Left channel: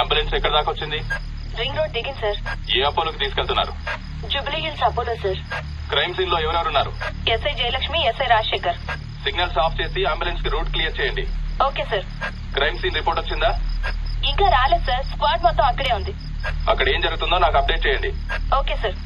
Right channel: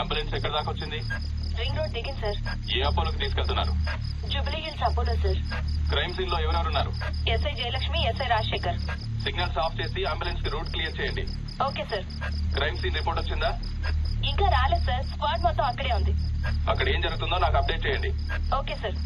Ambulance ఎక్కడ దాకా వచ్చింది? రింగ్ రోడ్ దిగింది సార్. ఏ అపోలోకి తీసుకెళ్తున్నారు? Jubilee Hills Apollo sir. Crime scene లో ఎవరెవరున్నారు? SI Jayalakshmi, SI Rajasekhar. Signals off చేసి అంబులెన్స్ కి రూట్ క్లియర్ చేయండి. Okay sir. Crime scene report వచ్చిందా? ఇంకా రాలేదు సార్. స్క్వాడ్ మొత్తం అక్కడే ఉంది. అక్కడ ఏం జరుగుతుందో నాకు అప్డేట్ చేయండి. Okay sir.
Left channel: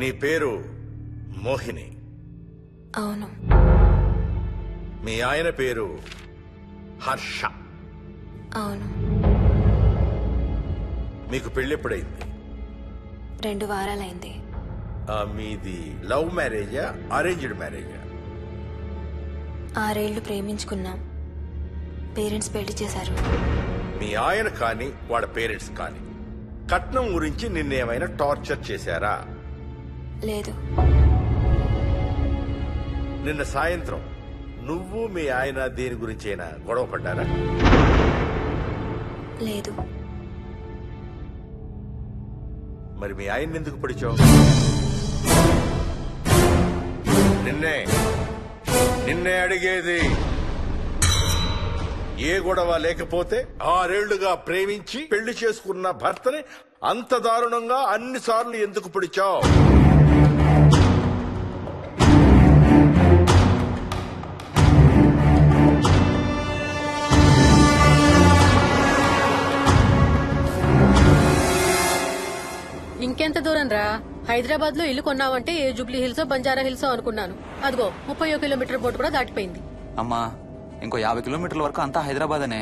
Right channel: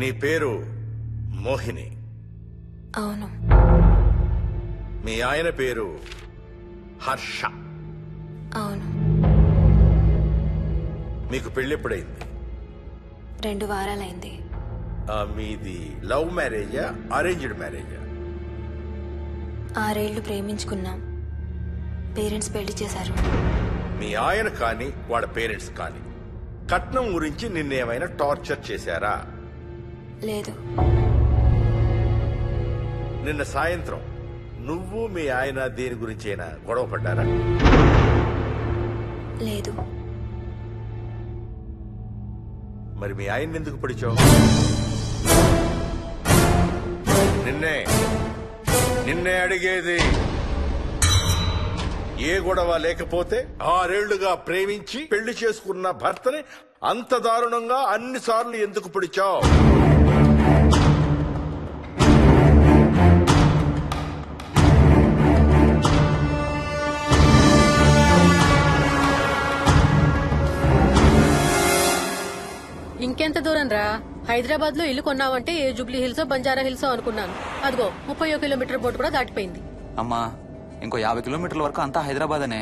నీ పేరు మోహిని? అవును. మీ ఆయన పేరు హర్ష? అవును. మీకు పెళ్ళెప్పుడైంది? 2 వారాలైంది. మీది లవ్ మ్యారేజా అరేంజ్డ్ మ్యారేజా? 6 ఏళ్లు ప్రేమించుకున్నాం. పేరెంట్స్ పెళ్లి చేశారు. మీ ఆయన కానీ వాళ్ళ పేరెంట్స్ కానీ కట్నం గురించి నిన్నేమైనా టార్చర్ చేశారా? లేదు. నిన్న సాయంత్రం నువ్వు మీ ఆయన దేని గురించైనా గొడవ పడ్డారా? లేదు. మరి మీ ఆయన ఎందుకు పిడిచావు? నిన్నే అడిగేది. ఏ గొడవ లేకపోతే 6 ఏళ్లుగా ప్రేమించి పెళ్లి చేసుకున్న భర్తని అంత దారుణంగా అన్నిసార్లు ఎందుకు పిడిచావు? దూరం రా. హైదరాబాద్ లో ఇల్లు కొన్నావంటే ఏ జూబ్లీ హిల్స్ బంజారా హిల్స్ అనుకున్నాను. అదిగో 31 కిలోమీటర్ బోర్డు కూడా దాటిపోయింది. అమ్మా ఇంకో 50 కిలోమీటర్ల వరకు అంతా హైదరాబాద్ అనే.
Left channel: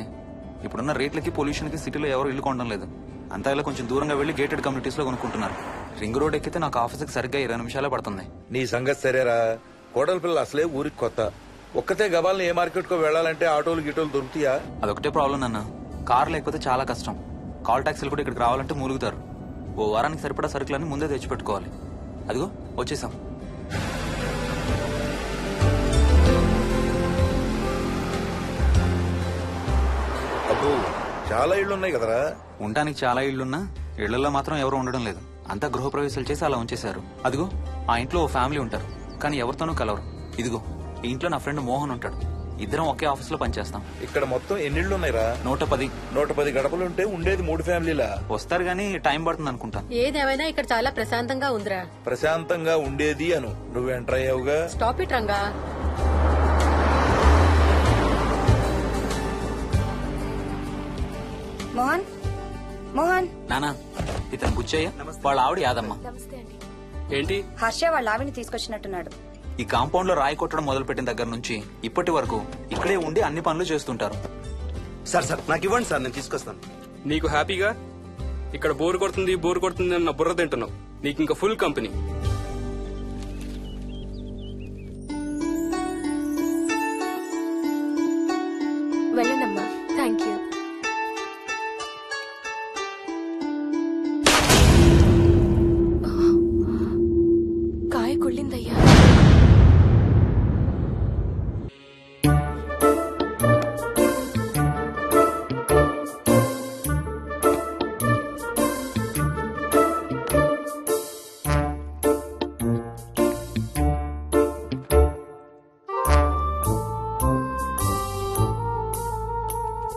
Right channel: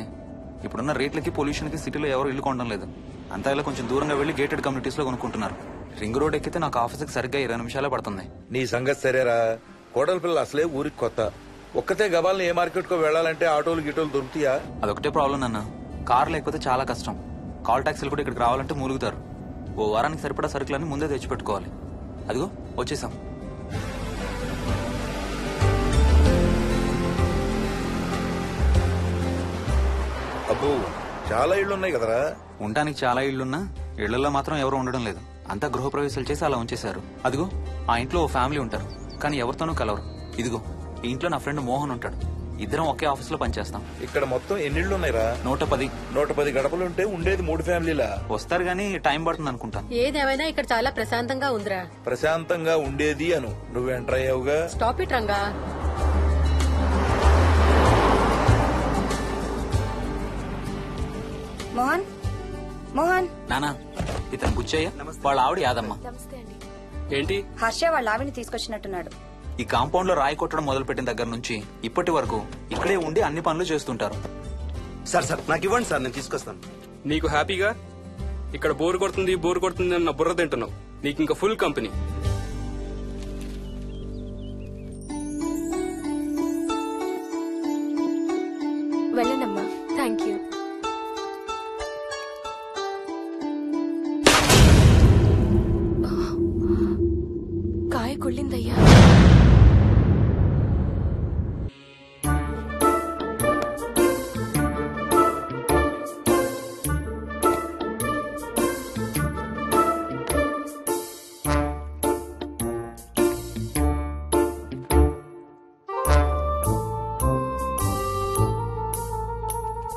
ఇప్పుడున్న రేట్లకి పొల్యూషన్ కి సిటీలో ఎవరు ఇల్లు కొనడం లేదు. అంతా ఇలా కొంచెం దూరంగా వెళ్లి గేటెడ్ కమ్యూనిటీస్ లో కొనుక్కుంటున్నారు. రింగ్ రోడ్ ఎక్కితే నాకు ఆఫీస్కి సరిగ్గా 20 నిమిషాలే పడుతుంది. నీ సంగతి సరేరా, కోడల పిల్ల అసలే ఊరికి కొత్త. ఒక్కతే గబాల్ని ఏ మార్కెట్ కో వెళ్లాలంటే ఆటోలు గిటోలు దొరుకుతాయా? అదొకటే ప్రాబ్లం నాన్న. కార్ లేకపోతే చాలా కష్టం. కాల్ టాక్సీలు కూడా ఇక్కడికి రావాలంటే మూలుగుతారు. ఓ వారానికి సరిపడా సరుకులన్నీ ముందే తెచ్చిపెట్టుకోవాలి. అదిగో వచ్చేసాం. అబ్బో చాలా ఇళ్లు ఉన్నాయి కదరా. ఉండటానికి చాలా ఇళ్లున్నా ఇళ్లలో మాత్రం ఎవరు ఉండడం లేదు. అంతా గృహప్రవేశాలు చేసి అలా ఉంచేశారు. అదిగో ఆ ఇంట్లో ఓ ఫ్యామిలీ ఉంటారు, కానీ ఎవరితోనూ కలవరు. ఇదిగో ఈ ఇంట్లో నా ఫ్రెండ్ మోహన్ ఉంటాడు. ఇద్దరం ఒకే ఆఫీస్ లో పనిచేస్తాం. ఇక్కడ మొత్తం ఎన్ని ఇళ్లు ఉన్నాయిరా? 110. 110 గడపలుంటే ఉండేది 3 ఫ్యామిలీలా. వస్తారు గానీ టైం పడుతుంది అనుకుంటాను. ఏదేమైనా ఇక్కడ చాలా ప్రశాంతంగా ఉందిరా. ప్రశాంతంగా ఉండేది అను, నువ్వు ఎంటర్ అయ్యావుగా. Stop it Ranga. మోహన్ మోహన్ నానా ఇతను బుచ్చయ్య, వాళ్ళ ఆవిడ యాదమ్మ. ఏంటి? హర్ష వాళ్ళ ఆవిని తీసుకొచ్చినట్టున్నాడు. ఈ కాంపౌండ్ లో రాయి కొట్టడం మొదలుపెట్టిన దగ్గర నుంచి ఇప్పటి వరకు ఇక్కడే ఉండి అన్ని పనులు చేస్తుంటారు. సార్ నాకు ఇవ్వండి సార్, నేను తీసుకొస్తాను. నీకు హ్యాపీగా ఇక్కడ బోర్ కొడుతుంది అన్న బుర్ర తింటున్నావు. నీకు ఇంకా ఫుల్ కంపెనీ. వెళ్ళండమ్మా. Thank you. కాయ కుళ్ళిందయ్యా.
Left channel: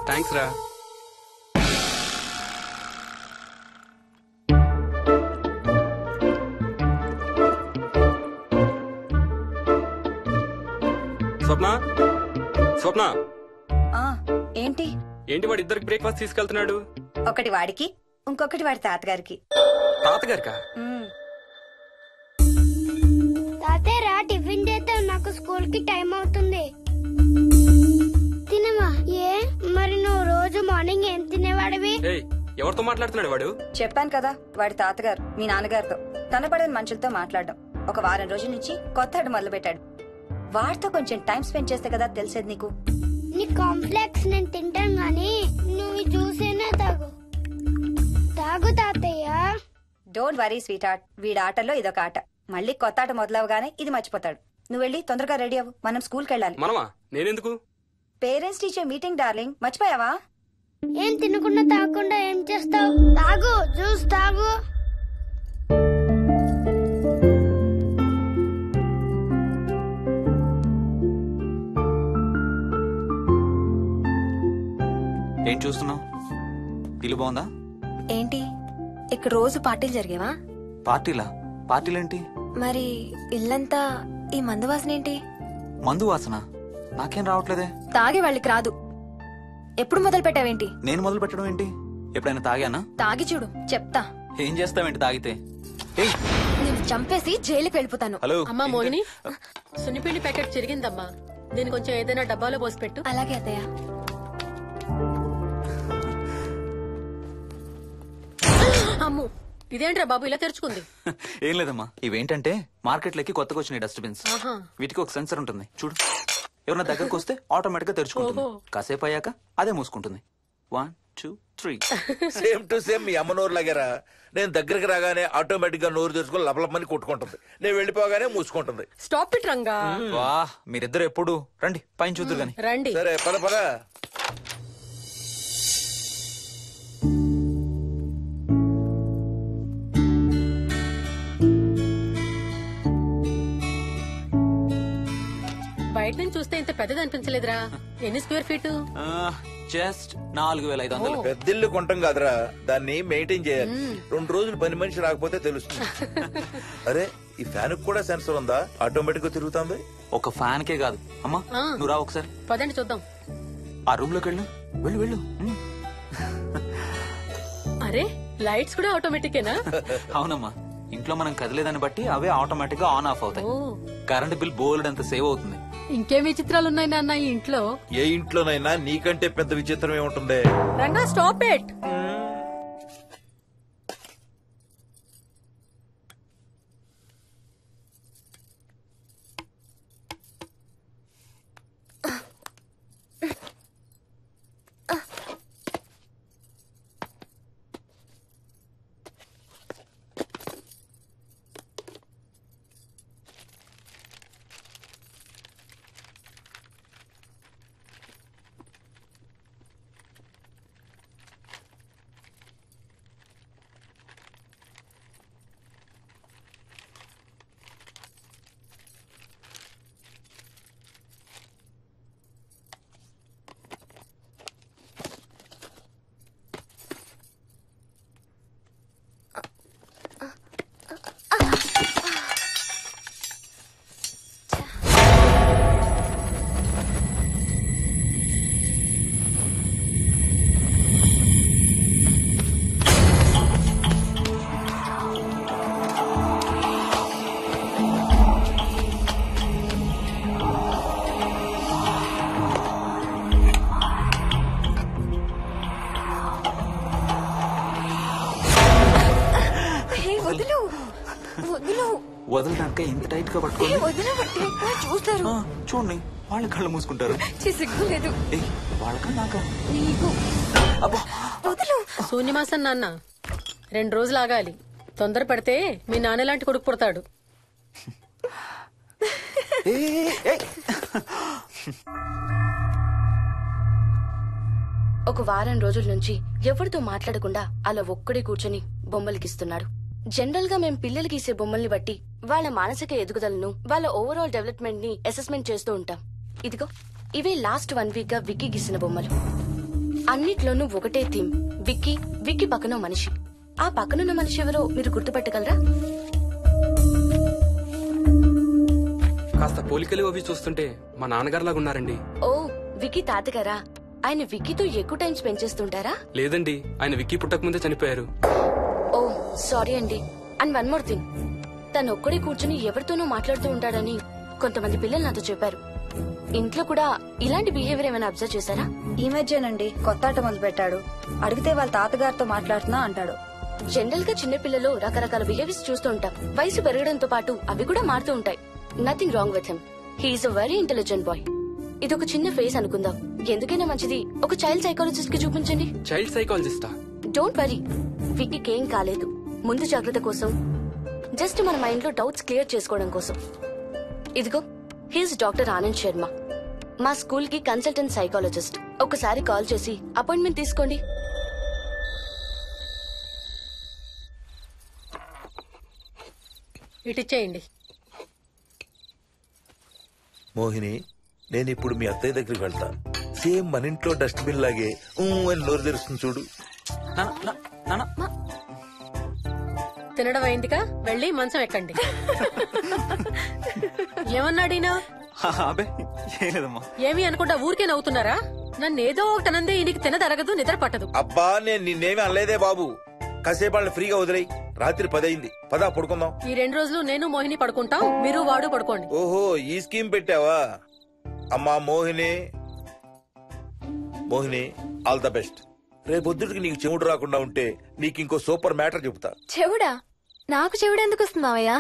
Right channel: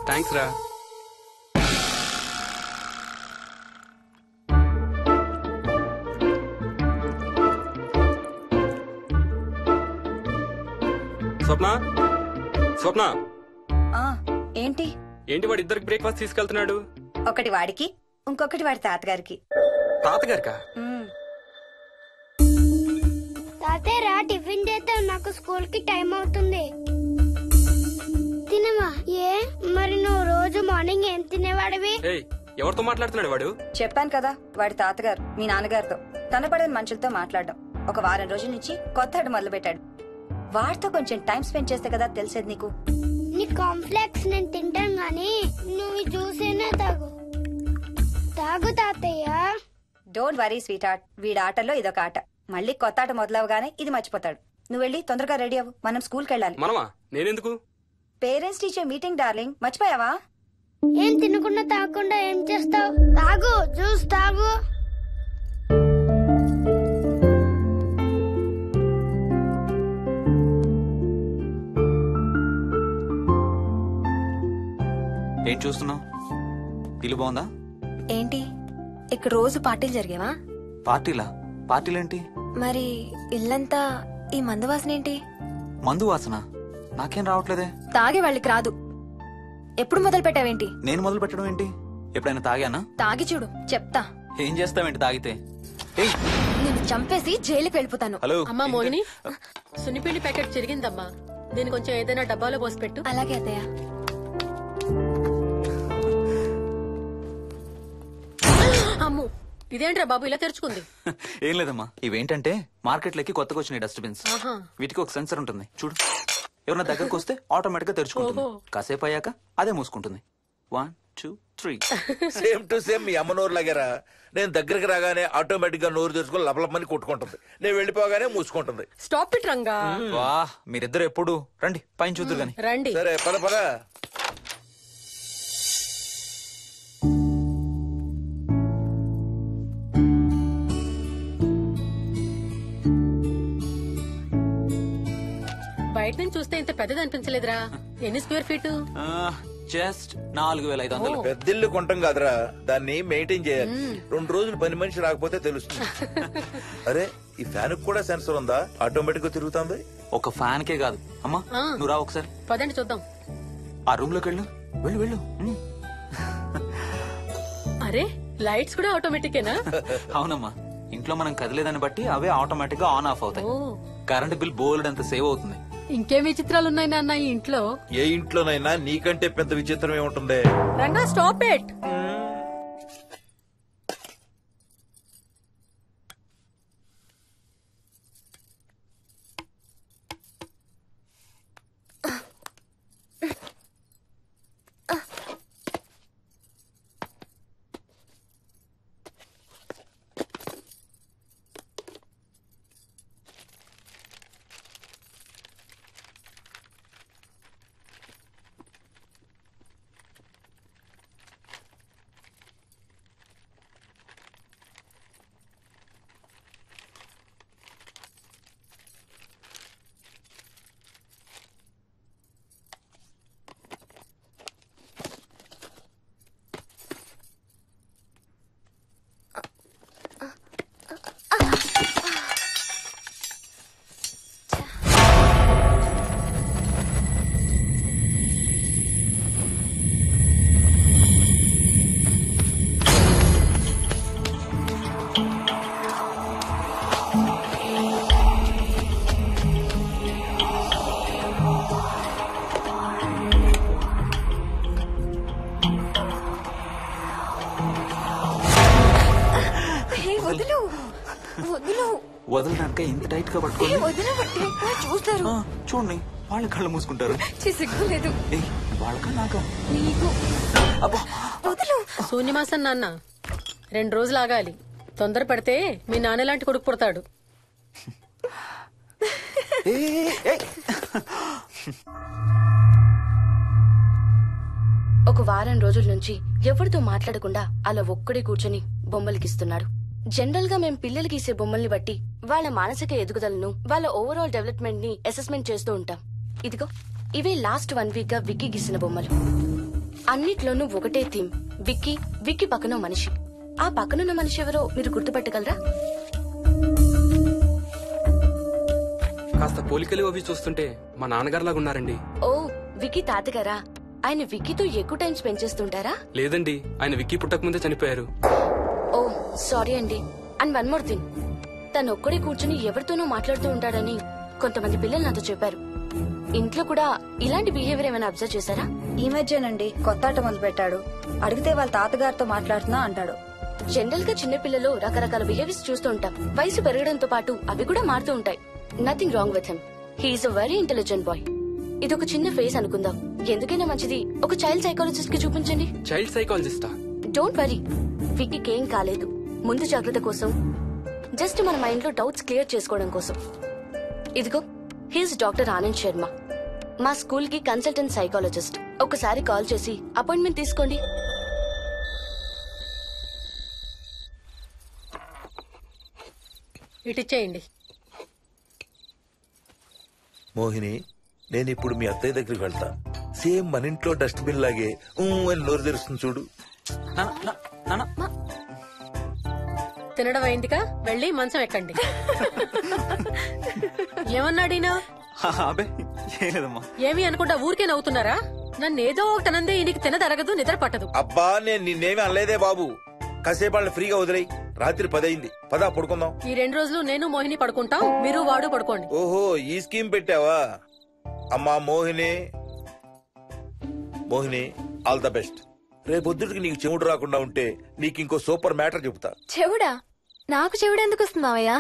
థ్యాంక్స్ రా. స్వప్న ఆ ఏంటి ఏంటి వాడు ఇద్దరికి బ్రేక్ఫాస్ట్ తీసుకెళ్తున్నాడు? ఒకటి వాడికి, ఇంకొకటి వాడి తాతగారికి. తాతగారికా? తాతయ్య టిఫిన్ చేస్తే నాకు స్కూల్ కి టైం అవుతుంది. తినమా? ఏ మరి నువ్వు రోజు మార్నింగ్ ఏం తినేవాడివి? ఎవరితో మాట్లాడుతున్నాడు వాడు? చెప్పాను కదా, వాడి తాతగారు మీ నాన్నగారితో కనపడని మనుషులతో మాట్లాడడం. ఒక వారం రోజుల నుంచి కొత్త ఆట మొదలు పెట్టాడు. వాడితో కొంచెం టైం స్పెండ్ చేస్తే కదా తెలిసేది నీకు. నీ కాంప్లెక్స్ నేను తింటాను గానీ నువ్వు జ్యూసేనే తాగు తాతయ్య. డోంట్ వరీ స్వీట్ హార్ట్, వీడి ఆటల్లో ఇదొక ఆట. మళ్ళీ కొత్త ఆట మొదలవగానే ఇది మర్చిపోతాడు. నువ్వు వెళ్ళి తొందరగా రెడీ అవ్వు, మనం స్కూల్కి వెళ్ళాలి. మనమా? నేనెందుకు? పేరెంట్స్ టీచర్ మీటింగ్ డార్లింగ్, మర్చిపోయావా? ఏం తినకుండా తాగకుండా ఏం చేస్తావు? తాగు, జ్యూస్ తాగు. ఏం చూస్తున్నావు? ఇల్లు బాగుందా? ఏంటి ఇక్కడ రోజు పార్టీలు జరిగేవా? పార్టీలేంటి? మరి ఇల్లంతా ఈ మందు వాసన ఏంటి? మందు వాసన నాకేం రావట్లేదే. తాగే వాళ్ళకి రాదు. ఎప్పుడు మొదలు పెట్టావేంటి? నేను మొదలు పెట్టడం ఏంటి? ఎప్పుడైనా తాగానా? తాగి చూడు, చెప్తా. ఏం చేస్తావేంటి తాగితే? నేను చంపేసి జైలుకి వెళ్ళిపోతాను. హలో అమ్మా మోహిని, సున్నిపిండి ప్యాకెట్ చిరిగిందమ్మా. దీని కొంచెం ఏదైనా డబ్బాలో పోసి పెట్టు. అలాగే అత్తయ్య. అమ్ము, ఇదేంట్రా బాబు ఇలా తెరుచుకుంది? ఏం లేదమ్మా, ఇవేంటంటే మార్కెట్లోకి కొత్తగా వచ్చిన డస్ట్బిన్స్. ఆహా. వీటికి ఒక సెన్సర్ ఉంటుంది చూడు. ఎవరైనా దగ్గరకు వస్తే ఆటోమేటిక్ గా తెరుచుకుంటుంది. కాసేపు అయ్యాక అదే మూసుకుంటుంది. 1 2 3. సేమ్ టు సేమ్ మీ అమ్మ నోరు లాగారా. నేను దగ్గరికి రాగానే ఆటోమేటిక్ గా నోరు తెరుచుకొని లపలపని కొట్టుకుంటుంది. నేను వెళ్ళిపోగానే మూసుకుంటుంది. Stop it Ranga. వా, మీరిద్దరు ఎప్పుడు రండి పైన చూద్దరు గాని. రండి. సరే పద పద. బయట నుంచి చూస్తే ఇంత పెద్దది అనిపించలేదురా. ఎన్ని స్క్వేర్ ఫీట్? జస్ట్ 4500. పెద్దిల్లు కొంటాం కాదురా, దాన్ని మెయింటైన్ చేయాలి. 2 రోజులు పని మనిషి రాకపోతే తెలుస్తుంది. అరే ఈ ఫ్యాన్ కూడా సెన్సర్ ఉందా? ఆటోమేటిక్ గా తిరుగుతుంది. ఒక ఫ్యాన్ కే కాదు. అమ్మా నువ్వు రా ఒకసారి. పదండి చూద్దాం. ఆ రూమ్ లోకి వెళ్ళు. అరే లైట్స్ కూడా ఆటోమేటికేనా? అవునమ్మా, ఇంట్లో మనం కదిలేదాన్ని బట్టి అవే ఆటోమేటిక్ గా ఆన్ ఆఫ్ అవుతాయి. ఓ కరెంట్ బిల్ బోల్డ్ అంత సేవ్ అవుతుంది. ఇంకేం విచిత్రాలు ఉన్నాయి నాన్న ఈ ఇంట్లో. ఏ ఇంట్లోనైనా నీకంటే పెద్ద విచిత్రం ఏముంటుంది? Ranga stop it. వదలడానిక ఇంత టైట్ గా పట్టుకోండి. చూస్తారు. చూడండి వాళ్ళ కళ్ళు మూసుకుంటారు. సిగ్గులేదు వాళ్ళకా నాకా? నీకు. అబ్బా శూన్యమాసం నాన్న 2 రోజులు ఆగాలి. తొందర పడితే మీ నాన్న లాంటి కొడుకు పుడతాడు. ఒక వారం రోజుల నుంచి ఎవరితో మాట్లాడకుండా అలా ఒక్కడే కూర్చొని బొమ్మలు గీస్తున్నాడు. జనరల్ గా మేం పిల్లలు గీసే బొమ్మల్ని బట్టి వాళ్ళ మానసిక ఎదుగుదలను, వాళ్ళ ఓవరాల్ డెవలప్మెంట్ ని అసెస్మెంట్ చేస్తూ ఉంటాం. ఇదిగో ఇవే లాస్ట్ 1 వీక్ గా విక్కీ గీసిన బొమ్మలు. అన్నిట్లోనూ ఒకటే థీమ్, విక్కీ, విక్కీ పక్కన మనిషి. ఆ పక్కనున్న మనిషి ఎవరో మీరు గుర్తుపట్టగలరా? కాస్త పోలికలు అవి చూస్తుంటే మా నాన్నగారులాగా ఉన్నారండి. ఓ విక్కీ తాతగారా? ఆయన విక్కీతో ఎక్కువ టైం స్పెండ్ చేస్తుంటారా? లేదండి, ఆయన విక్కీ పుట్టక ముందే చనిపోయారు. ఓ సారీ అండి. అండ్ 1 మోర్ థింగ్, తను ఒక్కడే కూర్చుని ఎవరితోనూ మాట్లాడుతూ ఉంటాడని కొంతమంది పిల్లలు నాతో చెప్పారు. ఇంట్లో కూడా ఇలాంటి బిహేవియర్ ఏమైనా అబ్జర్వ్ చేశారా? ఈ మధ్యనండి కొత్త ఆట మొదలు పెట్టాడు. అడిగితే వాళ్ళ తాతగారితో మాట్లాడుతున్నా అంటాడు. జనరల్ గా చిన్న పిల్లలు రకరకాల బిహేవియర్స్ చూస్తూ ఉంటాం. వయసు పెరగడంతో పాటు అవి కూడా మారుతూ ఉంటాయి. Nothing wrong with him. He's a very intelligent boy. ఇదొక చిన్న ఫేస్ అనుకుందాం. ఎందుకైనా మంచిది ఒక చైల్డ్ సైకాలజిస్ట్ కి చూపించండి. చైల్డ్ సైకాలజిస్టా? డోంట్ వరీ, విక్కీకి ఏం కాలేదు. ముందు జాగ్రత్త కోసం, జస్ట్ మన మైండ్ లో డౌట్స్ క్లియర్ చేసుకోవడం కోసం. ఇదిగో హీస్ డాక్టర్ ఆనంద్ శర్మ, మా స్కూల్ కి కన్సల్టెంట్ సైకాలజిస్ట్. ఒకసారి కాల్ చేసి అపాయింట్మెంట్ తీసుకోండి. ఇటిచ్చేయండి. మోహిని, నేను ఇప్పుడు మీ అత్తయ్య దగ్గరికి వెళ్తా. సేమ్ మన ఇంట్లో డస్ట్ బిన్ లాగే అని నోరు తెరుస్తుంది చూడు. తినడం అయిందిగా, వెళ్ళి మంచం ఎక్కండి. ఏమన్నాడీనా? అబ్బే ఏం లేదమ్మా. ఏమి అనుకుంటా ఊరికే నవ్వుతున్నారా? నన్ను ఏదో ఒకటి అనందే ఈయనకి తినదరగదు, నిద్ర పట్టదు. అబ్బా నేను నిన్నేమి అనలేదే బాబు. కాసేపు వాళ్ళని ఫ్రీగా వదిలేయి. రాత్రి 10 అయింది, పదా పడుకుందాం. ఈ 2 రోజులు నేను మోహిని పడుకుంటాం, మీరు వాడు పడుకోండి. ఓహో ఈ స్కీమ్ పెట్టావా? అమ్మా Mohini, Mohini all the best. రేపొద్దుటికి నీకు చెవుడు రాకుండా ఉంటే నీకు ఇంకో సూపర్ మ్యాటర్ చెబుతా. చెవుడా? నాకు చెవుడు ఎందుకు వస్తుంది మావయ్య?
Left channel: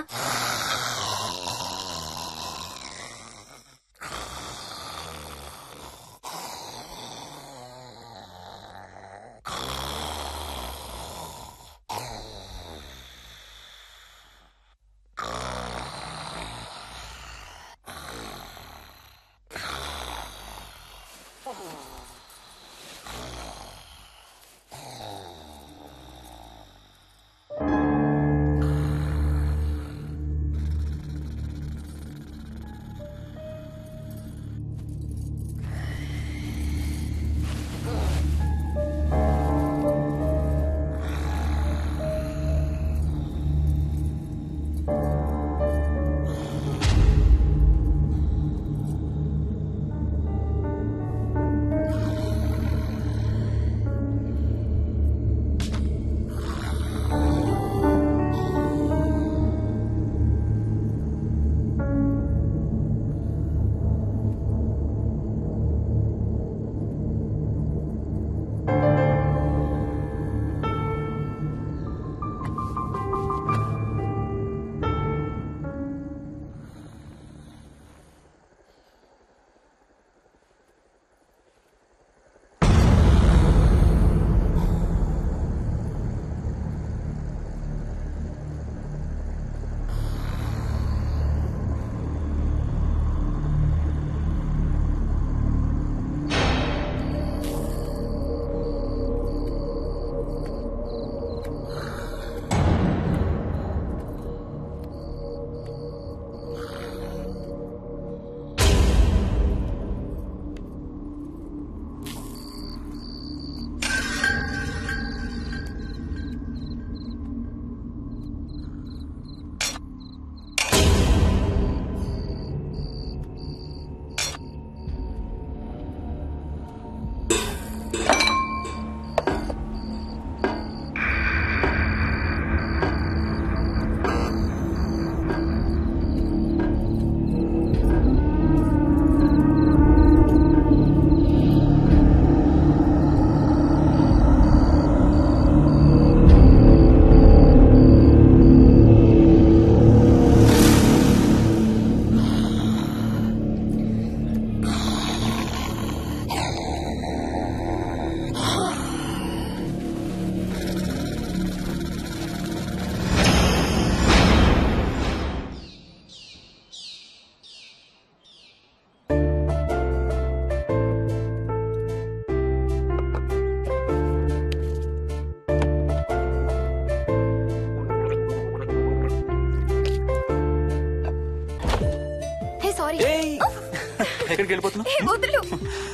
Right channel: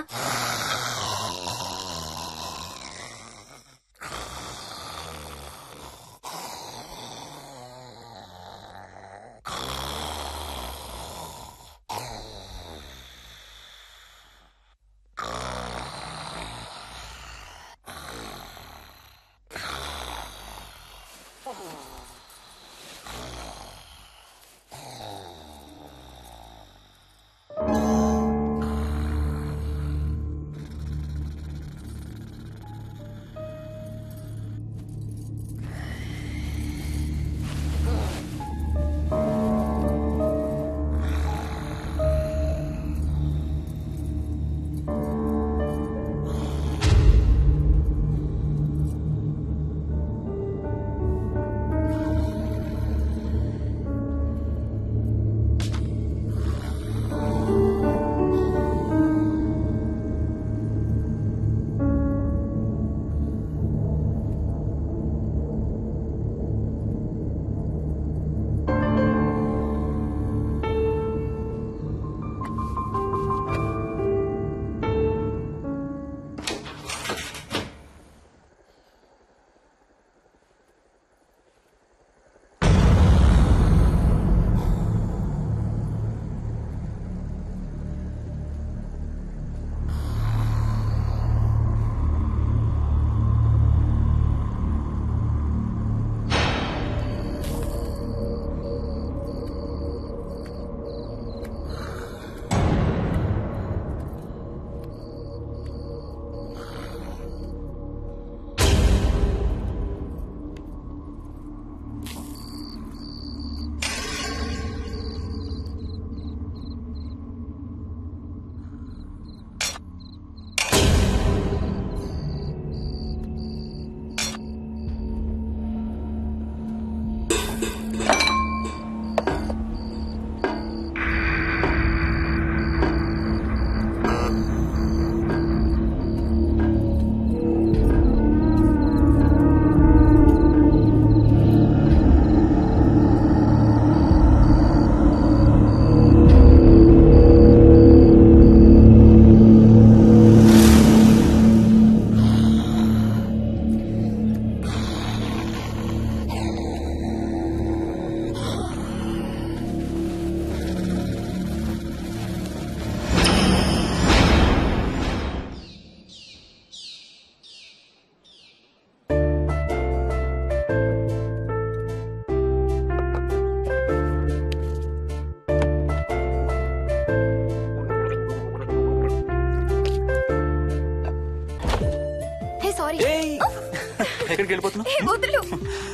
ఎక్కడికి వెళ్ళిపోతున్నావు? వదులు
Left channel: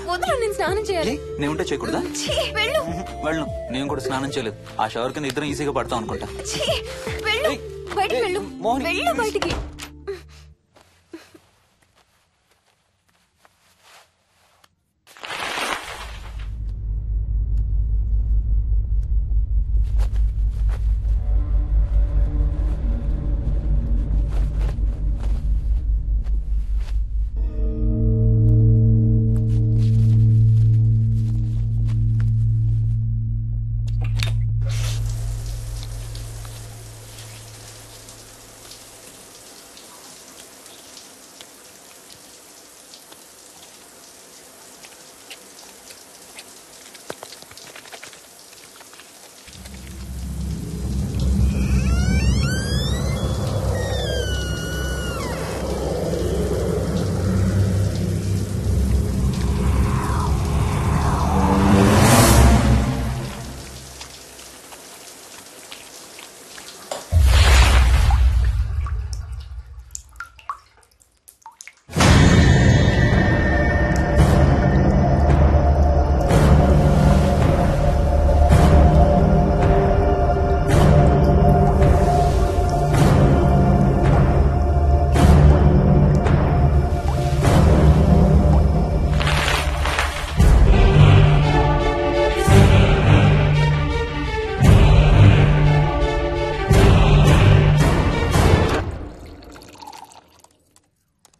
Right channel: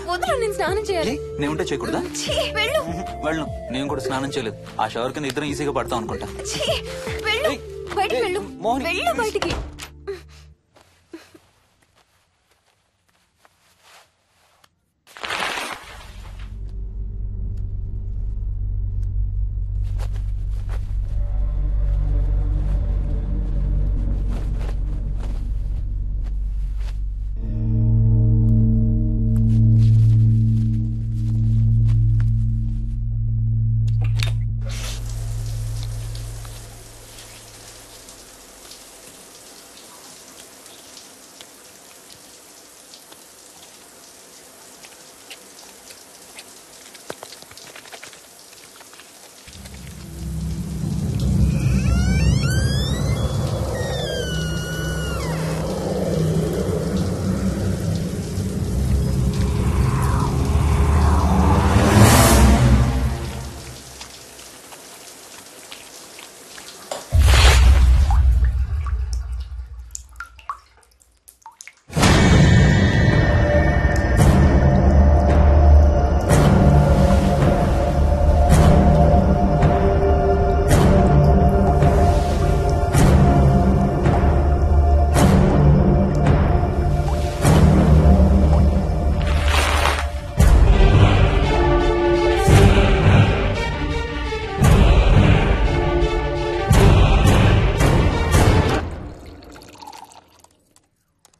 వదులు, నేను స్నానం చేయాలి. నేను ఉంటే చేయకూడదా? వెళ్ళు. వెళ్ళను, నేను కూడా స్నానం చేయలేదు. ఆ షవర్ కింద ఇద్దరం ఈజీగా పడతాం అనుకుంటా. వెళ్ళు, బయటికి వెళ్ళు. మోహిని. వెళ్ళు బయటికి.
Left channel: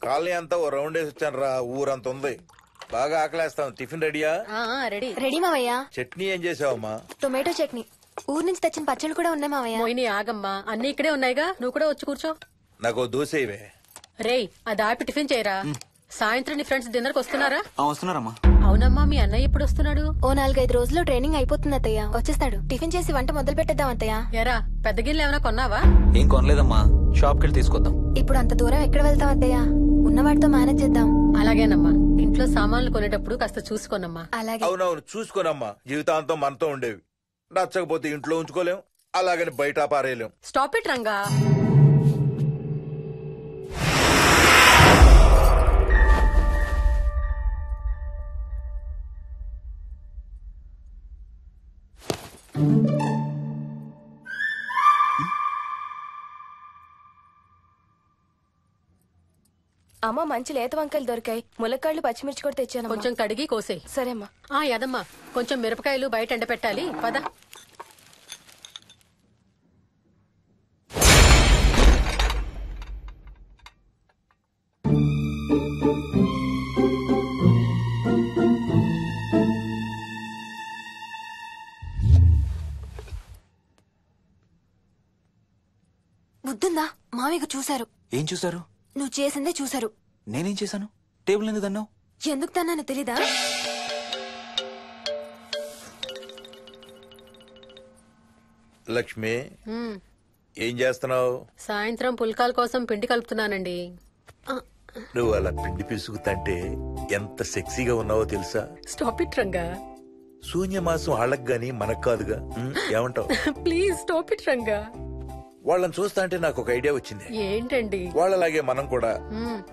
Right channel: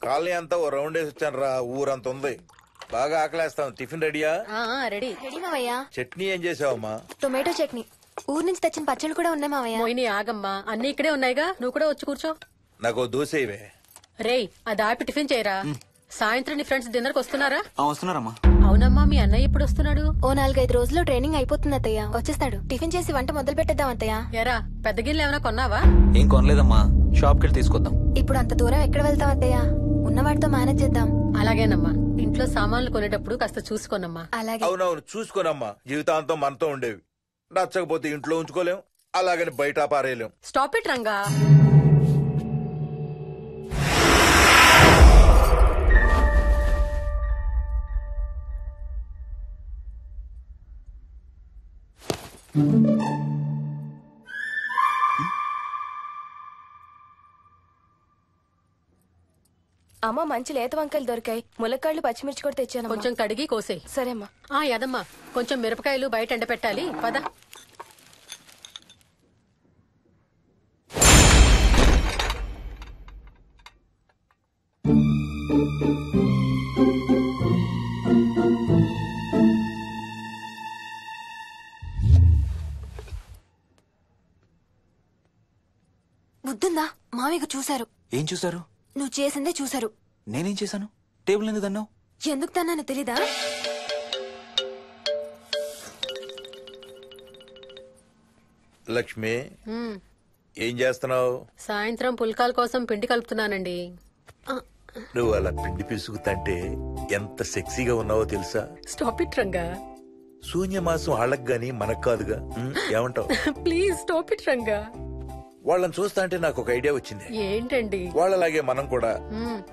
కాలనీ అంతా ఓ రౌండ్ వేసి వచ్చాను రా. ఊరంత ఉంది. బాగా ఆకలేస్తాం. టిఫిన్ రెడీయా? రెడీ. రెడీ మావయ్య. చట్నీ ఏం చేసావమ్మా? టొమాటో చట్నీ. ఊరు నుంచి తెచ్చిన పచ్చళ్ళు కూడా ఉన్నాయి మావయ్య. మోహిని ఆగమ్మా, అన్ని ఇక్కడే ఉన్నాయిగా, నువ్వు కూడా వచ్చి కూర్చో. నాకు దోశ ఇవే. రేయ్, అది ఆపి టిఫిన్ చేయరా. సాయంత్రం నీ ఫ్రెండ్స్ డిన్నర్ కి వస్తున్నారా? వస్తున్నారమ్మా. అవునమ్మా, మీ అన్నయ్య ఎప్పుడు వస్తున్నాడు? ఓ 4-5 రోజుల్లో ట్రైనింగ్ అయిపోతుంది అత్తయ్య, వచ్చేస్తాడు. టిఫిన్ చేసి వంట మొదలు పెట్టేద్దాం అత్తయ్య. ఎరా, పెద్ద గిన్నెలు ఏమైనా కొన్నావా? ఏం కొనలేదమ్మా, షాప్ కెళ్ళి తీసుకొద్దాం. ఇప్పుడు అంత దూరం ఎక్కడ వెళ్తాం అత్తయ్య? ఉన్న వాటితో మేనేజ్ చేద్దాం. అలాగేనమ్మా, ఇంట్లో సామాన్లు కొనేటప్పుడు కాస్త చూసుకోనమ్మా. అలాగే. అవునవును, చూసుకోనమ్మా. జీవితాంతం మనతో ఉండేవి. నచ్చకపోతే ఇంట్లో ఉంచుకోలేం, అలాగని బయట పారేయలేం. Stop it Ranga. అమ్మ, మంచి లేత వంకాయలు దొరికాయి. ములక్కాళ్ళు, పచ్చిమిర్చి కూడా తెచ్చాను. కొంచెం కడిగి కోసేయ్. సరేమ్మా. యదమ్మా, కొంచెం మిరపకాయలు బయట ఎండపెట్టాలి. పద. బుద్ధుందా? మామయ్యకు చూశారు. ఏం చూసారు? నువ్వు చేసిందే చూశారు. నేనేం చేశాను? టేబుల్ ఎందుకు అన్నావు? ఎందుకు తన్నాను తెలీదా? లక్ష్మి, ఏం చేస్తున్నావు? సాయంత్రం పుల్కాల కోసం పిండి కలుపుతున్నానండి. నువ్వు అలా పిండి పిసుకుతంటే ఎంత సెక్సీగా ఉన్నావో తెలుసా? Stop it Ranga. శూన్యమాసం వాళ్ళకి గాని మనకు కాదుగా. ఏమంటావు? Please stop it Ranga. వాళ్ళని చూస్తా అంటే నాకు ఒక ఐడియా వచ్చింది. ఏంటండి? వాళ్ళలాగే మనం కూడా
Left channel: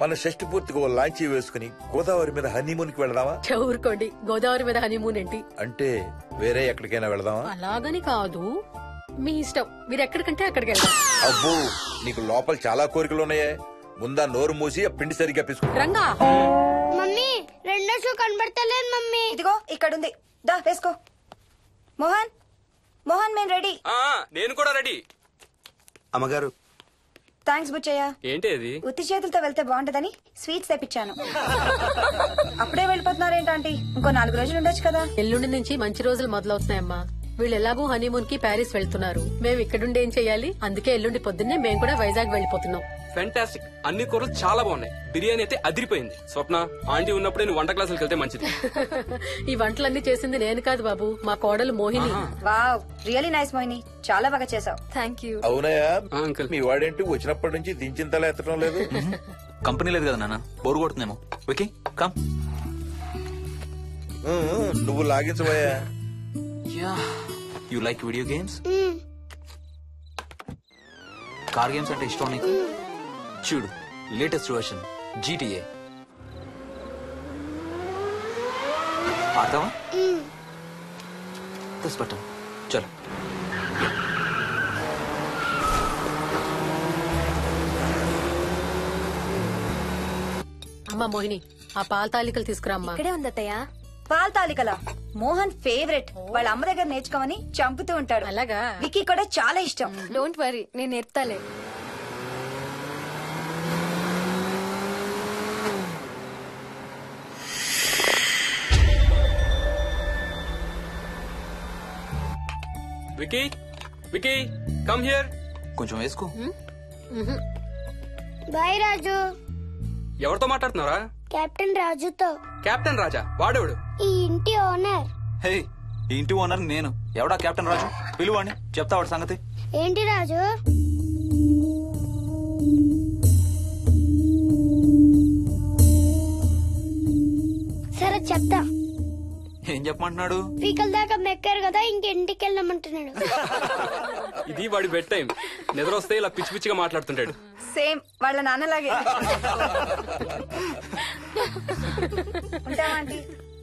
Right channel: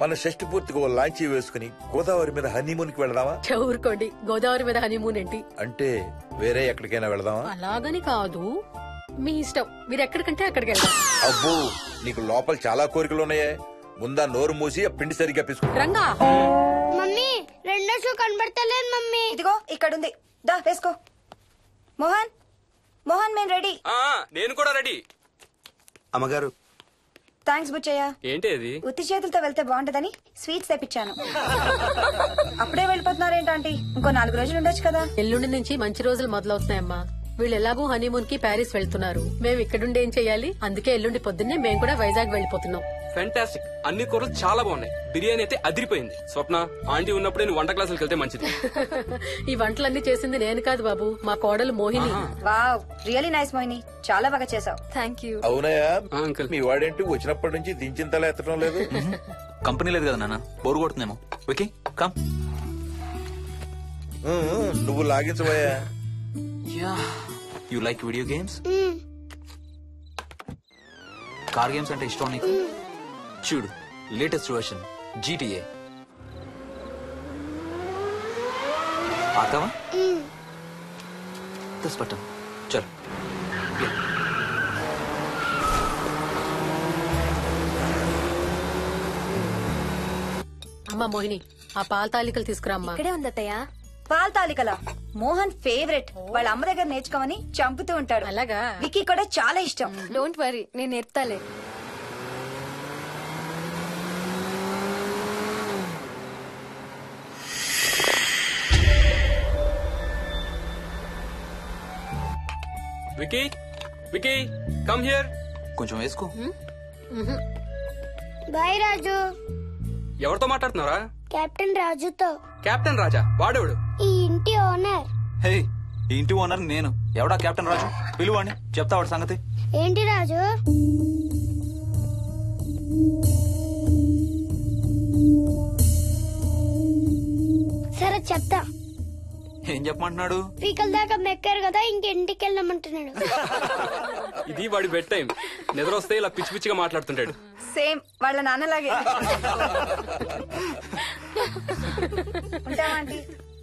మన షష్టి పూర్తిగా ఓ లాంచీ వేసుకుని గోదావరి మీద హనీమూన్ కి వెళదామా? ఊరుకోండి, గోదావరి మీద హనీమూన్ ఏంటి? అంటే వేరే ఎక్కడికైనా వెళదామా? అలాగని కాదు, మీ ఇష్టం. మీరు ఎక్కడికంటే అక్కడికి వెళ్దాం. అబ్బో, నీకు లోపల చాలా కోరికలు ఉన్నాయే. ముందా నోరు మూసి ఆ పిండి సరిగ్గా పిసుకు. రంగా. మమ్మీ, రెండో షూ కనబడతలేదు మమ్మీ. ఇదిగో ఇక్కడుంది, దా వేసుకో. మోహన్, మోహన్, మేము రెడీ. నేను కూడా రెడీ. అమ్మగారు. థ్యాంక్స్ బుచ్చయ్య. ఏంటి అది? ఉత్తి చేతులతో వెళ్తే బాగుంటదని స్వీట్స్ తెప్పించాను. అప్పుడే వెళ్ళిపోతున్నారేంటంటీ? ఇంకో 4 రోజులు ఉండొచ్చు కదా. ఎల్లుండి నుంచి మంచి రోజులు మొదలవుతున్నాయమ్మా. వీళ్ళు ఎలాగూ హనీమూన్ కి ప్యారిస్ వెళ్తున్నారు. మేము ఇక్కడుండి ఏం చెయ్యాలి? అందుకే ఎల్లుండి పొద్దున్నే మేము కూడా వైజాగ్ వెళ్ళిపోతున్నాం. ఫెంటాస్టిక్. అన్ని కూరలు చాలా బాగున్నాయి. బిర్యానీ అయితే అదిరిపోయింది. స్వప్న, ఆంటీ ఉన్నప్పుడే నువ్వు వంట క్లాసులకు వెళ్తే మంచిది. ఈ వంటలన్నీ చేసింది నేను కాదు బాబు, మా కోడలు Mohini. Wow, really nice Mohini, చాలా బాగా చేసావు. Thank you. అవునయ్యా, అంకుల్. మీ వాడేంటి వచ్చినప్పటి నుంచి దించింతలా ఎత్తడం లేదు? కంపెనీ లేదు కదా నాన్న, బోరు కొడుతుందేమో. Okay, come. నువ్వు లాగించబోయా? You like video games? Car games అంటే ఇష్టం నీకు? చూడు, లేటెస్ట్ వర్షన్ GTA. ఆడతావా? This button. చలో. అమ్మా మోహిని, ఆ పాల తాలికలు తీసుకురామ్మా. ఇక్కడే ఉంది అత్తయ్య. పాల తాలికల మోహన్ ఫేవరెట్. వాళ్ళ అమ్మ దగ్గర నేర్చుకోమని చంపుతూ ఉంటాడు. అలాగా? వికీ కూడా చాలా ఇష్టం. డోంట్ వరీ, నేను నేర్పుతాలే. Vicky, Vicky, come here. కొంచెం వేసుకో. బాయ్ రాజు. ఎవరితో మాట్లాడుతున్నారా? కెప్టెన్ రాజుతో. కెప్టెన్ రాజా? వాడేవాడు? ఈ ఇంటి ఓనర్. హే, ఈ ఇంటి ఓనర్ నేను. ఎవడా కెప్టెన్ రాజు? పిలువాడిని, చెప్తా వాడి సంగతి. ఏంటి రాజు? సరే చెప్తా. ఏం చెప్పమంటున్నాడు? పీకల దాకా మెక్కారు కదా, ఇంటికి వెళ్ళమంటున్నాడు. ఇది వాడి బెడ్ టైం. నిద్ర వస్తే ఇలా పిచ్చి పిచ్చిగా మాట్లాడుతుంటాడు. సేమ్ వాళ్ళ నాన్నలాగే. ఉంటావా ఆంటీ?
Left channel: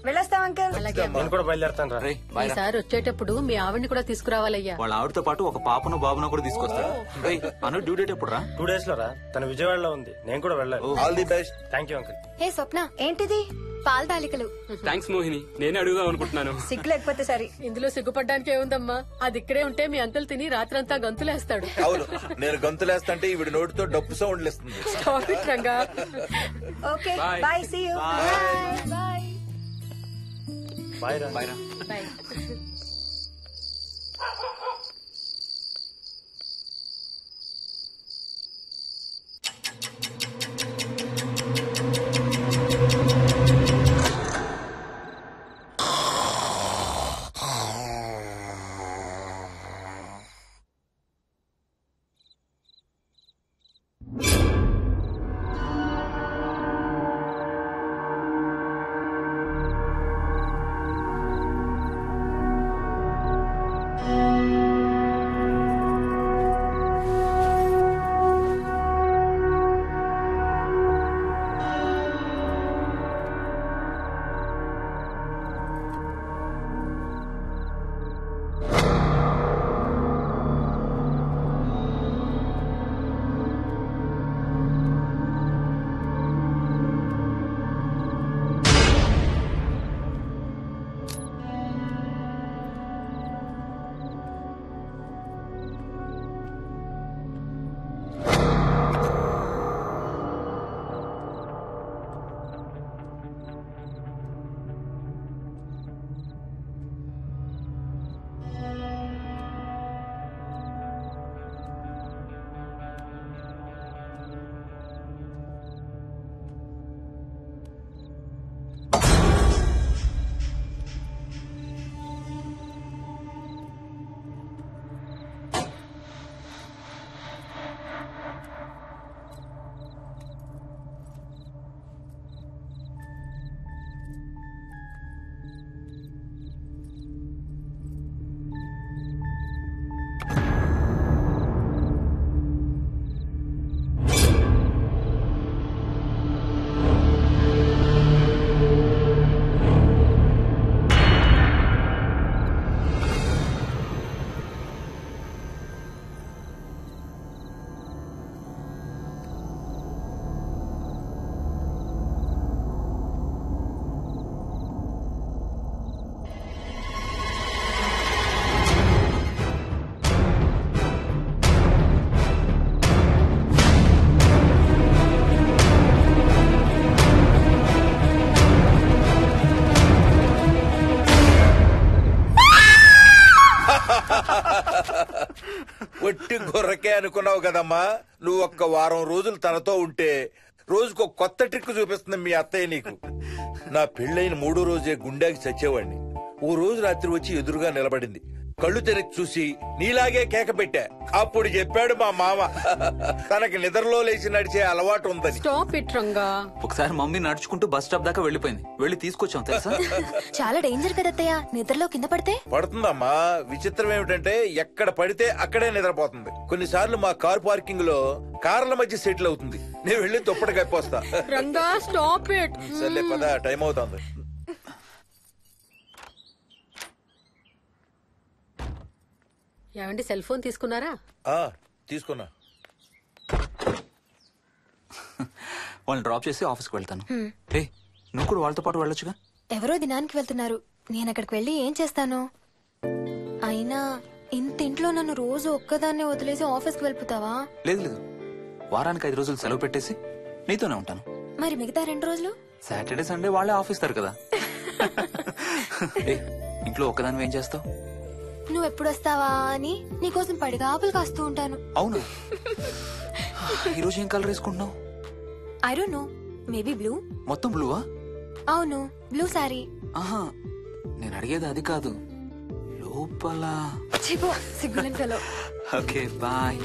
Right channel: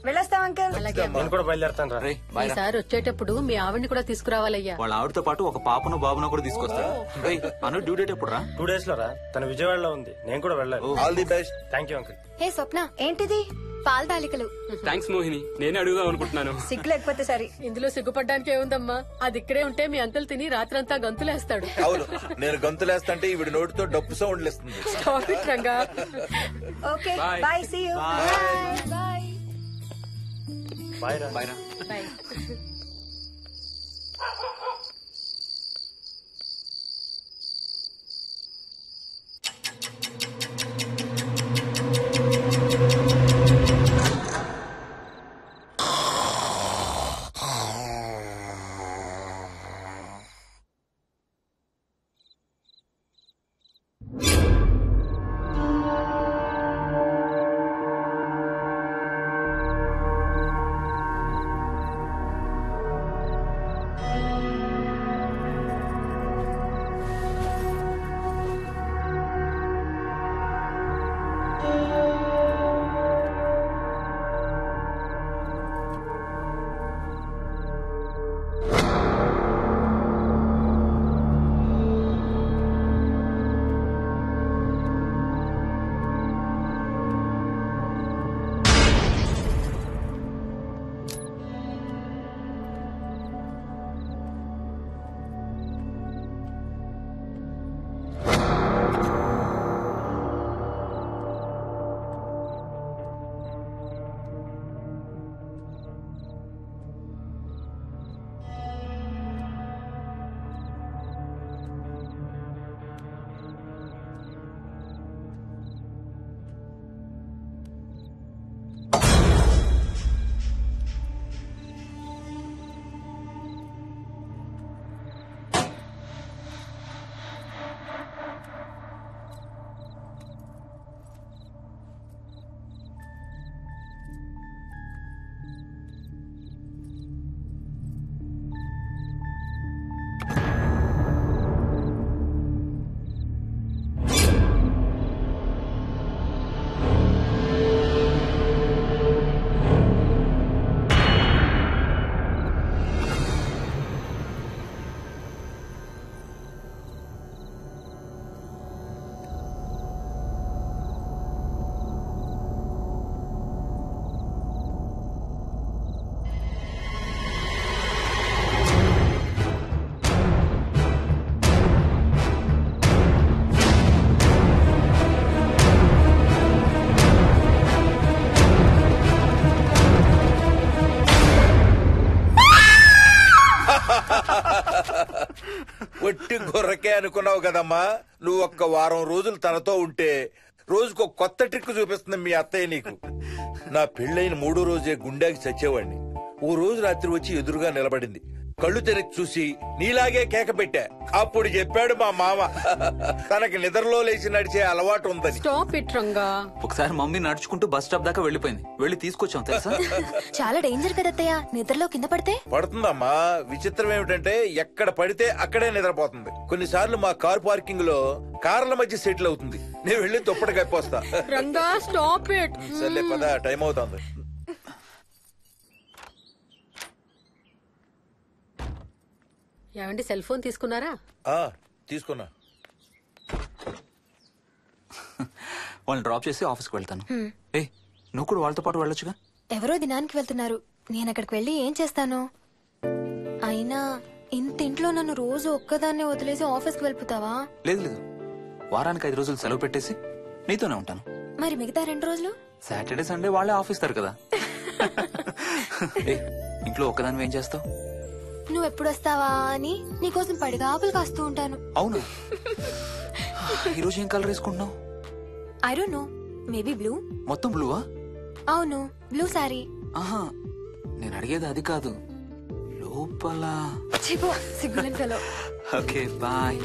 వెళ్ళొస్తాం అంకల్. నేను కూడా బయలుదేరుతాను రా. రేయ్, బాయ్ రా. ఈసారి వచ్చేటప్పుడు మీ ఆవిడ్ని కూడా తీసుకురావాలయ్యా. వాళ్ళ ఆవిడతో పాటు ఒక పాపను బాబును కూడా తీసుకొస్తాడు. రేయ్, అను డ్యూ డేట్ ఎప్పుడు రా? 2 days లో రా. తన విజయవాడలో ఉంది, నేను కూడా వెళ్ళాలి. All the best. Thank you uncle. Hey Swapna, ఏంటిది? పాల తాలికలు. థ్యాంక్స్ మోహిని, నేనే అడుగుదాం అనుకుంటున్నాను. సిగ్గు లేకపోతే సరే. ఇందులో సిగ్గుపడ్డానికి ఏముందమ్మా? అది ఇక్కడే ఉంటే మీ అంకుల్ తిని రాత్రంతా గంతులేస్తాడు. అవును, నేను గంతులేస్తంటే ఈవిడ నోటితో డప్పు సౌండ్లు ఇస్తుంది. Stop it, Ranga. Okay Bye. Bye, see you. Bye. Bye రా. బాయ్ రా. Bye. ఒట్టి గొర్రకే అనుకున్నావు కదమ్మా. నువ్వు ఒక్క వారం రోజులు తనతో ఉంటే రోజుకు కొత్త ట్రిక్ చూపిస్తుంది మీ అత్తయ్య నీకు. నా పెళ్ళైన 3వ రోజే గుండెకి చచ్చేవాడిని. ఓ రోజు రాత్రి వచ్చి ఎదురుగా నిలబడింది. కళ్ళు తెరిచి చూసి నీలాగే కేక పెట్టా. అప్పుడు చెప్పాడు మా మామ తనకి నిద్రలో లేచి నడిచే అలవాటు ఉందని. Stop it, Ranga. ఒకసారి మమ్మీ నడుచుకుంటూ బస్ స్టాప్ దాకా వెళ్ళిపోయింది. వెళ్ళి తీసుకొచ్చాం తెలుసా. చాలా డేంజర్ కదా అత్తయ్య, నిద్రలో కింద పడితే. పడుతుందమ్మా. విచిత్రం ఏమిటంటే ఎక్కడ పడితే అక్కడే నిద్రపోతుంది. కొన్నిసార్లు మా కార్ పార్కింగ్ లో కార్ల మధ్య సెటిల్ అవుతుంది. నేను వెళ్ళి దుప్పటి కప్పొస్తా. Ranga, stop it. సర్లే పద, టైం అవుతుంది. ఏమండి సెల్ ఫోన్ తీసుకున్నారా? తీసుకున్నా. వాళ్ళని డ్రాప్ చేసి ఆఫీస్కి వెళ్తాను. ఏ నువ్వు కూడా వాళ్ళతో పాటు వెళ్ళొచ్చుగా. ఎవరో దినానికి వెళ్తున్నారు, నేను అక్కడికి వెళ్ళి ఏం చేస్తాను? అయినా ఇంత ఇంట్లో నన్ను రోజు ఒక్కదాన్నే వదిలేసి ఆఫీస్కి వెళ్ళిపోతావా? లేదు లేదు, వారానికి 5 రోజులు సెలవు పెట్టేసి నీతోనే ఉంటాను. మరి మిగతా 2 రోజులు? సాటర్డే సండే వాళ్ళే ఆఫీస్ తారు కదా. ఏ ఇంట్లో ఒక్కదాని ఏం చేస్తావు? నువ్వు ఎప్పుడు వస్తావా అని నీకోసం పడిగాపులు కాస్తూ ఉంటాను. అవును. ఈరోజు ఏం కలర్ వేసుకుంటున్నావు? I don't know, maybe blue. మొత్తం బ్లూవా? అవును, బ్లూ సారీ. ఆహా, నేను అడిగేది అది కాదు, లోపల. సిగ్గులేని ఫెలో. Okay bye.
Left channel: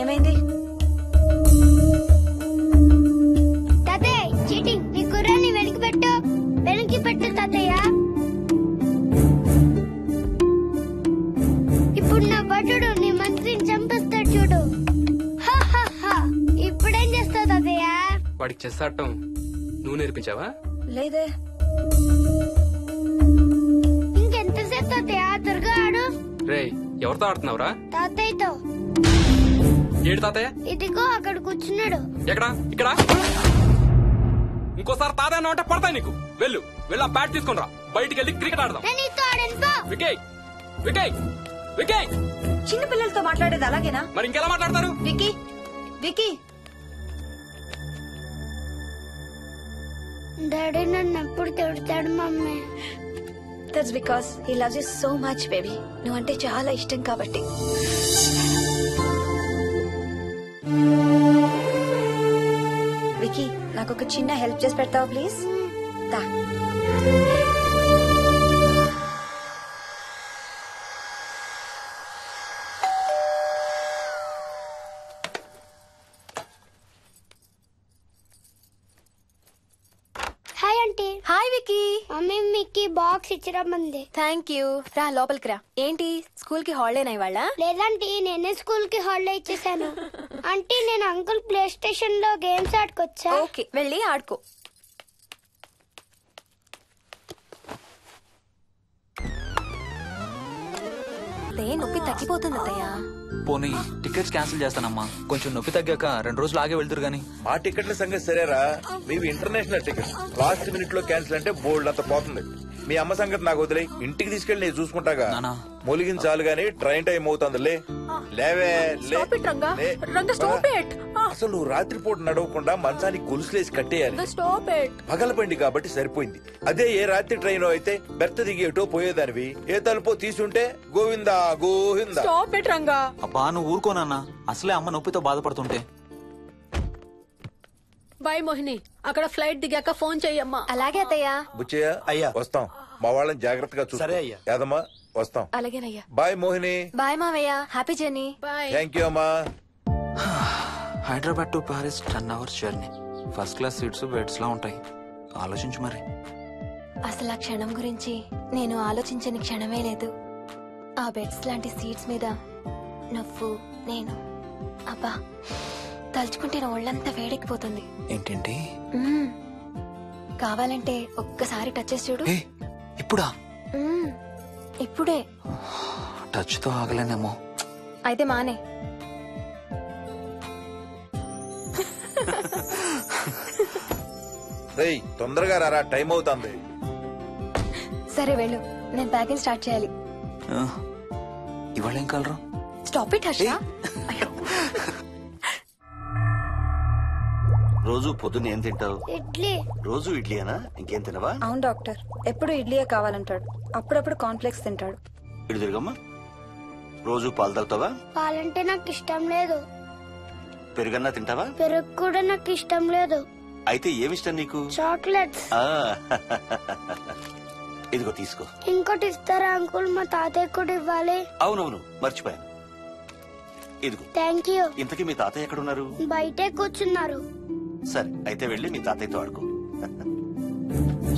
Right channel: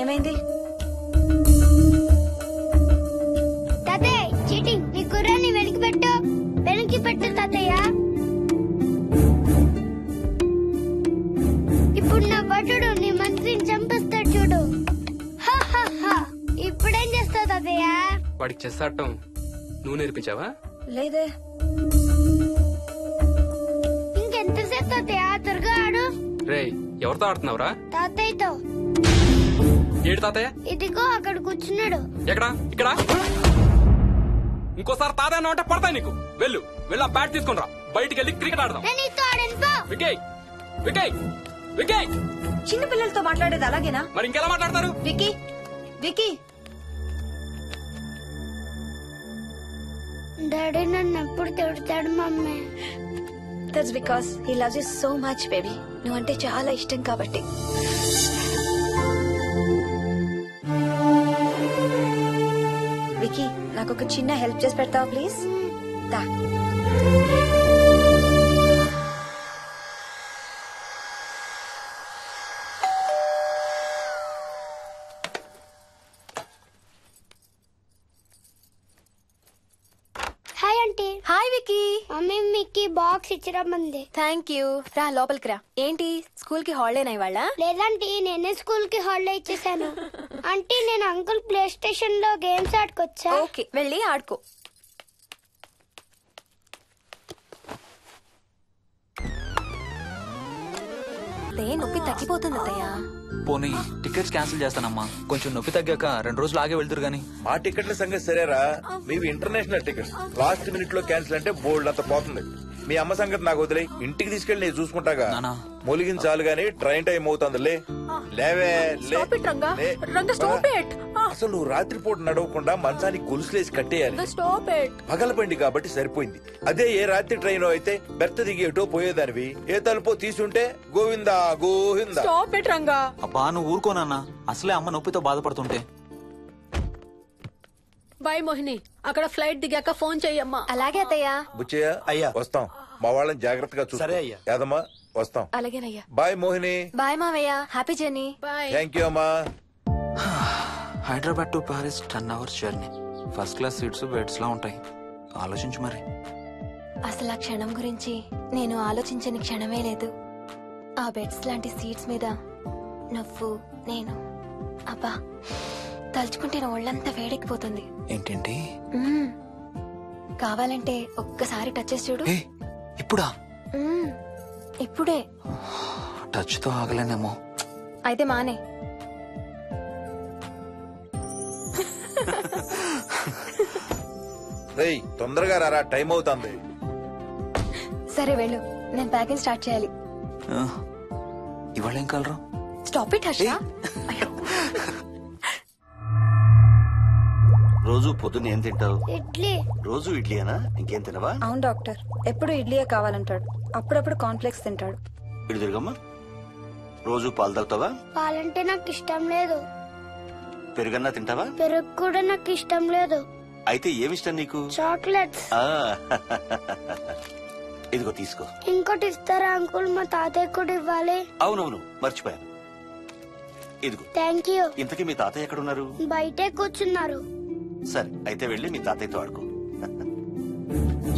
ఏమైంది? తాతయ్య చీటింగ్, నీ కుర్రాన్ని వెనక్కి పెట్టు, వెనక్కి పెట్టు తాతయ్య. ఇప్పుడు నా భటుడు నీ మంత్రిని చంపేస్తాడు చూడు. ఇప్పుడేం చేస్తావు తాతయ్య? వాడికి చెస్ ఆడటం నువ్వు నేర్పించావా? లేదే. ఇంకెంతసేపు తాతయ్య? త్వరగా ఆడు. రేయ్, ఎవరితో ఆడుతున్నావురా? తాతయ్యతో. ఏడు తాతయ్య? ఇదిగో అక్కడ కూర్చున్నాడు. ఎక్కడా? ఇక్కడ. ఇంకోసారి తాతయ్య అన్నావు అంటే పడతాయి నీకు. వెళ్ళు, వెళ్ళి ఆ బ్యాట్ తీసుకుని రా, బయటికి వెళ్ళి క్రికెట్ ఆడదాం. వికయ్, వికయ్, వికయ్. చిన్న పిల్లలతో మాట్లాడేది అలాగేనా? మరి ఇంకెలా మాట్లాడతారు? Wiki, wiki. డాడీ నన్ను ఎప్పుడు తిడతాడు mummy? That's because he loves you so much baby. నువ్వంటే చాలా ఇష్టం కాబట్టి. వికీ, నాకు ఒక చిన్న హెల్ప్ చేసి పెడతావా ప్లీజ్? దా. Hi aunty. Hi Vicky. Mummy మీకు బాక్స్ ఇచ్చిరమ్మంది. Thank you. రా లోపలికి రా. ఏంటి స్కూల్ కి హాలిడేనా ఇవాళ? లేదంటే నేనే స్కూల్ కి హాలిడే ఇచ్చేసాను. అంటే నేను అంకుల్ ప్లే స్టేషన్ లో గేమ్స్ ఆడుకోవచ్చా? ఓకే, వెళ్ళి ఆడుకో. నొప్పి తగ్గిపోతుంది అత్తయ్య. పోనీ టికెట్స్ క్యాన్సిల్ చేస్తానమ్మా. కొంచెం నొప్పి తగ్గాక 2 రోజులు ఆగే వెళ్తురు గానీ. మా టికెట్ల సంగతి సరేరా, మీవి ఇంటర్నేషనల్ టికెట్స్. లాస్ట్ మినిట్ లో క్యాన్సిల్ అంటే బోల్డ్ అంత పోతుంది. మీ అమ్మ సంగతి నాకు వదిలే, ఇంటికి తీసుకెళ్లి నేను చూసుకుంటాగా. నానా. మొలిగించాలు గాని ట్రైన్ టైం అవుతుంది. లేవే లే. Stop it, Ranga. లే. Ranga, stop it. అసలు నువ్వు రాత్రిపూట నడవకుండా మంచానికి గొలుసులేసి కట్టేయాలి. Stop it. పగలబండి కాబట్టి సరిపోయింది. అదే ఏ రాత్రి ట్రైన్ అయితే బెర్త దిగి ఎటో పోయేదానివి. ఏ తలుపో తీసుంటే Govinda Govinda. Stop it, Ranga. అబ్బా నువ్వు ఊరుకోనన్నా, అసలే అమ్మ నొప్పితో బాధపడుతుంటే. బాయ్ మోహిని, అక్కడ ఫ్లైట్ దిగాక ఫోన్ చెయ్యమ్మా. అలాగే అత్తయ్య. బుచ్చయ్య అయ్యా. వస్తాం. మా వాళ్ళని జాగ్రత్తగా చూసుకో. సరే అయ్యా. యాదమ్మా వస్తాం. అలాగేనయ్యా. బాయ్ మోహిని. బాయ్ మావయ్య. Happy journey. Bye. Thank you అమ్మా. Hyderabad to Paris 10 hours journey. First class seats beds లా ఉంటాయి. ఆలోచించు మరి. అసలు ఆ క్షణం గురించి నేను ఆలోచించని క్షణమే లేదు. ఆ బెడ్స్ లాంటి సీట్స్ మీద నువ్వు నేను, అబ్బా తలుచుకుంటే నా ఒళ్ళంతా వేడెక్కిపోతుంది. ఏంటేంటి? మ్మ్. కావాలంటే ఒక్కసారి టచ్ చేసి చూడు. ఏ ఇప్పుడా? మ్మ్. ఇప్పుడే. టచ్ తో ఆగలేనేమో. అయితే మానే. రేయ్ తొందరగా రారా, టైం అవుతుంది. సరే వెళ్ళు, నేను ప్యాకింగ్ స్టార్ట్ చేయాలి. ఇవాళ ఏం కలరు? Stop it Harsha. రోజు పొద్దున్న ఏం తింటావు? ఇడ్లీ. రోజు ఇడ్లీనా? ఇంకేం తినవా? అవును డాక్టర్, ఎప్పుడు ఇడ్లీయే కావాలంటాడు. అప్పుడప్పుడు కాన్ఫ్లెక్స్ తింటాడు. ఇటు తిరగమ్మా. రోజు పాలు తాగుతావా? పాలంటే నాకు ఇష్టం లేదు. పెరుగన్నా తింటావా? పెరుగు కూడా నాకు ఇష్టం లేదు. అయితే ఏమిష్టం నీకు? చాక్లెట్స్. ఆ, ఇదిగో తీసుకో. ఇంకోటి ఇస్తారా అంకుల్? మా తాతయ్య కూడా ఇవ్వాలి. అవునవును మర్చిపోయాను. ఇదిగో. Thank you. ఇంతకీ మీ తాతయ్య ఎక్కడున్నారు? బయటే కూర్చున్నారు. సరే అయితే వెళ్ళి మీ తాతయ్యతో ఆడుకో.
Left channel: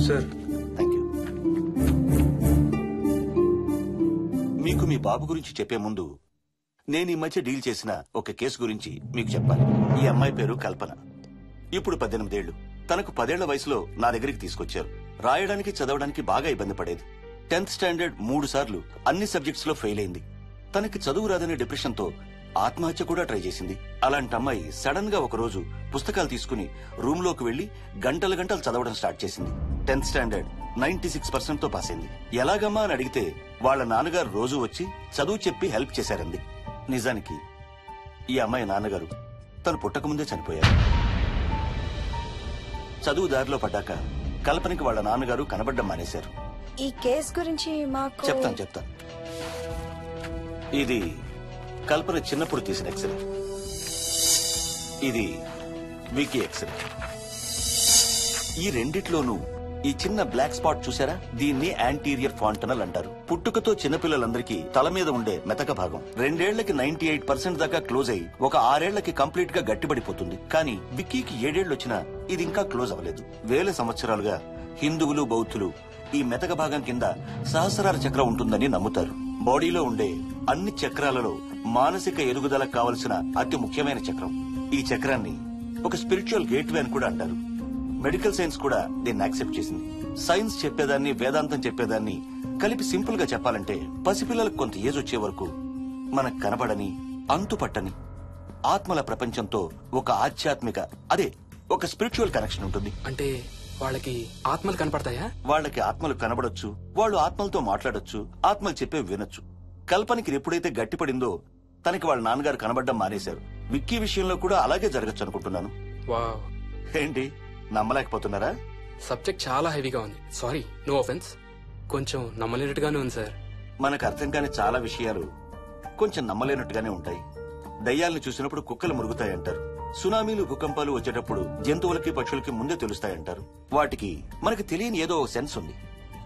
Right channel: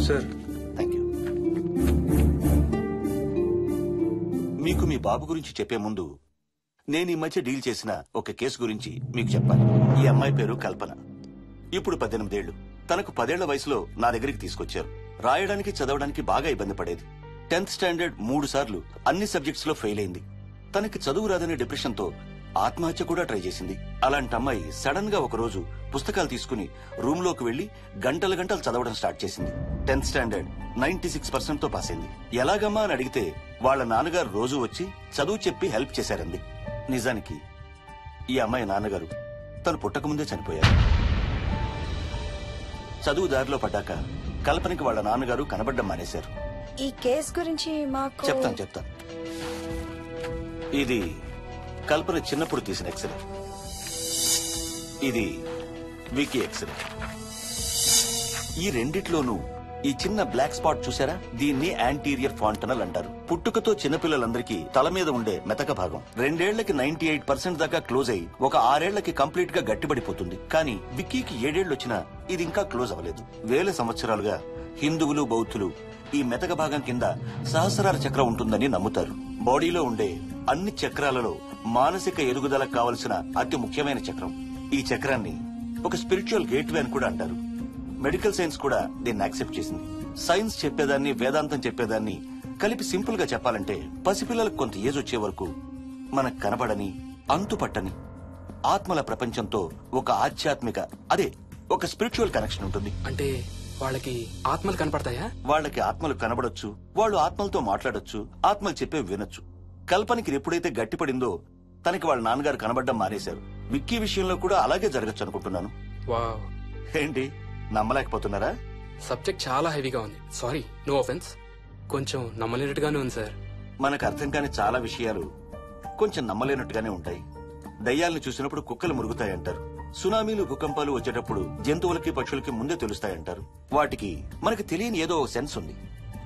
Sir thank you. మీకు మీ బాబు గురించి చెప్పే ముందు నేను ఈ మధ్య డీల్ చేసిన ఒక కేసు గురించి మీకు చెప్పాలి. ఈ అమ్మాయి పేరు కల్పన. ఇప్పుడు 18 ఏళ్లు. తనకు 10 ఏళ్ల వయసులో నా దగ్గరికి తీసుకొచ్చారు. రాయడానికి చదవడానికి బాగా ఇబ్బంది పడేది. 10th స్టాండర్డ్ 3 సార్లు అన్ని సబ్జెక్ట్స్ లో ఫెయిల్ అయింది. తనకి చదువు రాదనే డిప్రెషన్ తో ఆత్మహత్య కూడా ట్రై చేసింది. అలాంటి అమ్మాయి సడన్ గా ఒక రోజు పుస్తకాలు తీసుకుని రూమ్ లోకి వెళ్లి గంటలు గంటలు చదవడం స్టార్ట్ చేసింది. 10th స్టాండర్డ్ 96% తో పాస్ అయింది. ఎలాగమ్మా అని అడిగితే వాళ్ళ నాన్నగారు రోజు వచ్చి చదువు చెప్పి హెల్ప్ చేశారంది. నిజానికి ఈ అమ్మాయి నాన్నగారు తను పుట్టకముందే చనిపోయారు. చదువు దారిలో పడ్డాక కల్పనకి వాళ్ళ నాన్నగారు కనబడ్డం మానేశారు. ఈ కేస్ గురించి మాకు చెప్తాను. ఇది కల్పన చిన్నప్పుడు తీసిన ఎక్స్రే. ఇది వికీ ఎక్స్రే. ఈ రెండిట్లోనూ ఈ చిన్న బ్లాక్ స్పాట్ చూసారా? దీన్ని యాంటీరియర్ ఫాంటనల్ అంటారు. పుట్టుకతో చిన్నపిల్లలందరికీ తల మీద ఉండే మెతక భాగం 2 ఏళ్లకి 98% దాకా క్లోజ్ అయి ఒక 6 ఏళ్లకి కంప్లీట్ గా గట్టిపడిపోతుంది. కానీ విక్కీకి 7 ఏళ్లు వచ్చినా ఇది ఇంకా క్లోజ్ అవ్వలేదు. వేల సంవత్సరాలుగా హిందువులు బౌద్ధులు ఈ మెతక భాగం కింద సహస్రార చక్రం ఉంటుందని నమ్ముతారు. బాడీలో ఉండే అన్ని చక్రాలలో మానసిక ఎదుగుదలకు కావలసిన అతి ముఖ్యమైన చక్రం. ఈ చక్రాన్ని ఒక స్పిరిచువల్ గేట్వే అని కూడా అంటారు. మెడికల్ సైన్స్ కూడా దీన్ని యాక్సెప్ట్ చేసింది. సైన్స్ చెప్పేదాన్ని వేదాంతం చెప్పేదాన్ని కలిపి సింపుల్ గా చెప్పాలంటే పసిపిల్లలకు కొంత ఏజ్ వచ్చే వరకు మనకు కనబడని అంతుపట్టని ఆత్మల ప్రపంచంతో ఒక ఆధ్యాత్మిక ఒక స్పిరిచువల్ కనెక్షన్ ఉంటుంది. అంటే వాళ్ళకి ఆత్మలు కనపడతాయా? వాళ్ళకి ఆత్మలు కనబడొచ్చు, వాళ్ళు ఆత్మలతో మాట్లాడొచ్చు, ఆత్మలు చెప్పే వినొచ్చు. కల్పనకి ఎప్పుడైతే గట్టిపడిందో తనకి వాళ్ళ నాన్నగారు కనబడ్డం మానేశారు. విక్కీ విషయంలో కూడా అలాగే జరగచ్చు అనుకుంటున్నాను. వావ్, ఏంటి నమ్మలేకపోతున్నారా? సబ్జెక్ట్ చాలా హెవీగా ఉంది. Sorry, no offence. కొంచెం నమ్మలేనట్టుగానే ఉంది సార్. మనకు అర్థం కాని చాలా విషయాలు కొంచెం నమ్మలేనట్టుగానే ఉంటాయి. దయ్యాలను చూసినప్పుడు కుక్కలు మురుగుతాయంటారు. సునామీలు భూకంపాలు వచ్చేటప్పుడు జంతువులకి పక్షులకి ముందే తెలుస్తాయంటారు. వాటికి మనకు తెలియని ఏదో సెన్స్ ఉంది.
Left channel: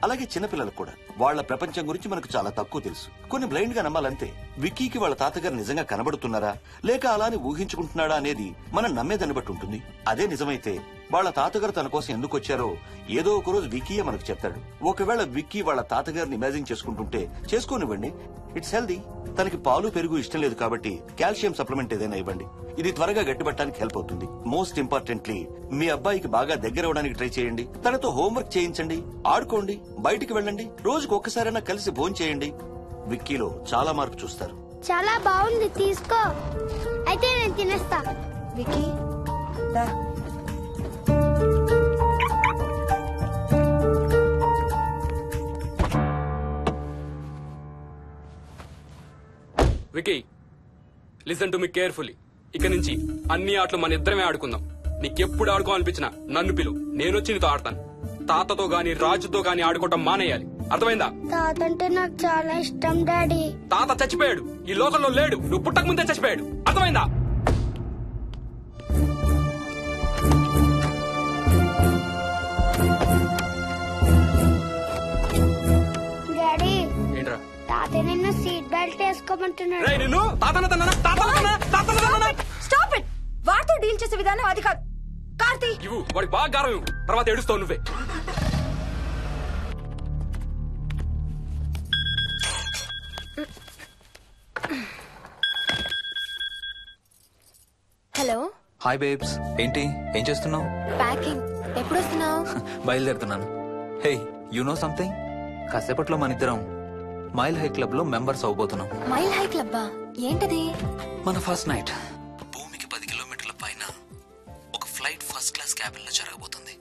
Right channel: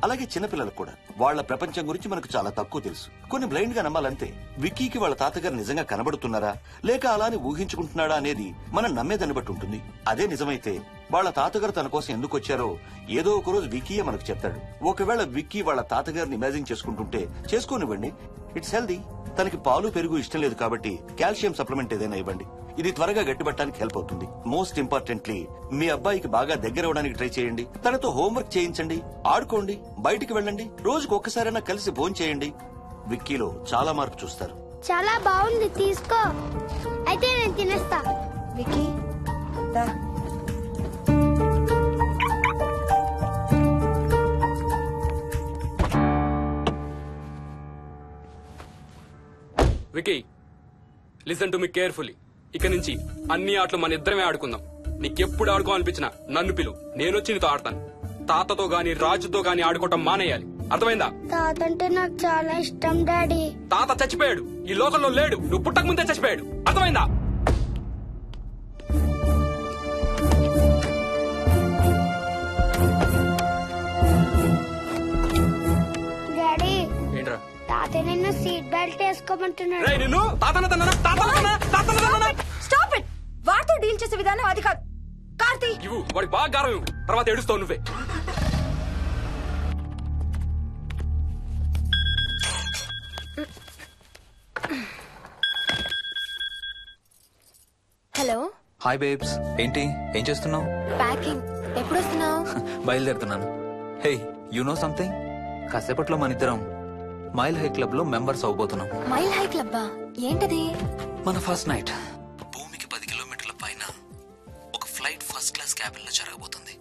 అలాగే చిన్నపిల్లలకు కూడా వాళ్ల ప్రపంచం గురించి మనకు చాలా తక్కువ తెలుసు. కొన్ని బ్లైండ్ గా నమ్మాలంతే. విక్కీకి వాళ్ళ తాతగారు నిజంగా కనబడుతున్నారా లేక అలానే ఊహించుకుంటున్నాడా అనేది మనం నమ్మేదాన్ని బట్టి ఉంటుంది. అదే నిజమైతే వాళ్ళ తాతగారు తన కోసం ఎందుకు వచ్చారో ఏదో ఒక రోజు విక్కీయే మనకు చెప్తాడు. ఒకవేళ విక్కీ వాళ్ళ తాతగారిని ఇమాజిన్ చేసుకుంటుంటే చేసుకోనివ్వండి, ఇట్స్ హెల్దీ. తనకి పాలు పెరుగు ఇష్టం లేదు కాబట్టి కాల్షియం సప్లిమెంట్ ఏదైనా ఇవ్వండి. ఇది త్వరగా గట్టిపట్టడానికి హెల్ప్ అవుతుంది. మోస్ట్ ఇంపార్టెంట్లీ మీ అబ్బాయికి బాగా దగ్గర అవడానికి ట్రై చేయండి. తనతో హోంవర్క్ చేయించండి, ఆడుకోండి, బయటికి వెళ్ళండి, రోజుకు ఒక్కసారైనా కలిసి భోజనం చేయండి. విక్కీలో చాలా మార్పు చూస్తారు. చాలా బాగుంది, తీసుకో. అయితే నేను తినేస్తా. విక్కీ దా. Vicky, listen to me carefully. ఇక నుంచి అన్ని ఆటలు మన ఇద్దరమే ఆడుకుందాం. నీకెప్పుడు ఆడుకోవాలనిపించినా నన్ను పిలు, నేనొచ్చి నీతో ఆడతాను. తాతతో గాని రాజుతో గాని ఆడుకోవటం మానేయాలి, అర్థమైందా? తాత అంటే నాకు చాలా ఇష్టం డాడీ. తాత చచ్చిపోయాడు, ఈ లోకంలో లేడు. నువ్వు పుట్టక ముందే చచ్చిపోయాడు, అర్థమైందా? డాడీ, ఏంట్రా? తాత నిన్ను సీట్ బెల్ట్ వేసుకోమంటున్నాడు. నిన్ను స్టాప్ ఇట్. వాటితో డీల్ చేసే విధానం అది కాదు. కార్తీ, ఇవ్వు, వాడికి బాగా గారం ఇవ్వు, తర్వాత ఏడుస్తావు నువ్వే. హలో. హాయ్ బేబ్స్, ఏంటి ఏం చేస్తున్నావు? ప్యాకింగ్. ఎప్పుడు వస్తున్నావు? బయలుదేరుతున్నాను. Hey, you know something? కాసేపట్లో మన ఇద్దరం మైల్ హై క్లబ్ లో మెంబర్స్ అవబోతున్నాం. మైల్ హై క్లబ్బా? ఏంటది? మన ఫస్ట్ నైట్ భూమికి 10 కిలోమీటర్ల పైన ఒక ఫ్లైట్ ఫస్ట్ క్లాస్ క్యాబిన్ లో జరగబోతుంది.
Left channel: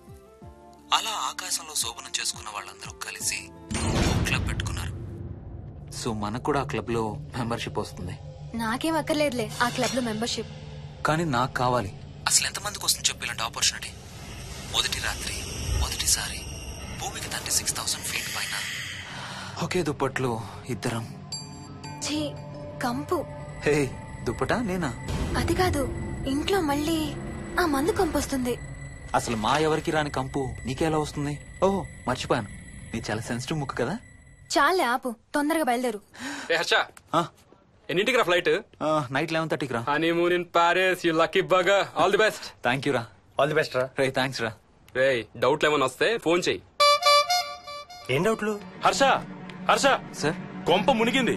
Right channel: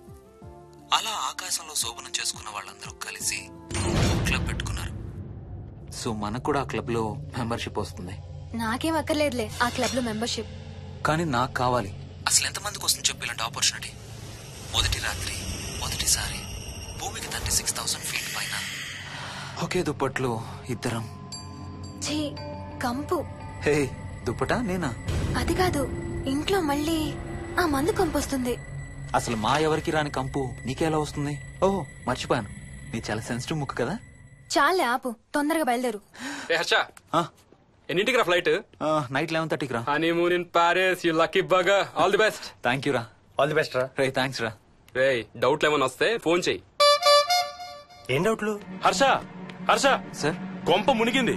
అలా ఆకాశంలో శోభనం చేసుకున్న వాళ్ళందరూ కలిసి క్లబ్ పెట్టుకున్నారు. సో మనకు కూడా ఆ క్లబ్ లో మెంబర్షిప్ వస్తుంది. నాకేం అక్కర్లేదులే ఆ క్లబ్ లో మెంబర్షిప్. కానీ నాకు కావాలి. అసలు ఎంతమందికి వస్తుంది చెప్పు ఇలాంటి ఆపర్చునిటీ? మొదటి రాత్రి, మొదటిసారి భూమికి 36,000 ఫీట్ పైన ఒకే దుప్పట్లో ఇద్దరం. ఛీ, కంపు. హే, దుప్పటా నేనా? అది కాదు, ఇంట్లో మళ్ళీ ఆ మందు కంపు వస్తుంది. అసలు మా ఎవరికి రాని కంపు నీకెలా వస్తుంది? ఓహో, మర్చిపోయాను, నీ చాలా సెన్సిటివ్ ముక్కు కదా. చాలే ఆపు, తొందరగా బయలుదేరు. హర్ష, ఎన్నింటికి రా ఫ్లైట్? నైట్ 11:30కి రా. Honeymoon in Paris, you lucky bugger. All the best. Thank you రా. ఆల్ ది బెస్ట్ రా. రే, థ్యాంక్స్ రా. రే, డౌట్లు ఏమైనా వస్తే ఫోన్ చెయ్యి. ఏం డౌట్లు? హర్ష, హర్ష సార్, కొంప మునిగింది.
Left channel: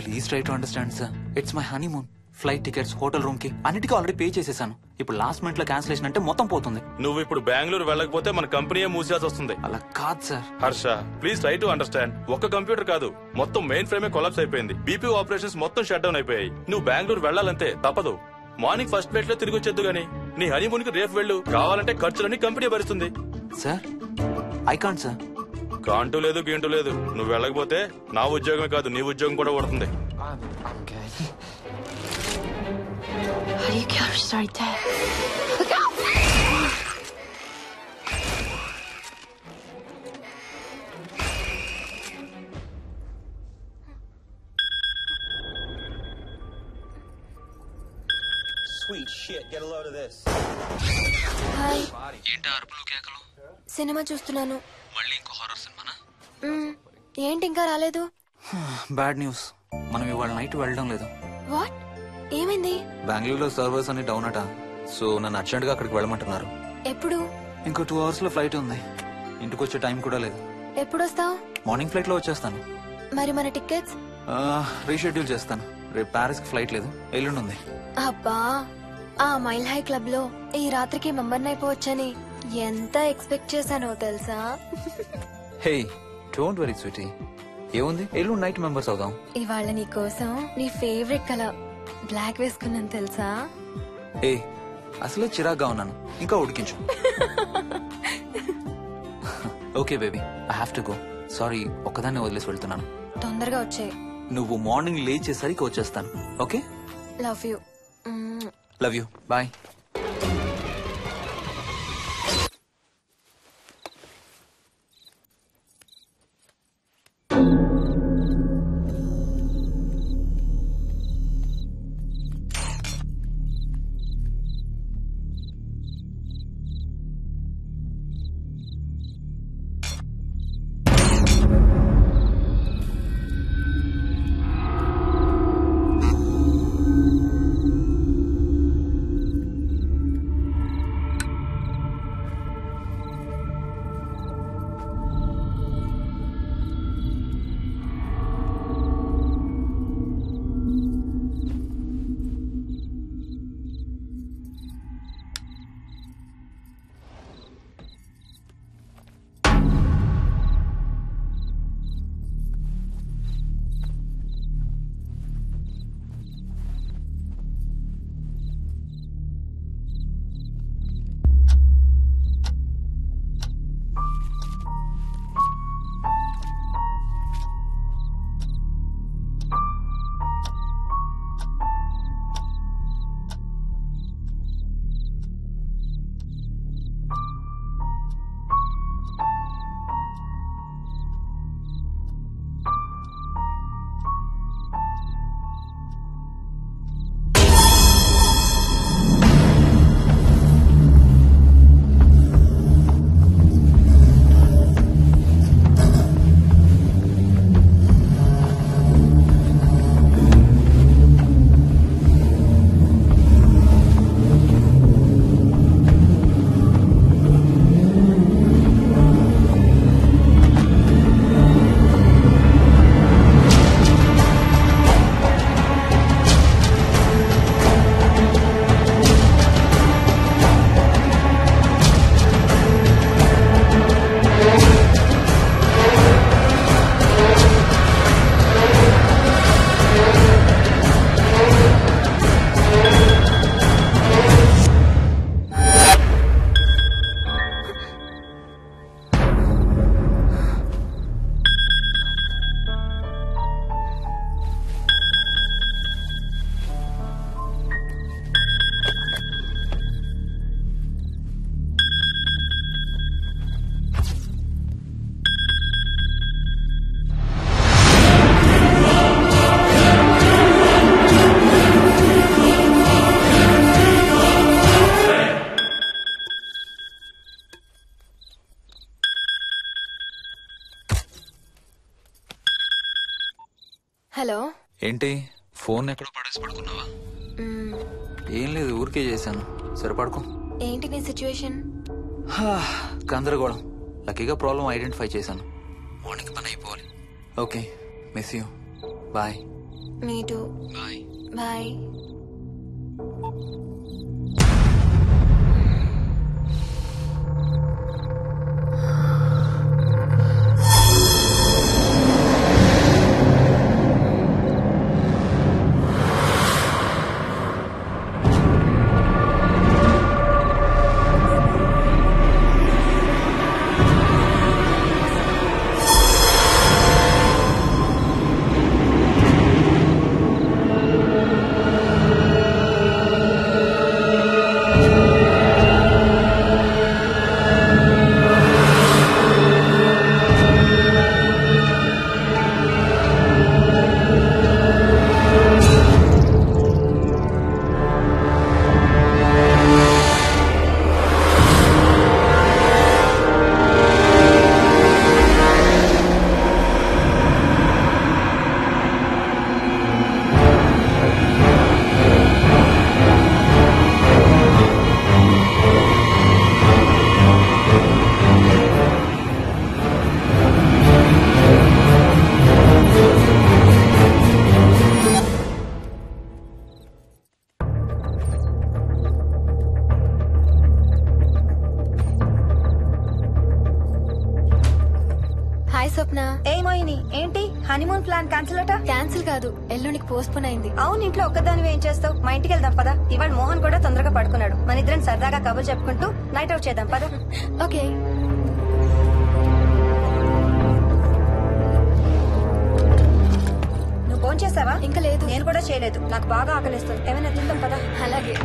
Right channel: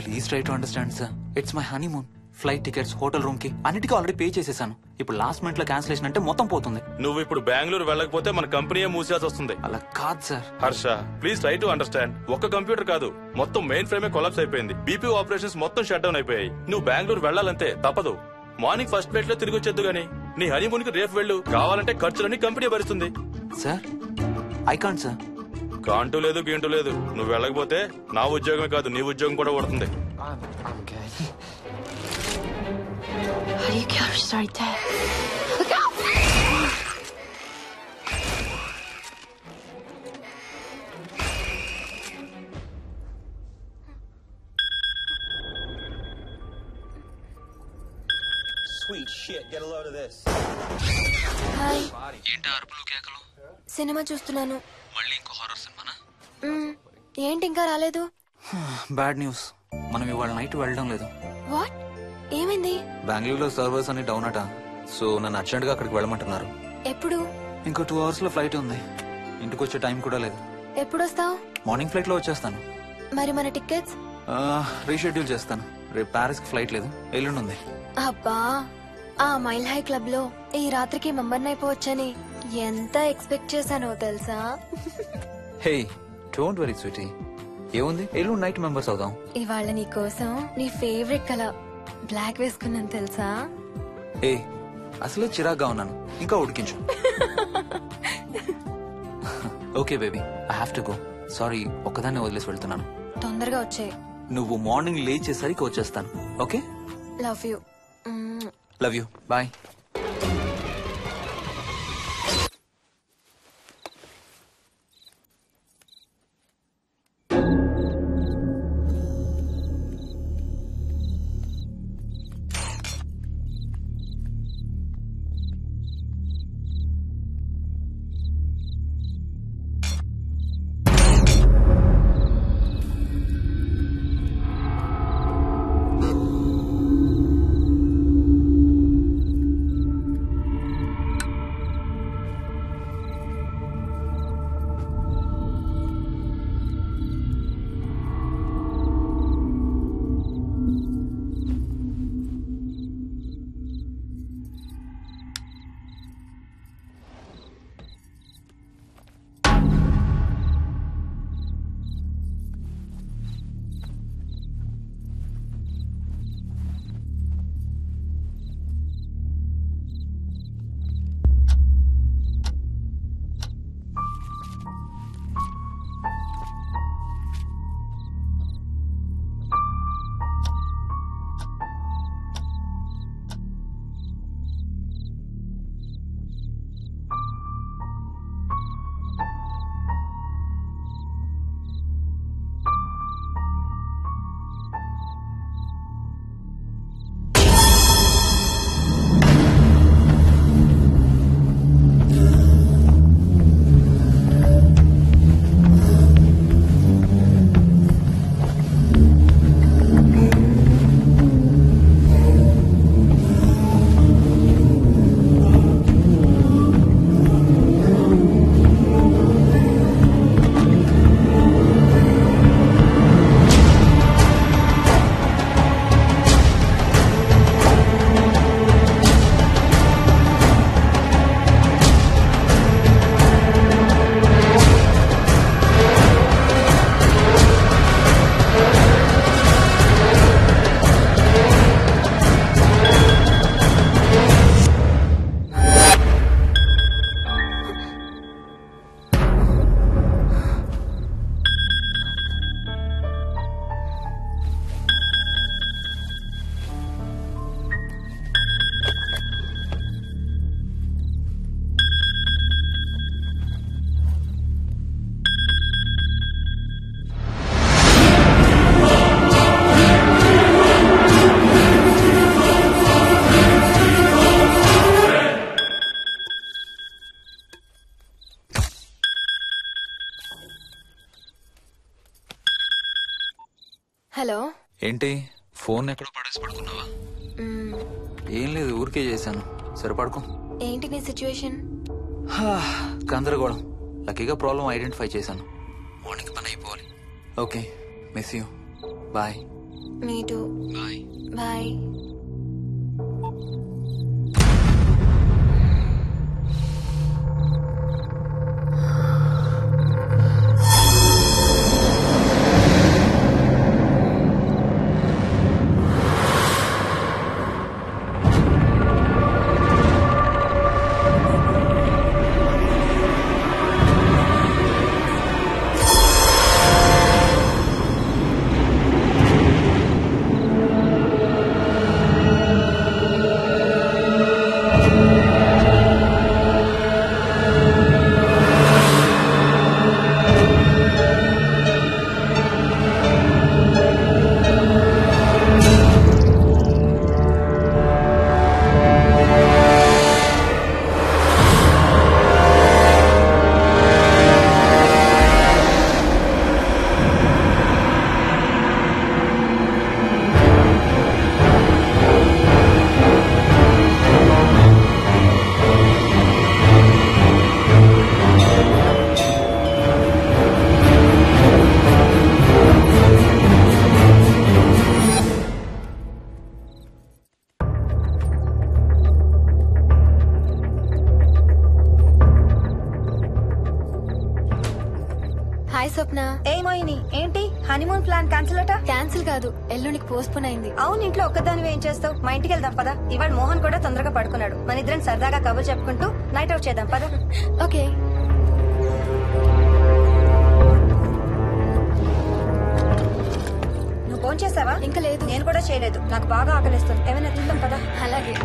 Please try to understand sir. It's my honeymoon. Flight tickets, hotel room కి అన్నిటికీ ఆల్రెడీ పే చేసేసాను. ఇప్పుడు లాస్ట్ మినిట్ లో క్యాన్సిలేషన్ అంటే మొత్తం పోతుంది. నువ్వు ఇప్పుడు బెంగళూరు వెళ్ళకపోతే మన కంపెనీయే మూసేయాల్సి వస్తుంది. అలా కాదు sir. Harsha, please try to understand. ఒక్క కంప్యూటర్ కాదు, మొత్తం మెయిన్ ఫ్రేమే కొలాప్స్ అయిపోయింది. బీపీ ఆపరేషన్స్ మొత్తం షట్ డౌన్ అయిపోయాయి. నువ్వు బెంగళూరు వెళ్ళాలంటే తప్పదు. మార్నింగ్ ఫస్ట్ ఫ్లైట్ లో తిరిగి వచ్చేద్దు గానీ నీ హనీమూన్ కి రేపు వెళ్ళు. కావాలంటే ఖర్చులన్నీ కంపెనీ భరిస్తుంది. Sir, I can't sir. కాంటూ లేదు, గీంటూ లేదు. నువ్వు వెళ్ళకపోతే నా ఉద్యోగమే కాదు, నీ ఉద్యోగం కూడా పడుతుంది. Sorry, Dad. Look out! Hi. ఏంటి అరుపులు కేకలు? సినిమా చూస్తున్నాను. మళ్ళీ ఇంకో హారర్ సినిమానా? ఏంటి ఇంకా రాలేదు? బ్యాడ్ న్యూస్, మనం ఇవాళ నైట్ వెళ్ళడం లేదు. వాట్? ఏమైంది? బెంగళూరులో సర్వర్స్ అన్ని డౌన్ అట. సో నన్ను అర్జెంట్ గా అక్కడికి వెళ్ళమంటున్నారు. ఎప్పుడు? ఇంకో 2 hours లో ఫ్లైట్ ఉంది. ఇంటికి వచ్చే టైం కూడా లేదు. ఎప్పుడు వస్తావు? మార్నింగ్ ఫ్లైట్ లో వచ్చేస్తాను. మరి మన టికెట్స్? రీషెడ్యూల్ చేస్తాను. రేపు ప్యారిస్ కి ఫ్లైట్ లేదు, ఎల్లుండి ఉంది. అబ్బా, ఆ మైల్ హై క్లబ్ లో ఈ రాత్రికి మెంబర్ అయిపోవచ్చని ఎంత ఎక్స్పెక్ట్ చేశానో తెలుసా? హే డోంట్ వరీ స్వీటీ, ఏముంది ఎల్లుండి నైట్ మెంబర్స్ అవుదాం. ఇవాళ నీ కోసం నీ ఫేవరెట్ కలర్ బ్లాక్ వేసుకున్నాను తెలుసా? ఏ అసలే చిరాగ్గా ఉన్నాను, ఇంకా ఉడికించు. Okay baby, I have to go. Sorry, ఒక్కదాన్ని వదిలేసి వెళ్తున్నాను. తొందరగా వచ్చే. నువ్వు మార్నింగ్ లేచేసరికి వచ్చేస్తాను. Okay, love you. Love you, bye. Hello. ఏంటి ఫోన్ ఎక్కడో పడేసి పడుకున్నావా? ఏం లేదు, ఊరికే చేశాను. సరే పడుకో. ఏంటి నీ సిచ్యువేషన్? గందరగోళం. లక్కీగా ప్రాబ్లం ఐడెంటిఫై చేశాను. మార్నింగ్ పని అయిపోవాలి. Okay, miss you. Bye. Me too. Bye. Bye. Ratna. ఏ మోహిని, ఏంటి హనీమూన్ ప్లాన్ క్యాన్సిల్ అట? క్యాన్సిల్ కాదు, ఎల్లుండికి పోస్ట్ పోన్ అయింది. అవును, ఇంట్లో ఒక్కదానివి ఏం చేస్తావు? మా ఇంటికి వెళ్దాం పదా. ఇవాళ మోహన్ కూడా తొందరగా పడుకున్నాడు. మన ఇద్దరం సరదాగా కబుర్లు చెప్పుకుంటూ నైట్ అవుట్ చేద్దాం పదా. ఓకే. నువ్వు ఫోన్ చేసావా? ఇంకా లేదు. నేను కూడా చేయలేదు. నాకు బాగా ఆకలిస్తుంది. ఏమైనా తిందాం పదా. అలాగే.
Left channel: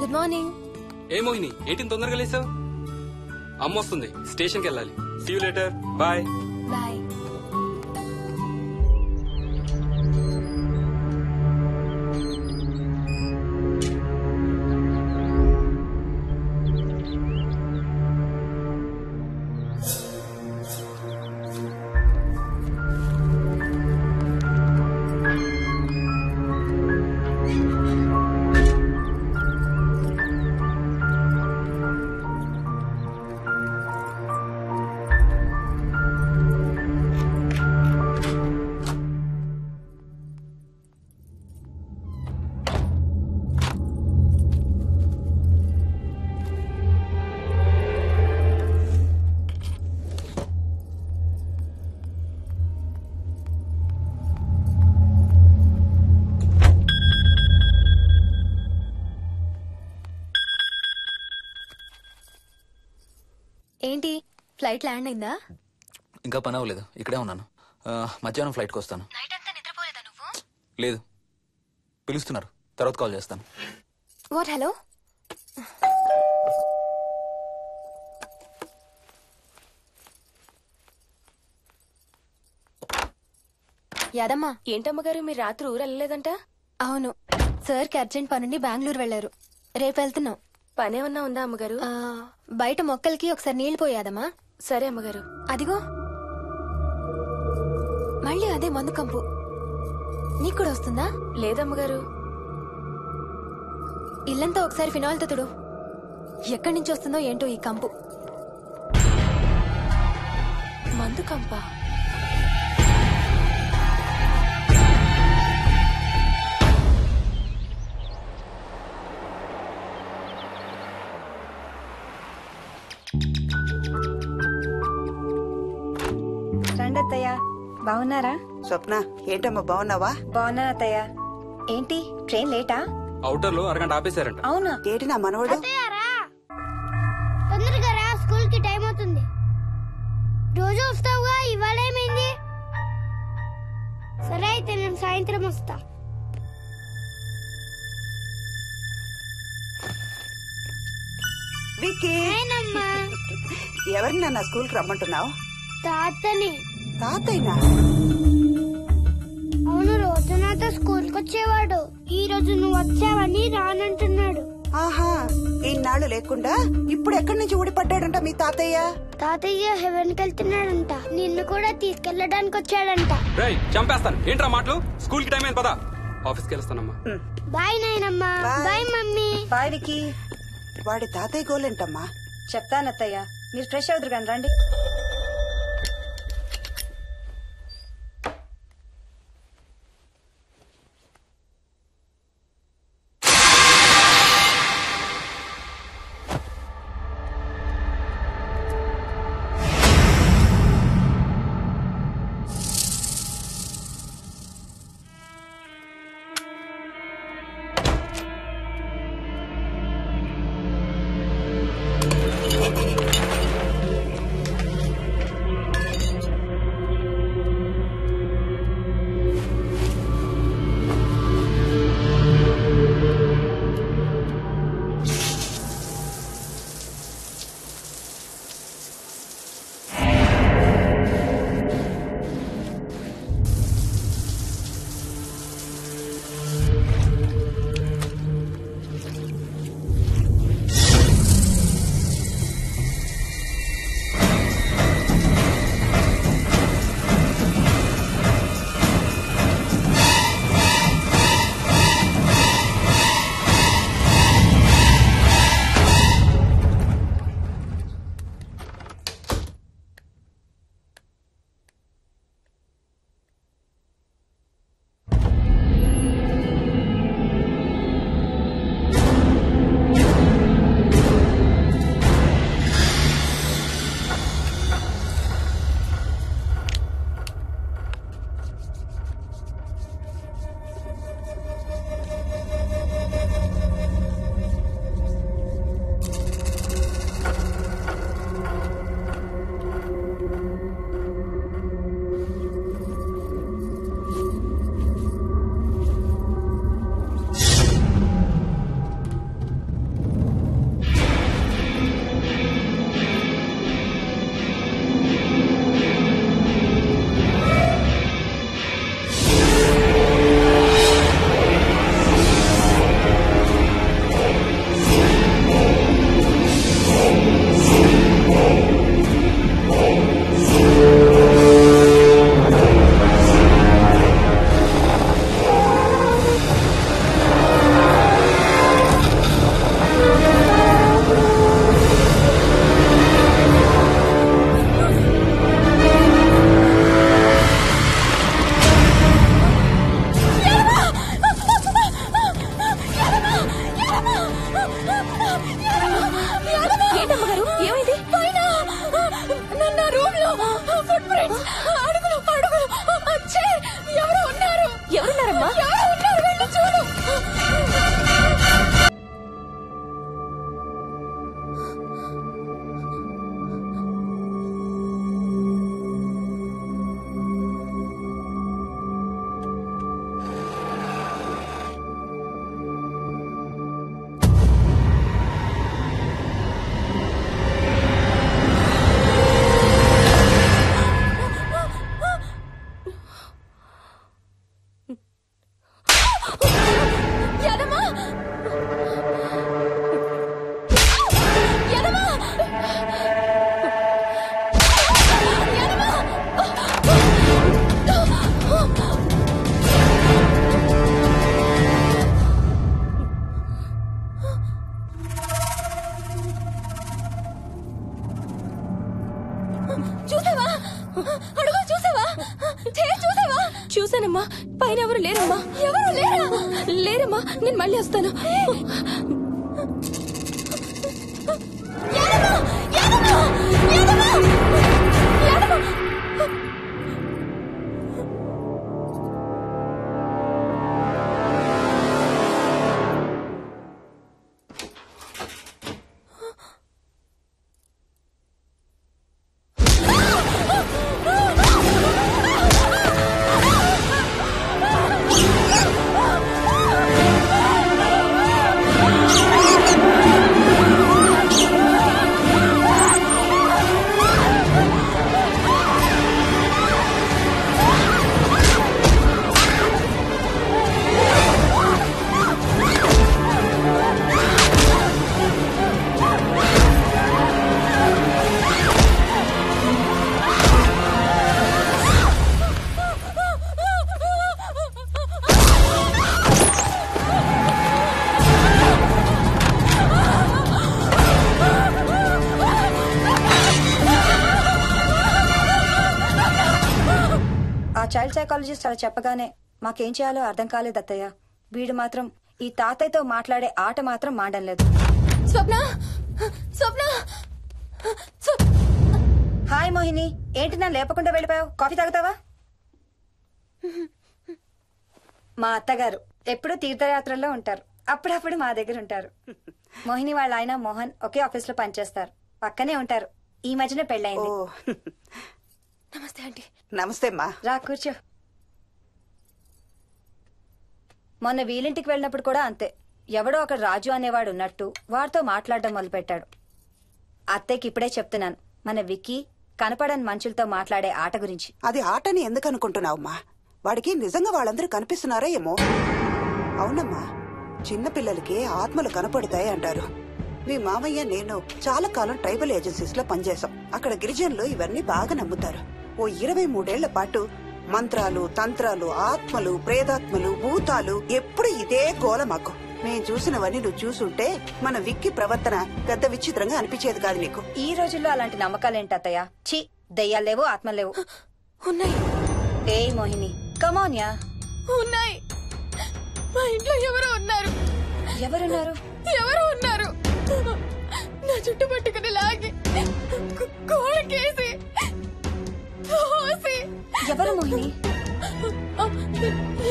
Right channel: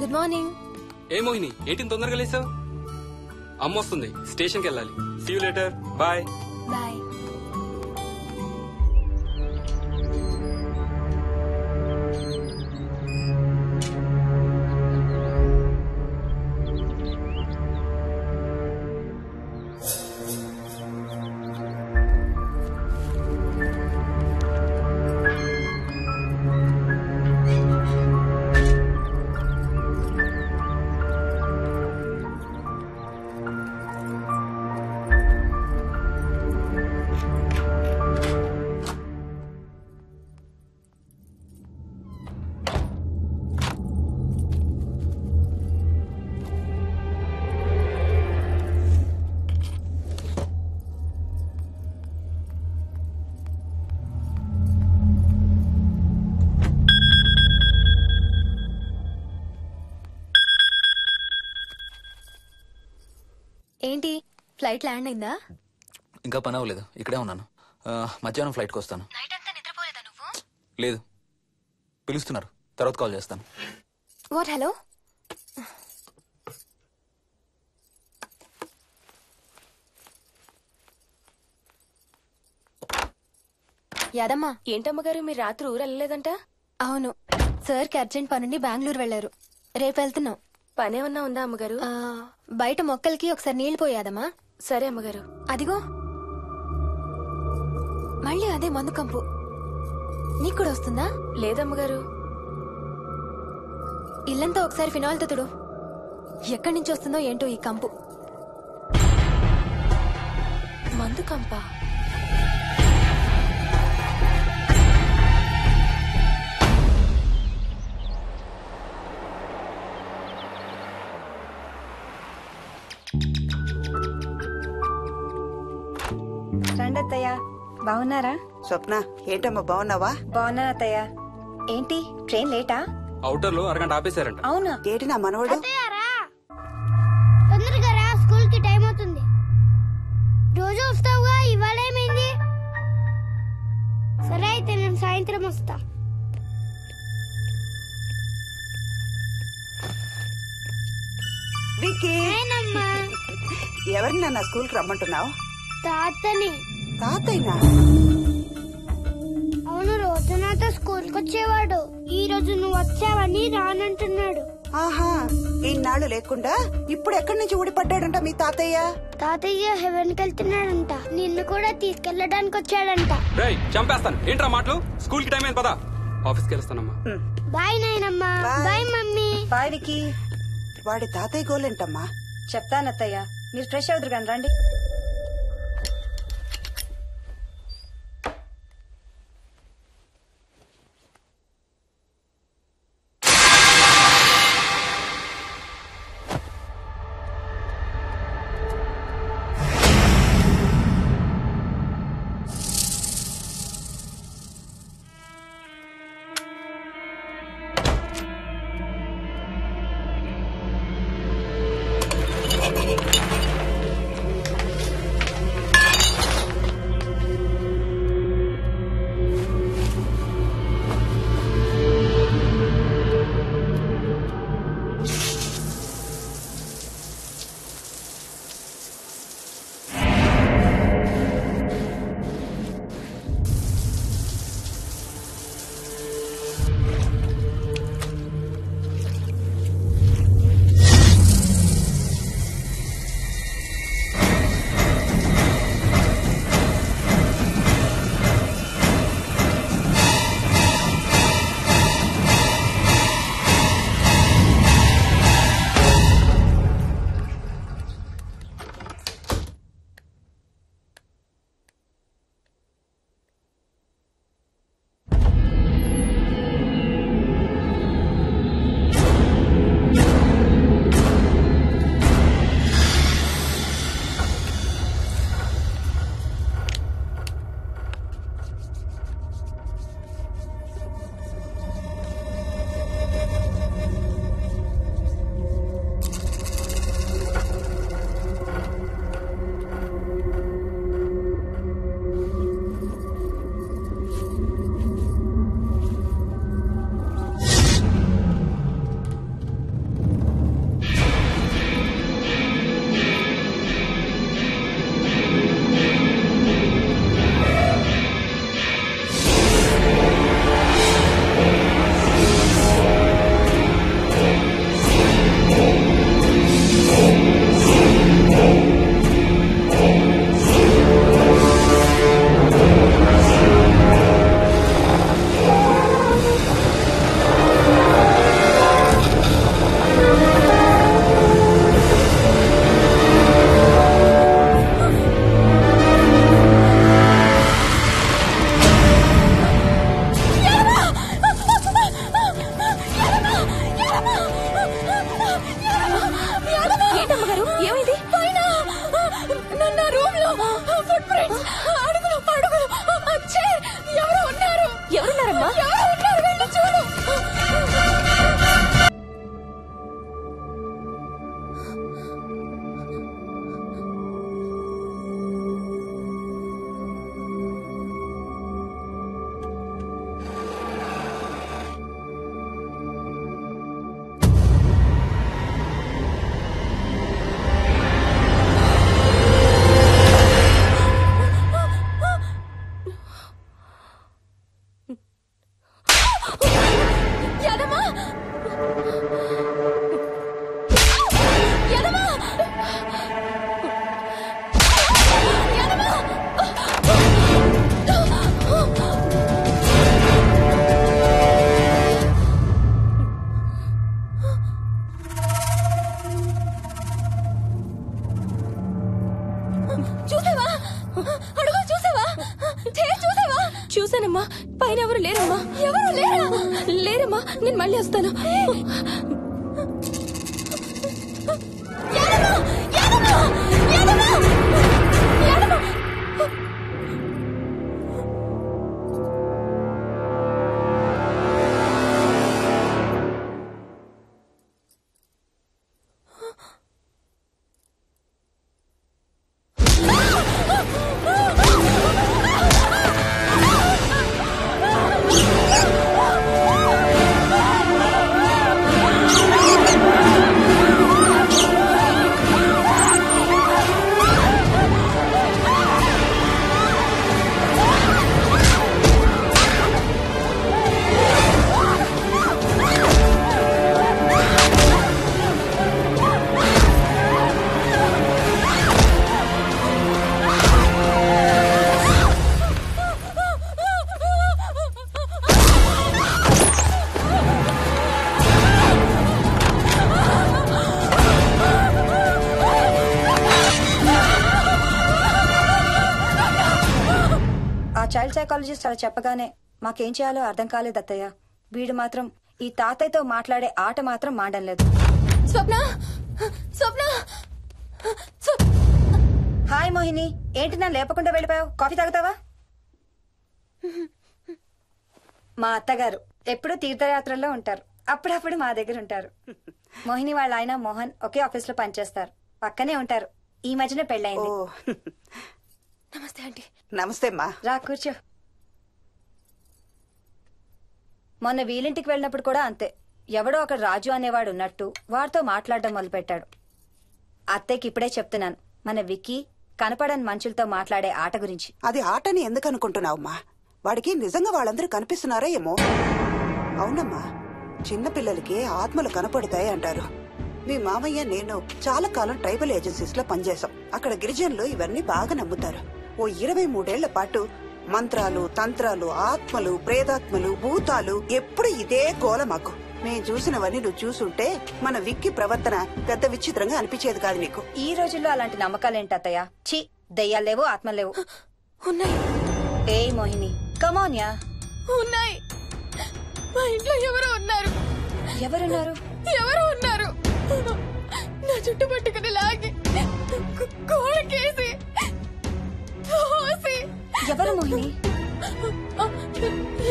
Good morning. ఏ మోహిని, ఏంటి తొందరగా లేసావు? అమ్మ వస్తుంది, స్టేషన్కి వెళ్ళాలి. See you later. Bye. Bye. ఏంటి, ఫ్లైట్ ల్యాండ్ అయిందా? ఇంకా పని అవ్వలేదు, ఇక్కడే ఉన్నాను. మధ్యాహ్నం ఫ్లైట్కి వస్తాను. నైట్ అంతా నిద్రపోలేదా నువ్వు? లేదు, పిలుస్తున్నారు, తర్వాత కాల్ చేస్తాను. వాట్? హలో. యాదమ్మా. ఏంటమ్మగారు, మీరు రాత్రి ఊరు వెళ్ళలేదంట? అవును, సార్కి అర్జెంట్ పనుండి బెంగళూరు వెళ్లారు. రేపు వెళ్తున్నాం. పనేమన్నా ఉందా అమ్మగారు? బయట మొక్కలకి ఒకసారి నీళ్లు పోయాదమ్మా. సరే అమ్మగారు. అదిగో మళ్ళీ అదే మందు కంపు. నీకు కూడా వస్తుందా? లేదమ్మగారు. ఇల్లంతా ఒకసారి ఫినాయిల్తో తుడు. ఎక్కడి నుంచి వస్తుందో ఏంటో ఈ కంపు. మందు కంపా? రండి అత్తయ్య. బాగున్నారా? స్వప్న, ఏంటమ్మా బాగున్నావా? బాగున్నా అత్తయ్య. ఏంటి ట్రైన్ లేటా? అవుటర్ లో అరగంట ఆపేశారంట. అవునా? ఏంటి నా మనవడు? తొందరగా రా, స్కూల్ కి టైం అవుతుంది. రోజు వస్తావుగా, ఇవాళ ఏమైంది? సరే అయితే నేను సాయంత్రం వస్తా. విక్కీ, ఎవరిని నా స్కూల్ కి రమ్మంటున్నావు? తాతని. తాతయ్యనా? అవును, రోజు నాతో స్కూల్ కి వచ్చేవాడు. ఈ రోజు నువ్వు వచ్చావని రానంటున్నాడు. ఆహా, ఇన్నాళ్ళు లేకుండా ఇప్పుడు ఎక్కడి నుంచి ఊడిపడ్డాడంట మీ తాతయ్య? తాతయ్య హెవెన్ కి వెళ్తున్నాడంట. నిన్ను కూడా తీసుకెళ్లడానికి వచ్చాడంట. రేయ్, చంపేస్తాను. ఏంట్రా మాటలు? స్కూల్ కి టైం అయింది, పదా. ఆఫీస్కి వెళ్తానమ్మా. బాయ్ నాయనమ్మా. Bye mummy. బాయ్ వికీ. వాడి తాతయ్య గోలేంటమ్మా? చెప్తానత్తయ్య, మీరు ఫ్రెష్ అవుతురు కానీ రండి. చూసావా అడుగు చూసావా చూసావా? చూసానమ్మా. పైన ఎవరు లేరమ్మా. ఎవరు లేరా? లేరమ్మా. నేను మళ్ళీ వస్తాను. చైల్డ్ సైకాలజిస్ట్ అలా చెప్పగానే మాకేం చేయాలో అర్థం కాలేదు అత్తయ్య. వీడు మాత్రం ఈ తాతయ్యతో మాట్లాడే ఆట మాత్రం మాడం లేదు. స్వప్న స్వప్న హాయ్ మోహిని, ఏంటి నన్ను లేపకుండా వెళ్ళిపోయావు? కాఫీ తాగుతావా? మా అత్తగారు ఎప్పుడూ తీర్థయాత్రల్లో ఉంటారు, అప్పుడప్పుడు మా దగ్గర ఉంటారు. మోహిని వాళ్ళ ఆయన మోహన్ ఒకే ఆఫీస్ లో పనిచేస్తారు, పక్కనే ఉంటారు. ఈ మధ్యన పెళ్ళైంది. నమస్తే ఆంటీ. నమస్తే అమ్మా. రా కూర్చో. మొన్న వీలింటికి వెళ్ళినప్పుడు కూడా అంతే. ఎవడో ఒక రాజు అనేవాడు ఉన్నట్టు వాడితో మాట్లాడడం మొదలుపెట్టాడు. అత్తయ్యకి ఇప్పుడే చెప్తున్నాను, మన విక్కీ కనపడని మనుషులతో మాట్లాడే ఆట గురించి. అది ఆటని ఎందుకు అనుకుంటున్నావమ్మా? వాడికి నిజంగా వాళ్ళందరూ కనిపిస్తున్నారా ఏమో. అవునమ్మా, చిన్నపిల్లలకి ఆత్మలు కనపడతాయి అంటారు. మీ మామయ్య నేను చాలా కాలం ట్రైబల్ ఏజెన్సీస్ లో పనిచేశాం. అక్కడ గిరిజనులు ఇవన్నీ బాగా నమ్ముతారు. ఓ 23 ఏళ్ల పాటు మంత్రాలు, తంత్రాలు, ఆత్మలు, ప్రేతాత్మలు, భూతాలు, ఎప్పుడు ఇదే గోల మాకు. మేం చూసినవన్నీ నువ్వు చూసుంటే మన విక్కీ ప్రవర్తన పెద్ద విచిత్రంగా అనిపించేది కాదు నీకు. ఈ రోజుల్లో అలాంటి నమ్మకాలేంటి అత్తయ్య? ఛీ, దెయ్యాలు లేవు, ఆత్మలు లేవు. ఉన్నాయి. ఏ మోహిని, కమాన్యా. ఉన్నాయి. మా ఇంట్లో ఎవరో ఉన్నారు. ఎవరున్నారు? ఎవరు ఉన్నారు? నా చుట్టు పట్టుకుని లాగి కోళ్ళకేసి ఎవరు మోహిని?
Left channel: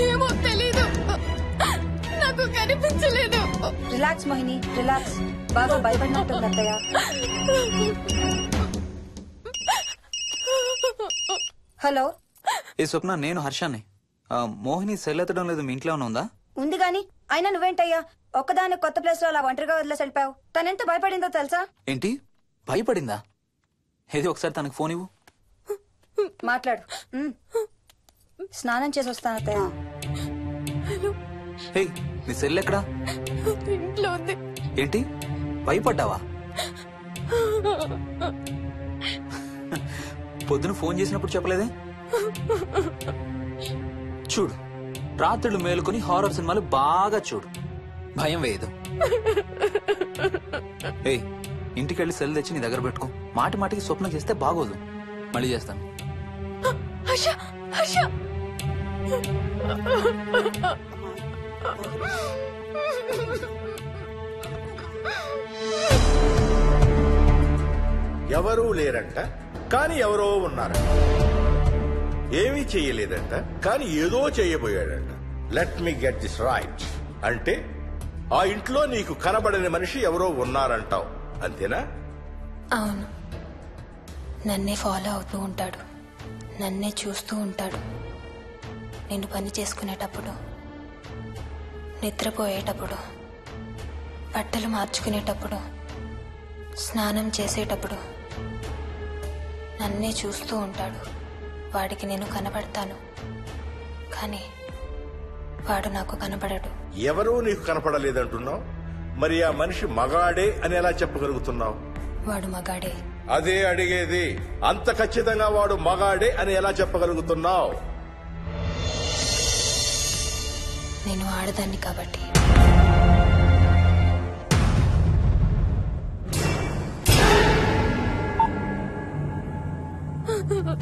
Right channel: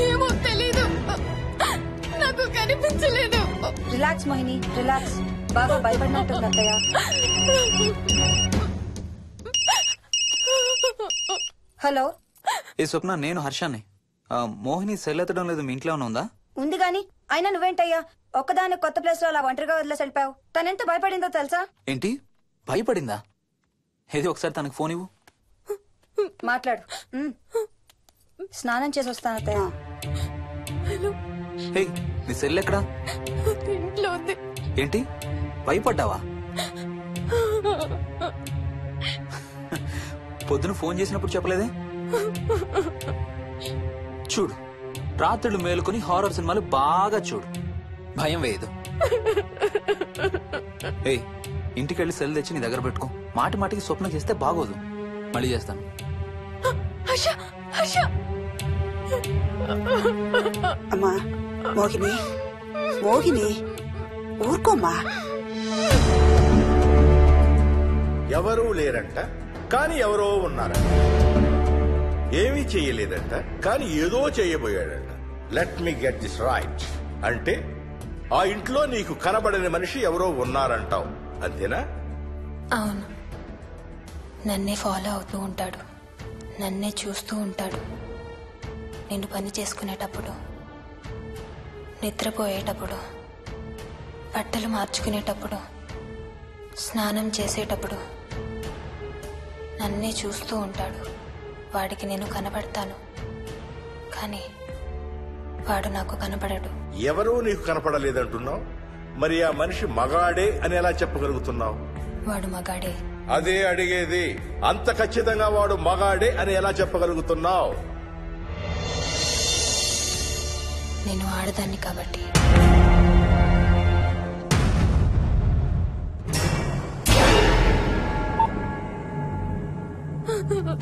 ఏమో తెలీదు, నాకు కనిపించలేదు. Relax Mohini, relax. బాగా భయపడినట్టుంది అత్తయ్య. హలో. ఏ స్వప్న, నేను హర్షాన్ని. మోహిని సెల్ ఎత్తడం లేదు, మీ ఇంట్లో ఉందా? ఉంది గాని అయినా నువ్వేంటయ్యా ఒక్కదాని కొత్త ప్లేస్ లో అలా ఒంటరిగా వదిలేసి వెళ్ళిపోయావు? తనెంత భయపడిందో తెలుసా? ఏంటి భయపడిందా? ఏది ఒకసారి తనకు ఫోన్ ఇవ్వు. మాట్లాడు. స్నానం చేసి వస్తాను అత్తయ్య. హే, నీ సెల్ ఎక్కడా? ఇంట్లో ఉంది. ఏంటి భయపడ్డావా? పొద్దున ఫోన్ చేసినప్పుడు చెప్పలేదే? చూడు, రాత్రులు మేలుకొని హారర్ సినిమాలు బాగా చూడు, భయం వేయదు. ఏ, ఇంటికెళ్ళి సెల్ తెచ్చి నీ దగ్గర పెట్టుకో. మాటి మాటికి స్వప్నం చేస్తే బాగోదు. మళ్ళీ చేస్తాను. అమ్మా మోహిని, మోహిని ఊరుకోమ్మా. ఎవరూ లేరంట, కానీ ఎవరో ఉన్నారంట. ఏమీ చెయ్యలేదంట, కానీ ఏదో చెయ్యబోయాడంట. Let me get this right. అంటే ఆ ఇంట్లో నీకు కనబడని మనిషి ఎవరో ఉన్నారంటావు, అంతేనా? అవును. నన్నే ఫాలో అవుతూ ఉంటాడు, నన్నే చూస్తూ ఉంటాడు. నేను పని చేసుకునేటప్పుడు, నిద్రపోయేటప్పుడు, బట్టలు మార్చుకునేటప్పుడు, స్నానం చేసేటప్పుడు నన్నే చూస్తూ ఉంటాడు. వాడికి నేను కనబడతాను, కానీ వాడు నాకు కనబడడు. ఎవరూ నీకు కనపడలేదంటున్నావు, మరి ఆ మనిషి మగాడే అని ఎలా చెప్పగలుగుతున్నావు? వాడు మగాడే. అదే అడిగేది. అంత ఖచ్చితంగా వాడు మగాడే అని ఎలా చెప్పగలుగుతున్నావు? నేను ఆడదాన్ని కాబట్టి.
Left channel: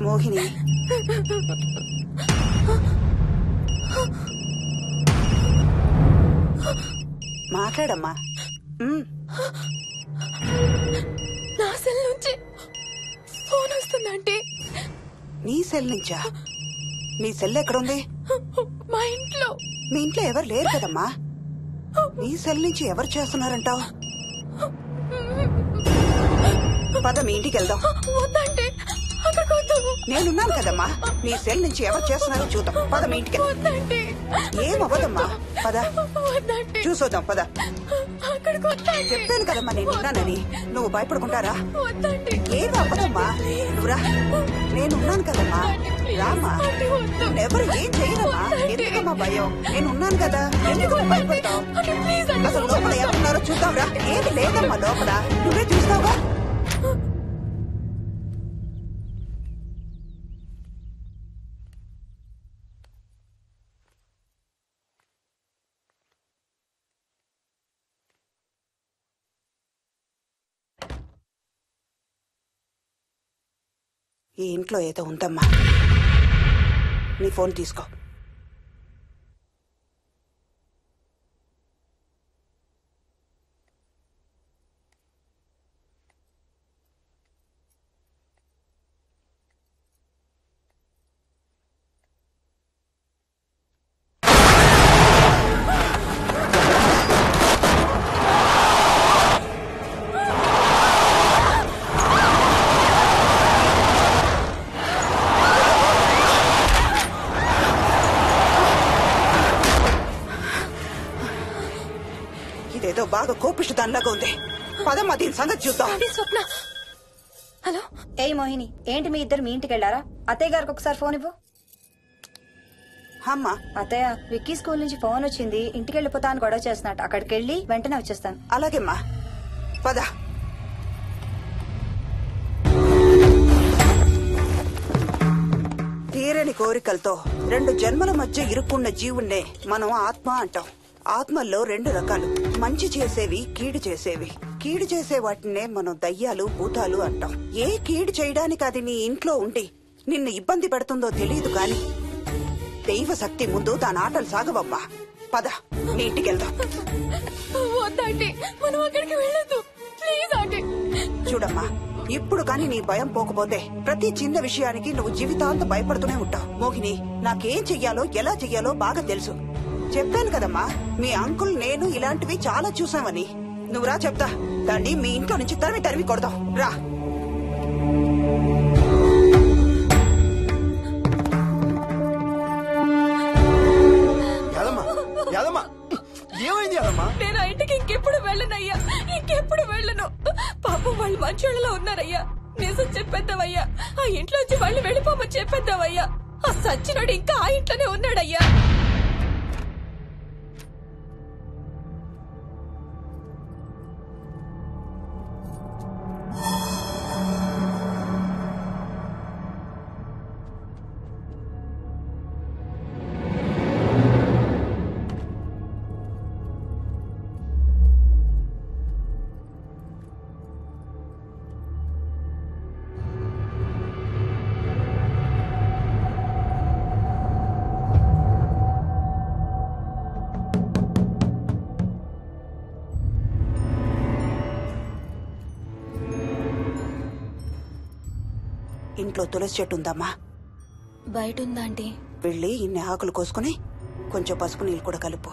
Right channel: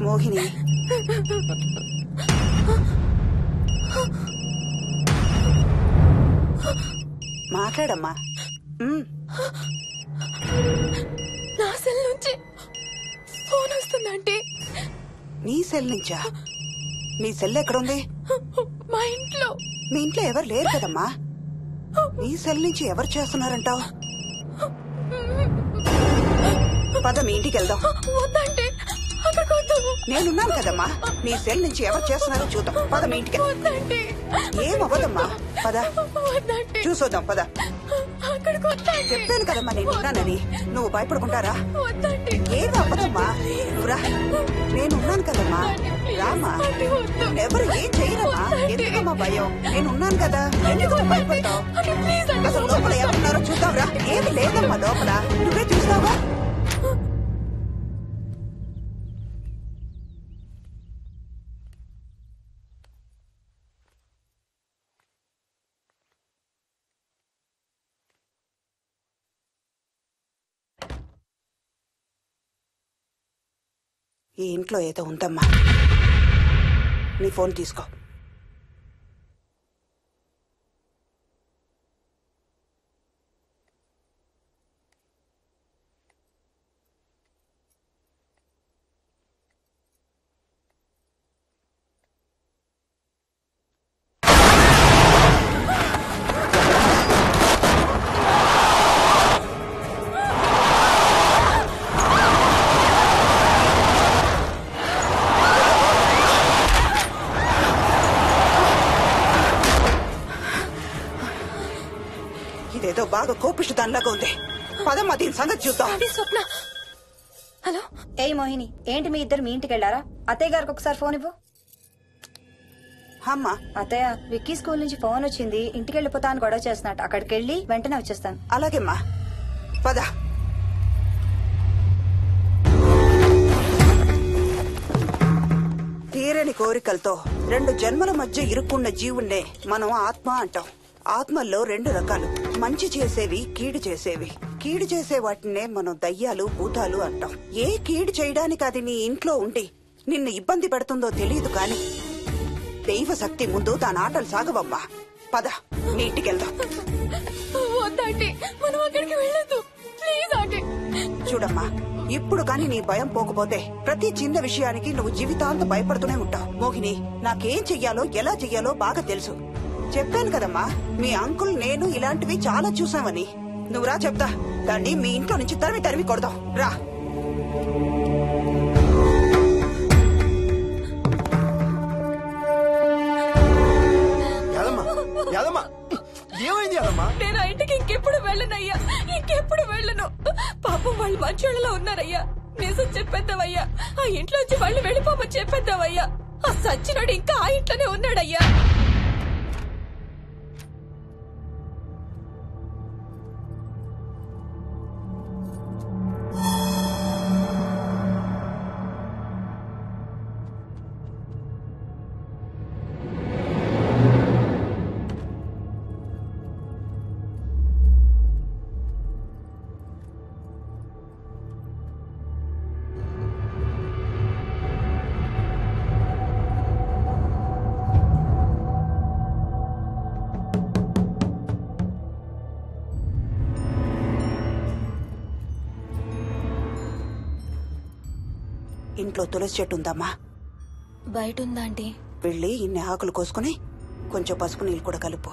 మోహిని మాట్లాడమ్మా. నా సెల్ నుంచి ఫోన్ వస్తుందంటే. నీ సెల్ నుంచా? నీ సెల్ ఎక్కడుంది? మా ఇంట్లో. మీ ఇంట్లో ఎవరు లేరు కదమ్మా. నీ సెల్ నుంచి ఎవరు చేస్తున్నారంటావు? పద మీ ఇంటికి వెళ్దాం. వద్దంటే అక్కడికి వద్దాము. నేనున్నాను కదమ్మా. నీ సెల్ నుంచి ఎవరు చేస్తున్నారో చూద్దాం. పద మీ ఇంటికి. ఏం అవ్వదమ్మా, పద చూసొద్దాం. పద. చెప్పాను కదమ్మా నేనున్నానని. నువ్వు భయపడుకుంటారా? ఏం అవ్వదమ్మా, నువ్వురా. నేనున్నాను కదమ్మా, రామ్మా. ఎవరు ఏం చేయరమ్మా. ఎందుకమ్మా భయం? నేనున్నాను కదా, ఎందుకు భయపడతావు? అసలు లోపల ఎవరున్నారో చూద్దాంరా. ఏమి లేదమ్మా లోపల, నువ్వే చూస్తావా? ఈ ఇంట్లో ఏదో ఉందమ్మా. నీ ఫోన్ తీసుకో. ఇదేదో బాగా కోపిష్టి దానిలాగా ఉంది. పదమ్మా దీని సంగతి చూద్దాం. స్వప్న. హలో. ఏయ్ మోహిని, ఏంటి మీ ఇద్దరు మీ ఇంటికి వెళ్లారా? అత్తయ్య గారికి ఒకసారి ఫోన్ ఇవ్వు. అమ్మా. అత్తయ్య, విక్కీ స్కూల్ నుంచి ఫోన్ వచ్చింది. ఇంటికి వెళ్ళిపోతా అని గొడవ చేస్తున్నట్టు. అక్కడికి వెళ్ళి వెంటనే వచ్చేస్తాను. అలాగేమ్మా, పద. తీరని కోరికలతో 2 జన్మల మధ్య ఇరుక్కున్న జీవుణ్ణే మనం ఆత్మ అంటాం. ఆత్మల్లో 2 రకాలు, మంచి చేసేవి, కీడు చేసేవి. కీడు చేసే వాటినే మనం దయ్యాలు, భూతాలు అంటాం. ఏ కీడు చేయడానికి అది నీ ఇంట్లో ఉండి నిన్ను ఇబ్బంది పెడుతుందో తెలియదు కాని దైవ శక్తి ముందు దాని ఆటలు సాగవమ్మా. పద నీ ఇంటికి వెళ్దాం. వద్దంటే మనం అక్కడికి వెళ్ళొద్దు. ప్లీజ్ అంటే. చూడమ్మా, ఇప్పుడు కాని నీ భయం పోకపోతే ప్రతి చిన్న విషయానికి నువ్వు జీవితాంతం భయపడుతూనే ఉంటావు. మోహిని, నాకేం చెయ్యాలో ఎలా చెయ్యాలో బాగా తెలుసు. చెప్పాను కదమ్మా, మీ అంకుల్ నేను ఇలాంటివి చాలా చూసామని. నువ్వు రా చెప్తా. దాన్ని మీ ఇంట్లో నుంచి తరిమి కొడదాం. రా. ఏమైంది యాదమ్మా? నేను ఆ ఇంటికి ఇంకెప్పుడు వెళ్ళనయ్యా. ఇంకెప్పుడు వెళ్ళను. పాపం వాళ్ళు మంచోళ్ళలో ఉన్నారయ్యా. నిజం చెప్పేద్దామయ్యా. ఆ ఇంట్లోంచి వాళ్ళు వెళ్ళిపోమని చెప్పేద్దామయ్యా. ఆ సచ్చినోడు ఇంకా ఆ ఇంట్లోనే ఉన్నాడయ్యా. ఇంట్లో తులసి చెట్టు ఉందమ్మా. బయట ఉందా ఆంటీ? వెళ్ళి ఇన్ని ఆకులు కోసుకుని కొంచెం పసుపు నీళ్ళు కూడా కలుపు.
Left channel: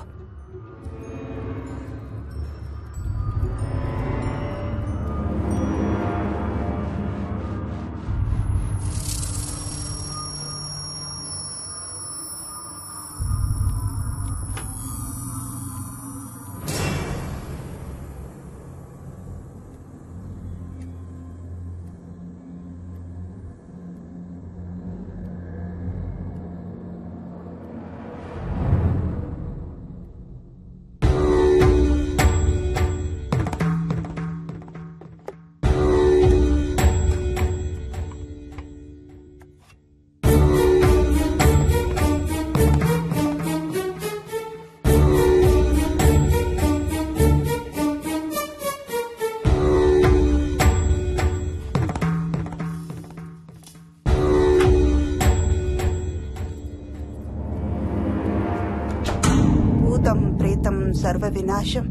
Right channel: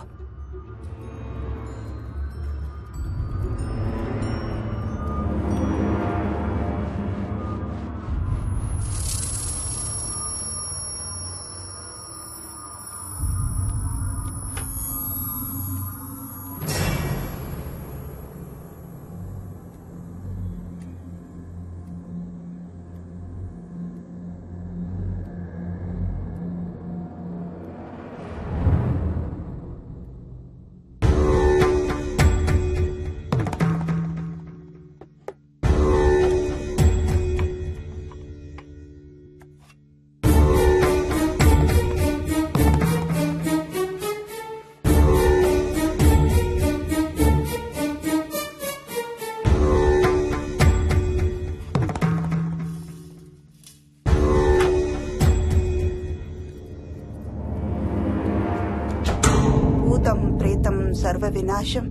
సర్వ వినాశం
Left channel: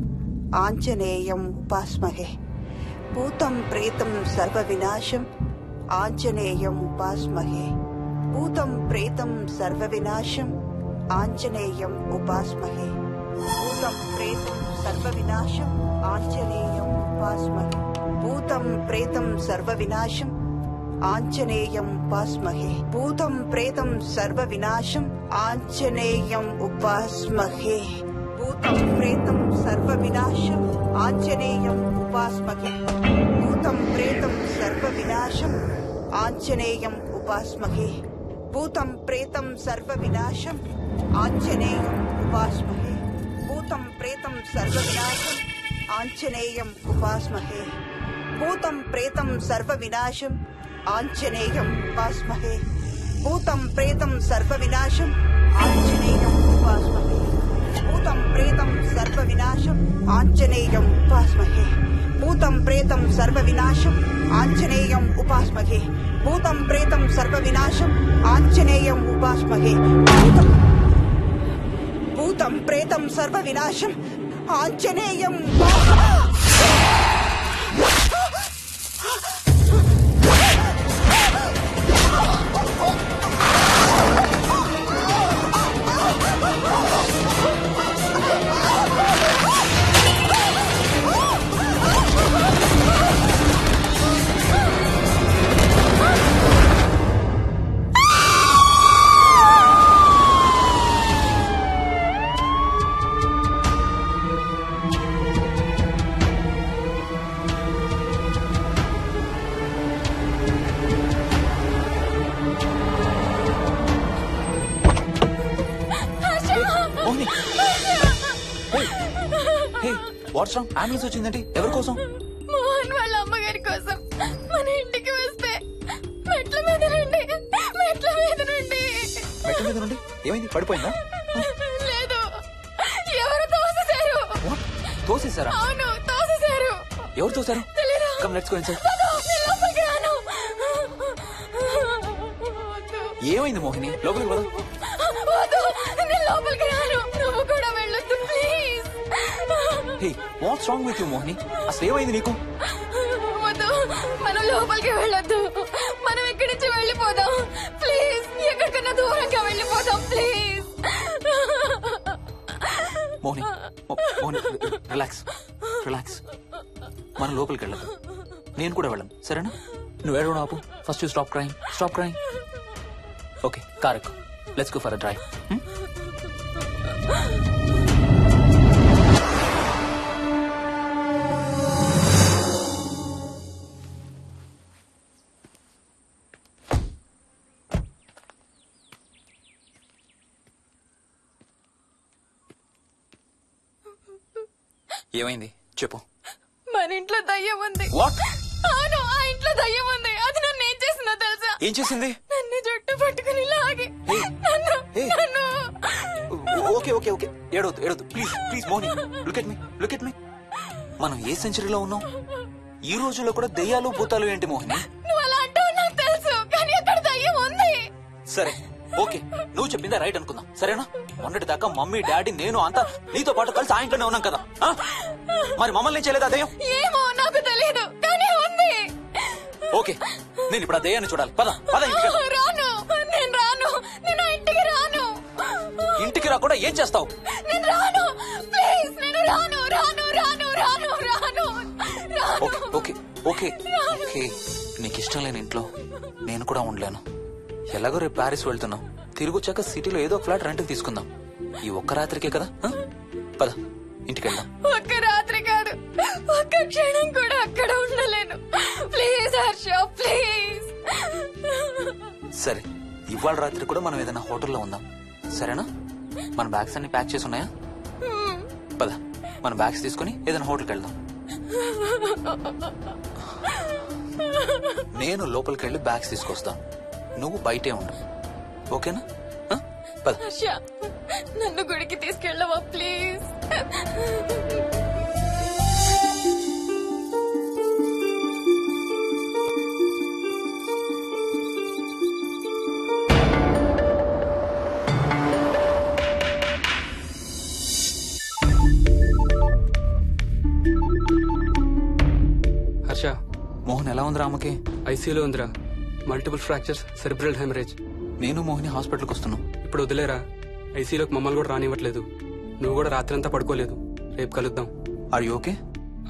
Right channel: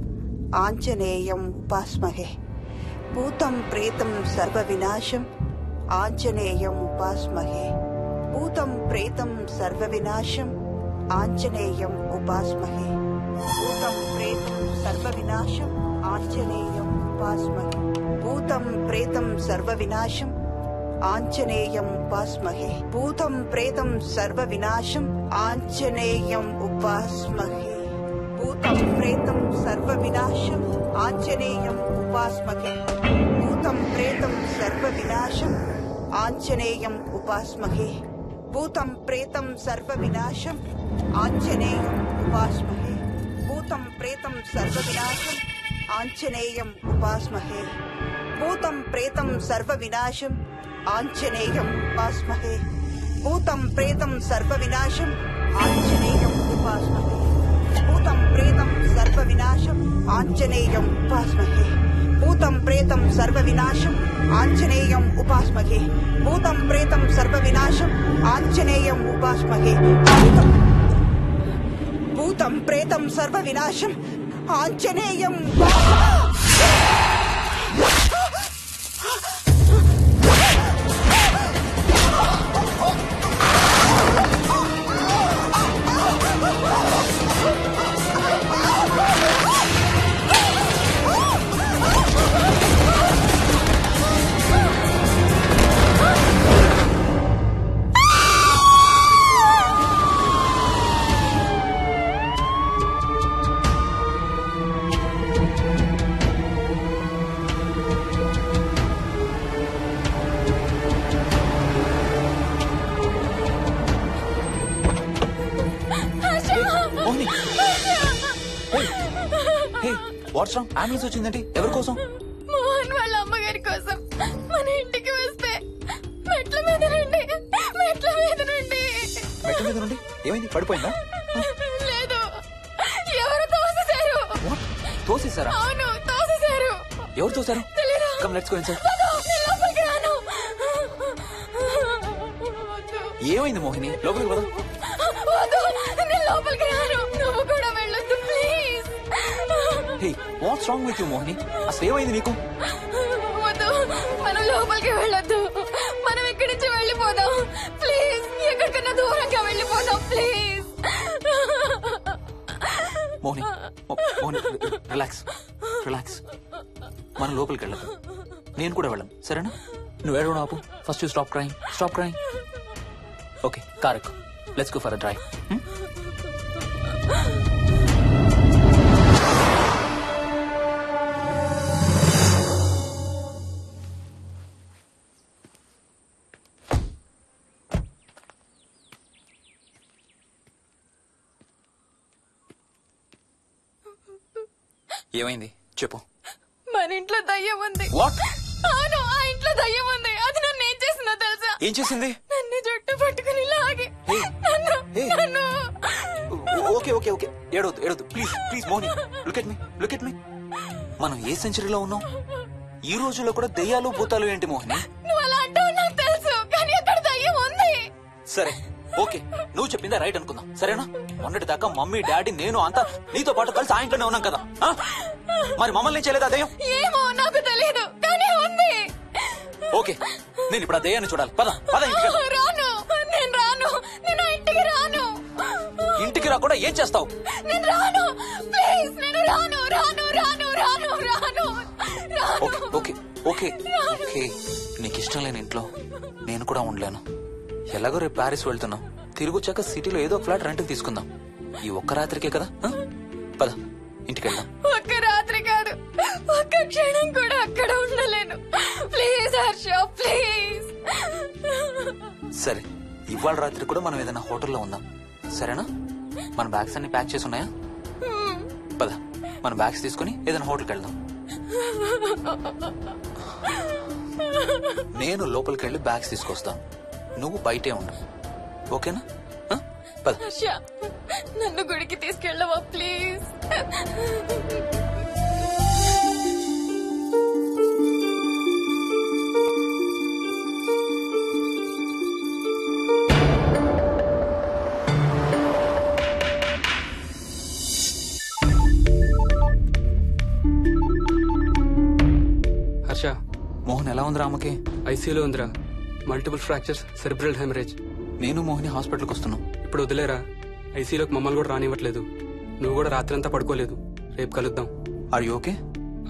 ఆంజనేయం ఉపాస్మహే. భూతం ప్రేతం సర్వ వినాశం ఆంజనేయం ఉపాస్మహే. భూతం ప్రేతం సర్వ వినాశం ఆంజనేయం ఉపాస్మహే. భూతం ప్రేతం సర్వ వినాశం ఆంజనేయం ఉపాస్మహే. భూతం ప్రేతం సర్వ వినాశం ఆంజనేయం ఉపాస్మహే. భూతం ప్రేతం సర్వ వినాశం ఆంజనేయం ఉపాస్మహే. భూతం ప్రేతం సర్వ వినాశం ఆంజనేయం ఉపాస్మహే. భూతం ప్రేతం సర్వ వినాశం ఆంజనేయం ఉపాస్మహే. భూతం ప్రేతం సర్వ వినాశం ఆంజనేయం ఉపాస్మహే. భూతం ప్రేతం సర్వ వినాశం ఆంజనేయం ఉపాస్మహే. భూతం ప్రేతం సర్వ వినాశం ఆంజనేయం ఉపాస్మహే. భూతం ప్రేతం సర్వ వినాశం ఆంజనేయం వాట్స్ రాంగ్? అంబులెన్స్ వచ్చిందండి. ఎవరి కోసం? మోహన్ వాళ్ళ అమ్మగారి కోసం. మన ఇంటికి వస్తే మెట్ల మీద నుండి మెట్ల నుండి ఏమైంది? పడిపోయిందా? లేదు, ఎవరు తోసేశారు. తోసేశారా? అవును, తోసేశారు. ఎవరు తోసారు? Come let's go inside. ఏమైంది మోహిని? లోపలికి పద. లోపలికి రాను, నువ్వు కూడా వెళ్ళొద్దు please. Hey, what's wrong with you Mohini? అసలు ఏమైంది నీకు? వద్దు, మనం లోపలికి వెళ్ళొద్దు. మనం ఇక్కడి నుంచి వెళ్ళిపోదాం ప్లీజ్. ఎక్కడికన్నా దూరంగా వెళ్ళిపోదాం ప్లీజ్. మోహిని రిలాక్స్. మనం లోపలికి వెళ్ళదు. నేను కూడా వెళ్ళను, సరేనా? నువ్వు ఏడవడం ఆపు. First you stop crying. Okay, car ఎక్కు. Let's go for a drive. ఏమైంది చెప్పు. మన ఇంట్లో దయ్యం ఉంది. వాట్? అవును, ఆ ఇంట్లో దయ్యం ఉంది. అది నన్ను ఏం చేసిందో తెలుసా? ఏం చేసింది? నన్ను జుట్టు పట్టుకుని లాగి నన్ను. ఓకే ఏడవద్దు please Moni. Look at me. మనం ఏ సెంచరీలో ఉన్నాం? ఈ రోజుల్లో కూడా దెయ్యాలు భూతాలు ఏంటి మోహిని? నువ్వు అలా అంటావు నాకు తెలుసు, కానీ అక్కడ దయ్యం ఉంది. సరే ఓకే, నువ్వు చెప్పిందే రైట్ అనుకుందాం, సరేనా? మొన్నటి దాకా మమ్మీ డాడీ నేను అంతా నీతో పాటు కలిసి ఆ ఇంట్లోనే ఉన్నాం కదా. మరి మమ్మల్ని చేయలేదా దెయ్యం? ఏమో నాకు తెలియదు, కానీ ఉంది. ఓకే, నేను ఇప్పుడు ఆ దెయ్యాన్ని చూడాలి. పద ఇంటికి. రాను, నేను రాను. నేను ఆ ఇంటికి రాను. ఇంటికి రాకుండా ఏం చేస్తావు? నేను రాను ప్లీజ్. నేను రాను. ఓకే నీకు ఇష్టం లేని ఇంట్లో నేను కూడా ఉండలేను. ఎలాగో రేపు ప్యారిస్ వెళ్తున్నాం. తిరిగి వచ్చాక సిటీలో ఏదో ఫ్లాట్ రెంట్కి తీసుకుందాం. ఈ ఒక్క రాత్రికే కదా. పద ఇంటికి వెళ్దాం. ఒక్క రాత్రి కాదు, ఒక్క క్షణం కూడా అక్కడ ఉండలేను. Please Harsha, please. సరే, ఇవాళ రాత్రి కూడా మనం ఏదైనా హోటల్లో ఉందాం, సరేనా? మన బ్యాగ్స్ అన్ని ప్యాక్ చేసి ఉన్నాయా? పద మన బ్యాగ్స్ తీసుకుని ఏదైనా హోటల్కి వెళ్దాం. నేను లోపలికి వెళ్ళి బ్యాగ్స్ తీసుకొస్తాను, నువ్వు బయటే ఉండు, ఓకేనా? పద. హర్ష, నన్ను గుడికి తీసుకెళ్ళవా ప్లీజ్? ఉందిరా అమ్మకి? ఐసీయూలో ఉందిరా. Multiple fractures, cerebral haemorrhage. నేను మోహిని హాస్పిటల్కి వస్తున్నాం. ఇప్పుడు వదిలేరా, ఐసీయూలోకి మమ్మల్ని కూడా రానివ్వట్లేదు. నువ్వు కూడా రాత్రంతా పడుకోలేదు. రేపు కలుద్దాం. Are you okay?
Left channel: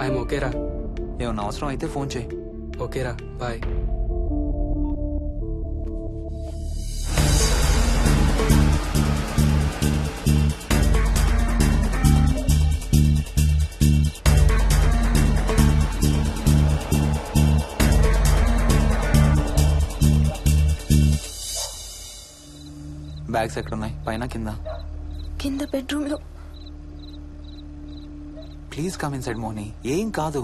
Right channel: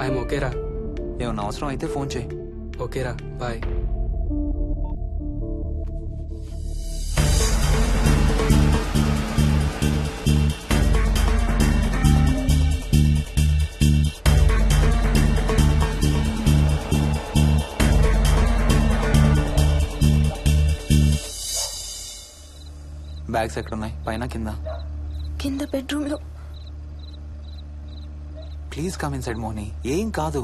ఐఎమ్ ఓకేరా. ఏమన్నా అవసరం అయితే ఫోన్ చేయి. ఓకేరా, బాయ్. బ్యాగ్స్ ఎక్కడున్నాయి? పైన కింద? కింద బెడ్రూమ్ లో. Please come inside Mohini. ఏం కాదు.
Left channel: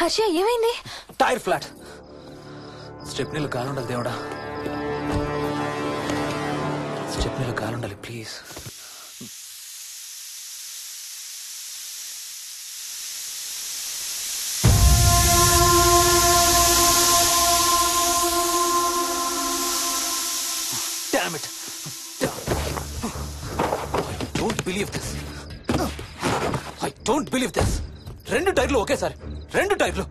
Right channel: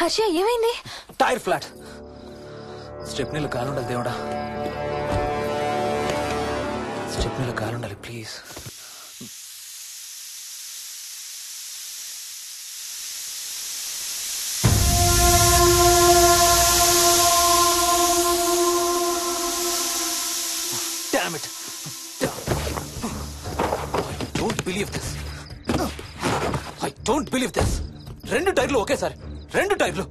హర్ష, ఏమైంది? Tyre flat. స్టెప్నీలో కాలుండాలి దేవుడా. స్టెప్నీలో కాలుండాలి please. Damn it. I don't believe this. 2 టైర్లు ఒకేసారి. 2 టైర్లు.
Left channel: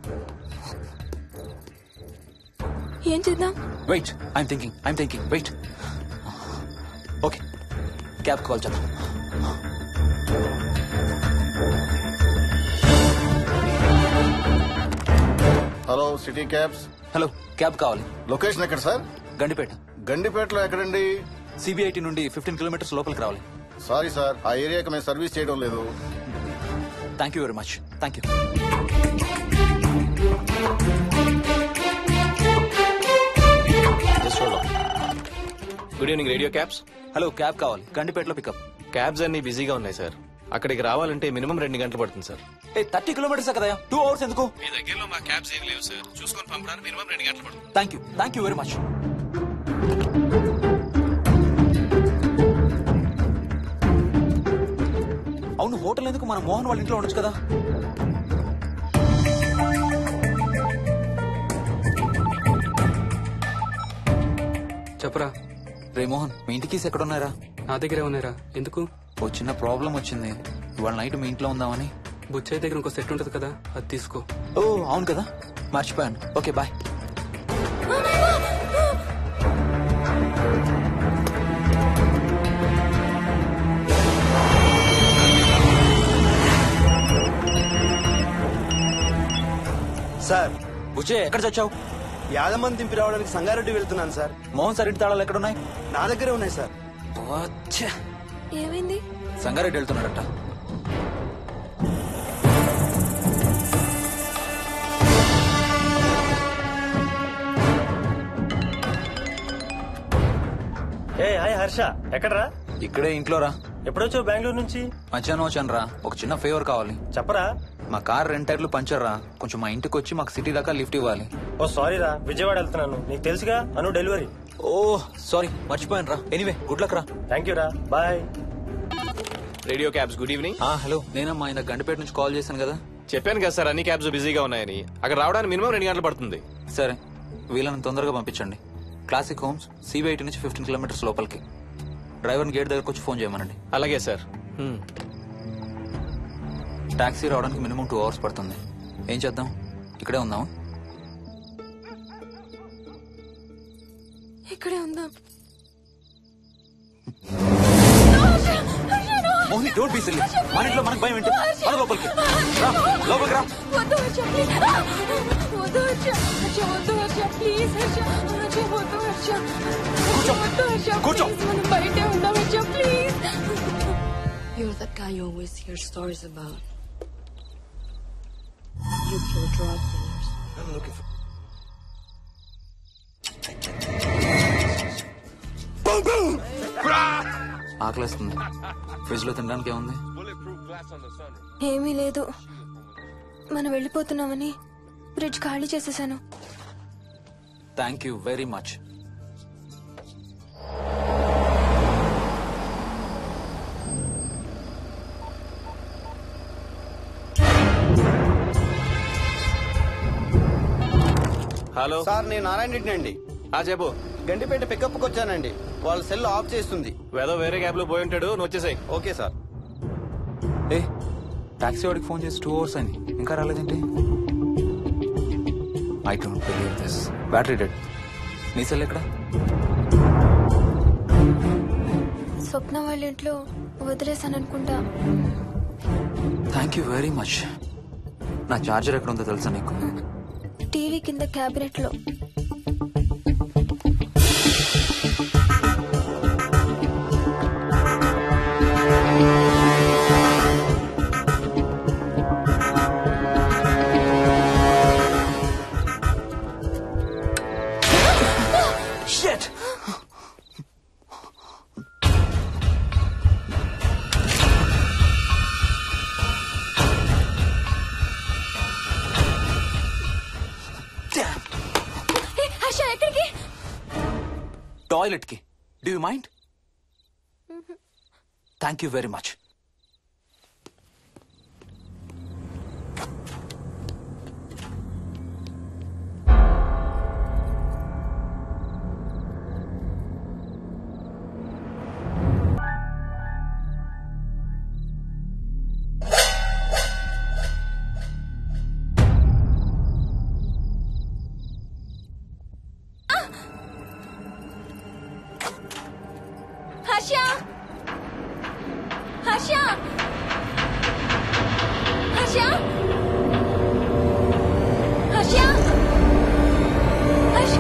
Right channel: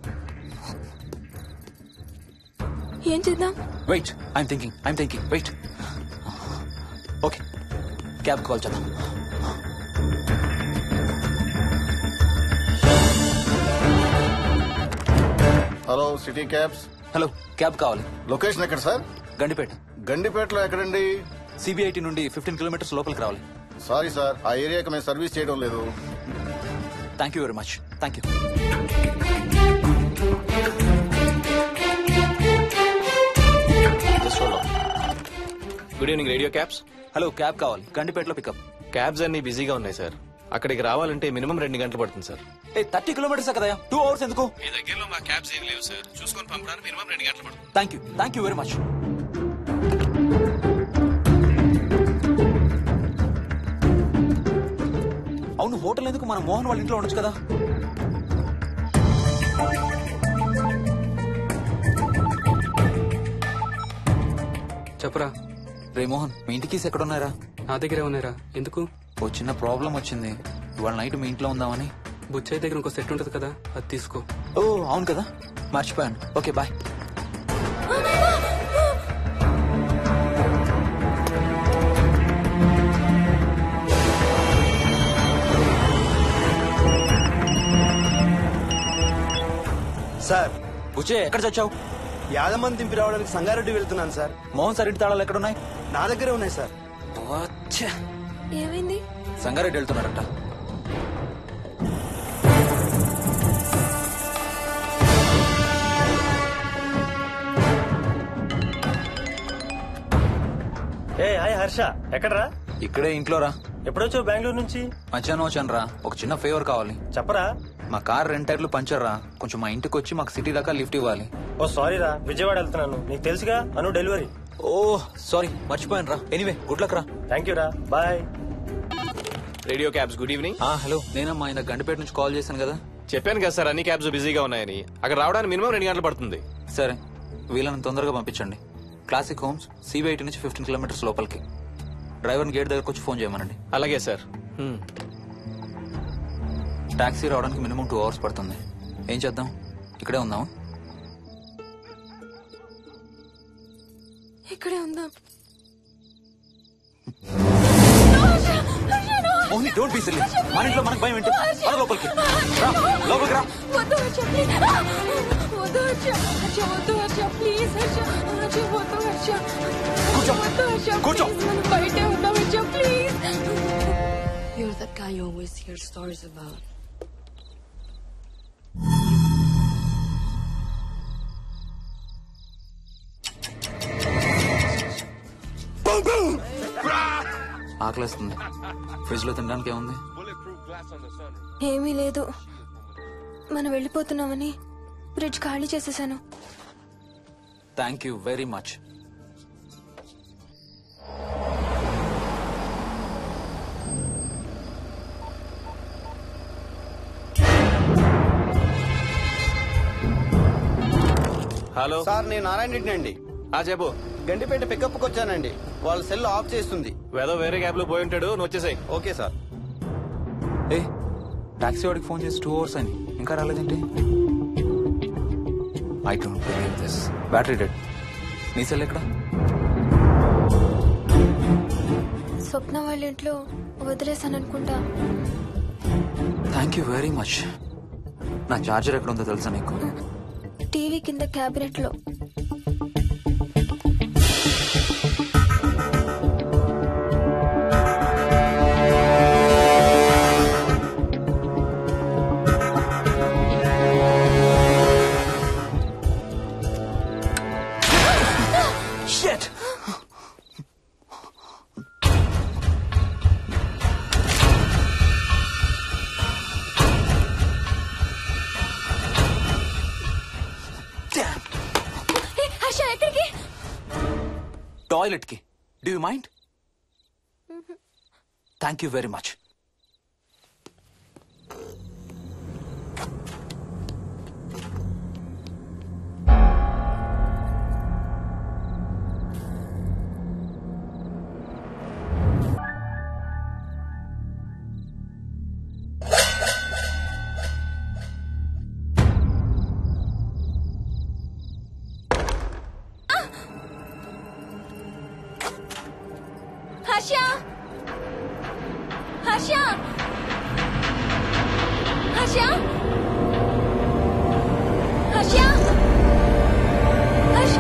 ఏం చేద్దాం? Wait, I'm thinking. Wait. Okay, cab call చేద్దాం. Hello, city cabs. Hello, cab కావాలి. లొకేషన్ ఎక్కడ సార్? గండిపేట. గండిపేటలో ఎక్కడండి? సిబిఐటి నుండి 15 కిలోమీటర్స్ లోపలికి రావాలి. సారీ సార్, ఆ ఏరియాకి మేము సర్వీస్ చేయడం లేదు. Thank you very much. Thank you. Good evening radio cabs. Hello, cab కావాలి. గండిపేటలో పికప్. క్యాబ్స్ అన్ని బిజీగా ఉన్నాయి సార్. అక్కడికి రావాలంటే మినిమం 2 గంటలు పడుతుంది సార్. 30 కిలోమీటర్స్ కదా, 2 అవర్స్ ఎందుకు? మీ దగ్గరలో మా క్యాబ్స్ ఏం లేవు సార్. చూసుకొని పంపడానికి మినిమం 2 గంటలు పడుతుంది. Thank you very much. అవును, హోటల్ ఎందుకు? మన మోహన్ వాళ్ళ ఇంట్లో ఉండొచ్చు కదా. చెప్పరా. రే మోహన్, మీ ఇంటి కీస్ ఎక్కడ ఉన్నారా? నా దగ్గరే ఉన్నారా. ఎందుకు? ఓ చిన్న ప్రాబ్లం వచ్చింది. ఇవాళ నైట్ మీ ఇంట్లో ఉందామని. బుచ్చయ్య దగ్గర ఇంకో సెట్ ఉంటది కదా, అది తీసుకో. ఓ అవును కదా, మర్చిపోయాను. Okay, bye. సార్, బుచ్చయ్య ఎక్కడ చచ్చావు? యాదమ్మని దింపి రావడానికి సంగారెడ్డి వెళ్తున్నాను సార్. మోహన్ సార్ ఇంటి తాళాలు ఎక్కడున్నాయి? నా దగ్గరే ఉన్నాయి సార్. ఏమైంది? సంగారెడ్డి వెళ్తున్నాడట. ఏ హాయ్ హర్ష, ఎక్కడరా? ఇక్కడే ఇంట్లో రా. ఎప్పుడొచ్చావు బెంగళూరు నుంచి? మధ్యాహ్నం వచ్చాను రా. ఒక చిన్న ఫేవర్ కావాలి. చెప్పరా. మా కార్ 2 టైర్లు పంచర్ రా. కొంచెం మా ఇంటికి వచ్చి మాకు సిటీ దాకా లిఫ్ట్ ఇవ్వాలి. ఓ సారీ రా, విజయవాడ వెళ్తున్నాను. నీకు తెలుసుగా, అను డెలివరీ. ఓ సారీ, మర్చిపోయాను రా. ఎనీవే, గుడ్ లక్ రా. థ్యాంక్ యూ రా, bye. Radio cabs, good evening. Hello, నేనమ్మా ఇంత గండిపేట నుంచి కాల్ చేశాను కదా. చెప్పాను కదా సార్, అన్ని క్యాబ్స్ బిజీగా ఉన్నాయని. అక్కడ రావడానికి మినిమం 2 గంటలు పడుతుంది. సరే, వీళ్ళని తొందరగా పంపించండి. క్లాసిక్ హోమ్స్, సిబిఐటి నుంచి 15 కిలోమీటర్స్ లోపలికి. డ్రైవర్ని గేట్ దగ్గరకు వచ్చి ఫోన్ చేయమనండి. అలాగే సార్. టాక్సీ రావడానికి మినిమం 2 అవర్స్ పడుతుంది. ఏం చేద్దాం? ఇక్కడే ఉందాం. ఇక్కడే ఉందాం. Mohini, don't be silly. మన ఇంట్లో మనకు భయం ఏంటి? మన లోపలికి రా, లోపలికి రా. వద్దు హర్ష, ప్లీజ్. వద్దు హర్ష, హర్ష వద్దు హర్ష, ప్లీజ్ హర్ష, హర్ష వద్దు హర్ష. కూర్చో, వద్దు హర్ష, కూర్చో. ప్లీజ్, మనం బయటే ఉందాం Harsha, please. You're that guy you always hear stories about. You kill drug dealers. I'm looking for... ఆకలేస్తుంది. ఫ్రిడ్జ్ లో తినడానికి ఏముంది? ఏమీ లేదు. మనం వెళ్ళిపోతున్నామని ఫ్రిడ్జ్ ఖాళీ చేసేసాను. Thank you very much. Hello sir, నేను నారాయణ రెడ్డి అండి. చెప్పు. గండిపేట పికప్కి వచ్చానండి. వాళ్ళ సెల్ ఆఫ్ చేస్తుంది. ఏదో వేరే క్యాబ్ లో పోయి ఉంటాడు, నువ్వు వచ్చేసాయి. Okay sir. ఏ టాక్సీ వాడికి ఫోన్ చేసి 2 hours అని ఇంకా రాలేదేంటి? I don't believe this. Battery dead. నీ సెల్ ఎక్కడ? స్వప్న వాళ్ళ ఇంట్లో వదిలేసాను అనుకుంటా. Thank you very much. నా చార్జర్ ఎక్కడ ఉందో తెలుసా నీకు? టీవీ కింద క్యాబినెట్ లో. Shit! హర్ష ఎక్కడికి? టాయిలెట్ కి. Do you mind? Thank you very much. Harsha Harsha Harsha Harsha Harsha.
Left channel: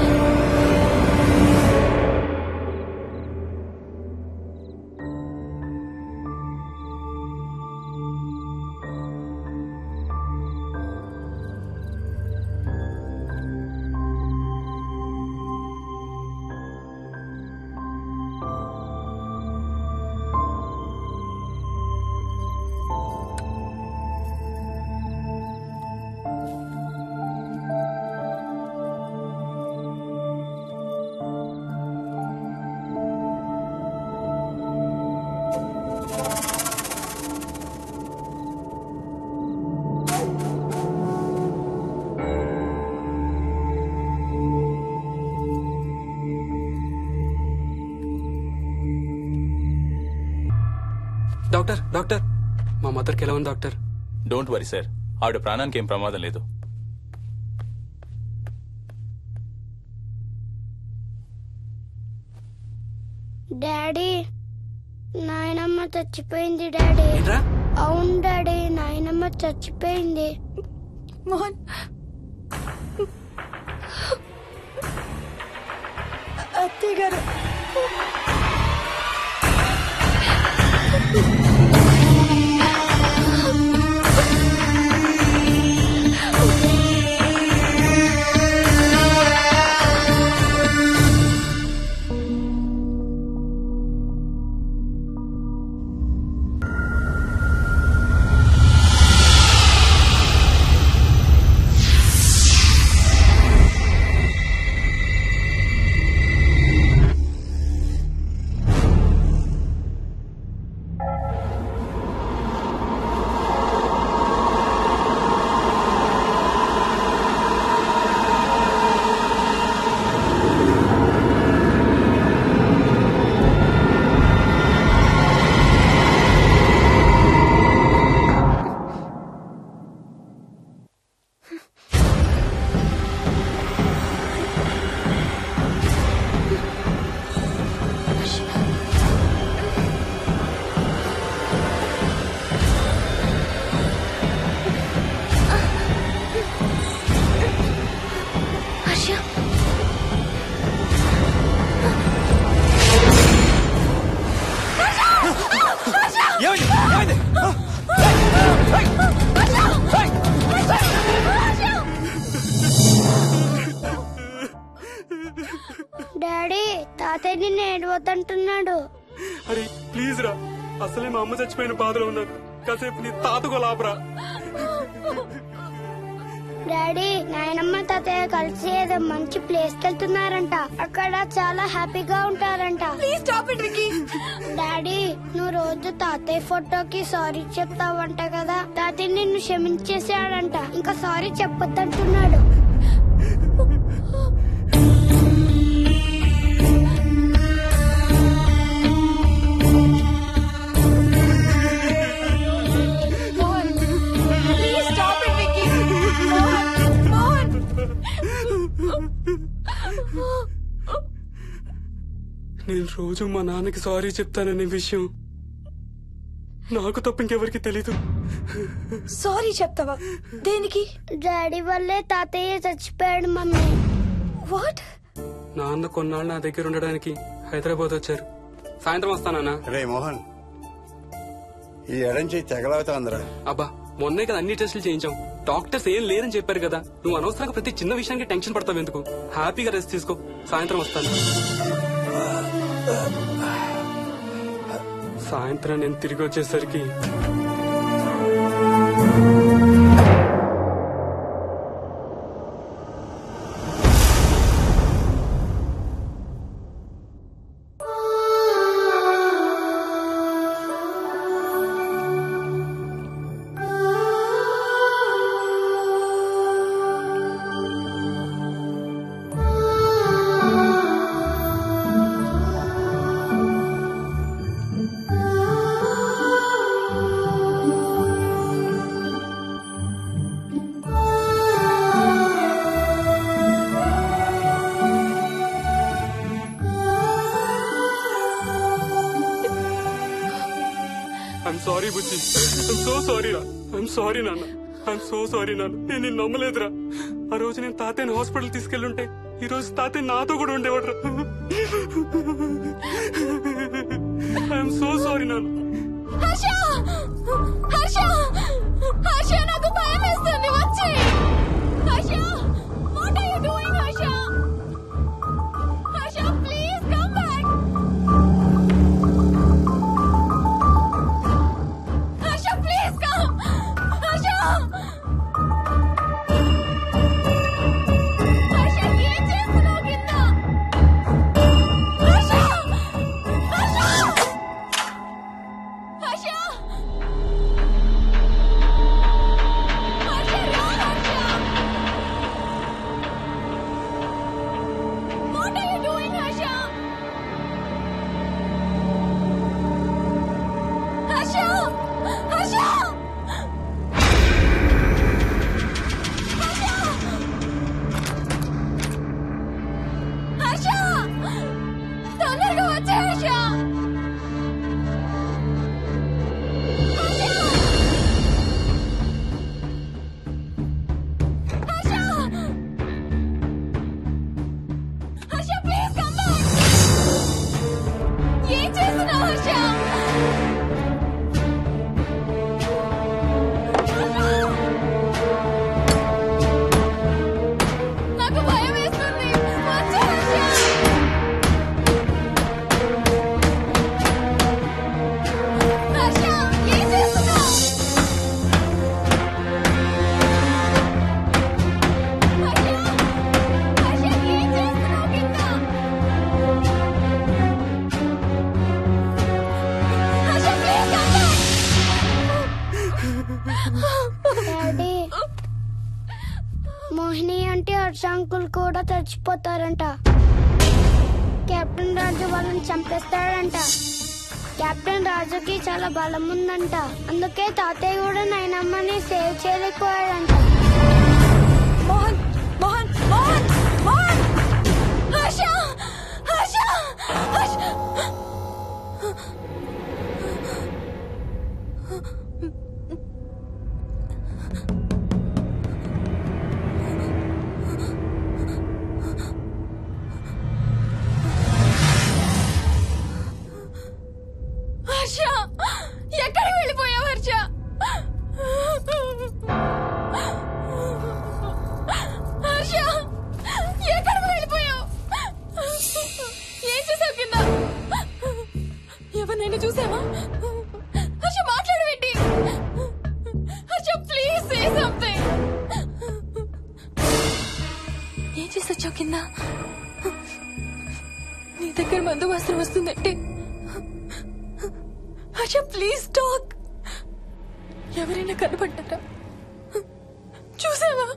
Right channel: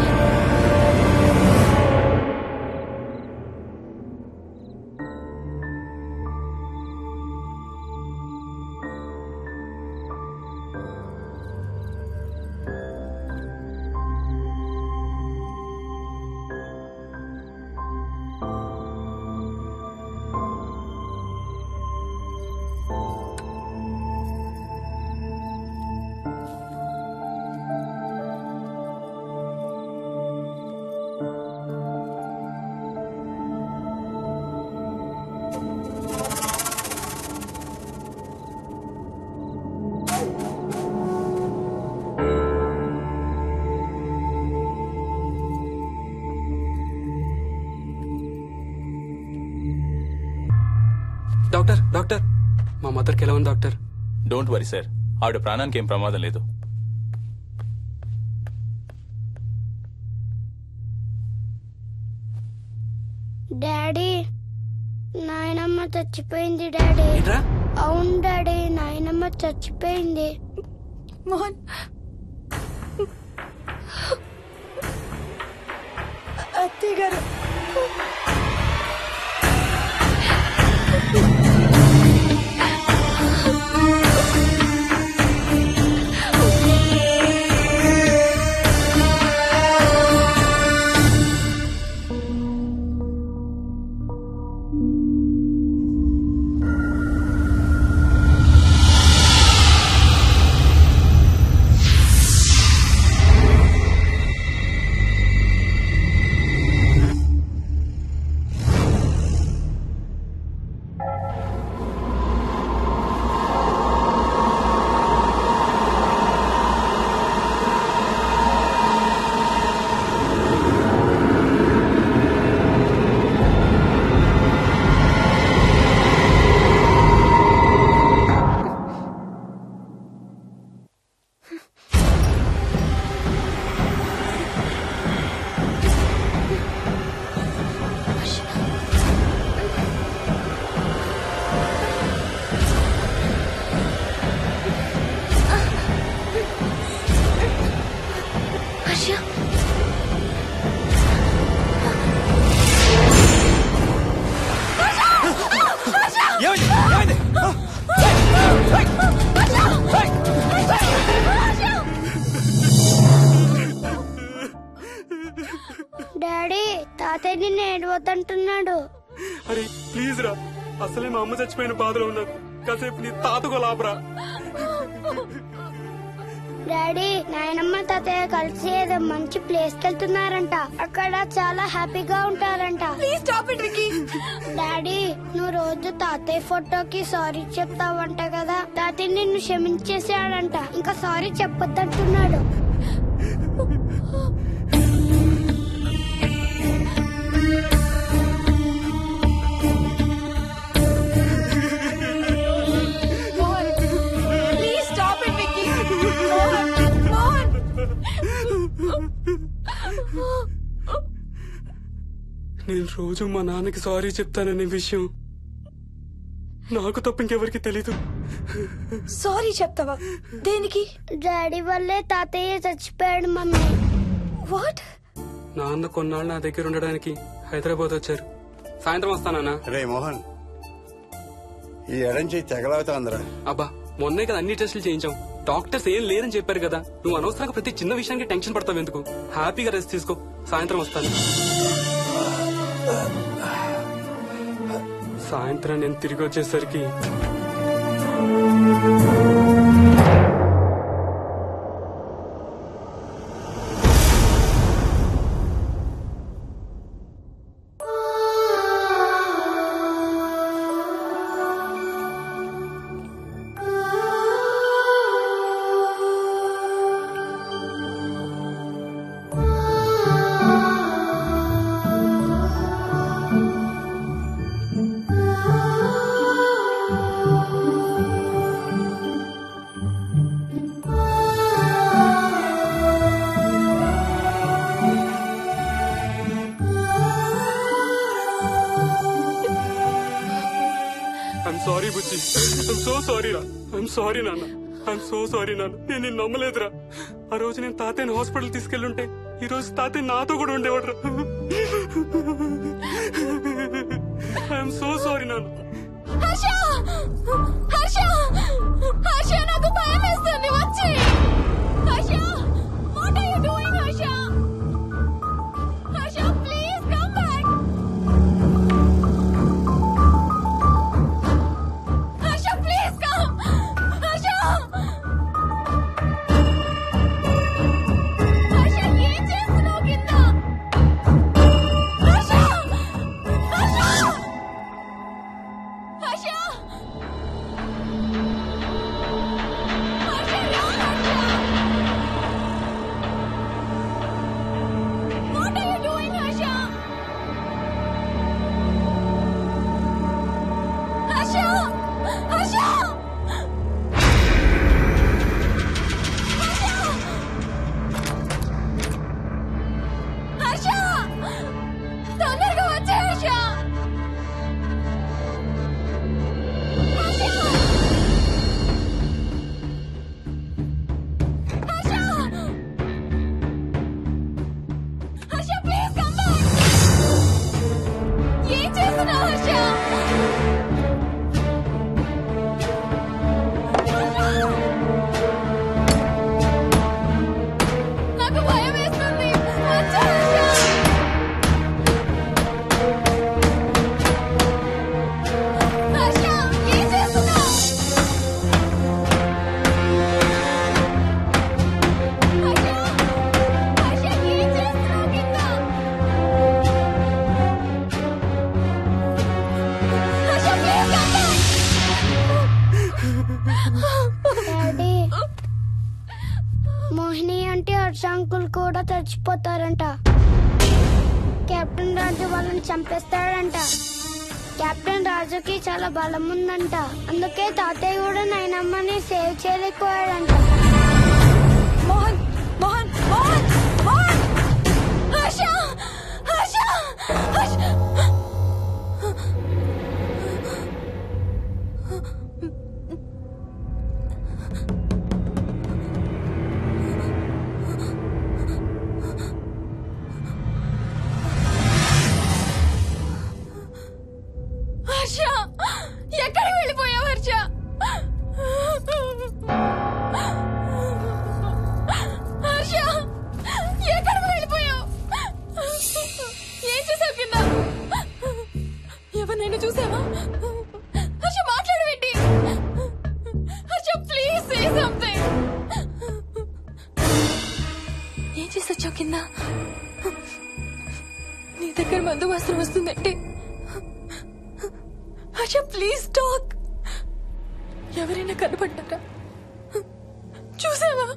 Doctor doctor, మా మదర్కి ఎలా ఉంది డాక్టర్? డోంట్ వరీ సార్, ఆవిడ ప్రాణానికి ఏం ప్రమాదం లేదు. డాడీ, నాయనమ్మ చచ్చిపోయింది డాడీ. అవును డాడీ, నాయనమ్మ చచ్చిపోయింది. మోహన్, అత్తయ్య గారు. డాడీ తాతయ్య నిన్ను ఏడవద్దంటున్నాడు. అరే ప్లీజ్ రా, అసలే మా అమ్మ చచ్చిపోయిన బాధలో ఉన్నాను. కాసేపు నీ తాతకు లాభరా. డాడీ నాయనమ్మ తాతయ్య కలిసి ఏదో మంచి ప్లేస్ కి వెళ్తున్నారంట. అక్కడ చాలా హ్యాపీగా ఉంటారంట. డాడీ నువ్వు రోజు తాతయ్య ఫోటోకి సారీ చెప్తావంట కదా. తాతయ్య నిన్ను క్షమించేసాడంట. ఇంకా సారీ చెప్పొద్దంటున్నాడు. నేను రోజు మా నాన్నకి సారీ చెప్తాననే విషయం నాకు తప్ప ఇంకెవరికి తెలీదు. సారీ చెప్తావా? దేనికి? డాడీ వల్లే తాతయ్య చచ్చిపోయాడు మమ్మీ. వాట్? నాన్న కొన్నాళ్ళు నా దగ్గర ఉండడానికి హైదరాబాద్ వచ్చారు. సాయంత్రం వస్తానా? రే మోహన్, ఈ ఎడం చేయి తెగలవుతాందిరా. అబ్బా మొన్నే కదా అన్ని టెస్టులు చేయించాం. డాక్టర్స్ ఏం లేదని చెప్పారు కదా. నువ్వు అనవసరంగా ప్రతి చిన్న విషయానికి టెన్షన్ పడతావు ఎందుకు? హ్యాపీగా రెస్ట్ తీసుకో. సాయంత్రం వస్తాను. సాయంత్రం నేను తిరిగి వచ్చేసరికి I'm sorry Bujji. I'm so sorry రా. ఐఎమ్ సారీ నాన్న. ఐఎమ్ సో సారీ నాన్న. నేను నిన్ను నమ్మలేదురా. ఆ రోజు నేను తాతయ్యని హాస్పిటల్ తీసుకెళ్ళుంటే ఈ రోజు తాతయ్య నాతో కూడా ఉండేవాడు రా. ఐఎమ్ సో సారీ నాన్న. నాకు భయం వేస్తుంది. వచ్చి తొందరగా వచ్చే హర్ష. ఏం చేస్తున్నావు హర్ష? నాకు భయం వేస్తుంది. వచ్చే హర్ష. హర్ష ఏం చేస్తున్నావు? Harsha please come back. Daddy Mohini అంటే హర్ష అంకుల్ కూడా చచ్చిపోతారంట. కెప్టెన్ రాజు వాళ్ళని చంపేస్తాడంట. కెప్టెన్ రాజుకి చాలా బలం ఉందంట. అందుకే తాతయ్య కూడా నాయనమ్మని సేవ్ చేయలేకపోయాడంట. మోహన్ మోహన్ మోహన్ మోహన్. హర్ష హర్ష హర్ష. హర్ష ఎక్కడికి వెళ్ళిపోయావు? కింద నీ దగ్గర మందు వాసన వస్తుందంటే హర్ష ప్లీజ్ టాక్. ఎవరైనా కనపడ్డారా? చూసావా?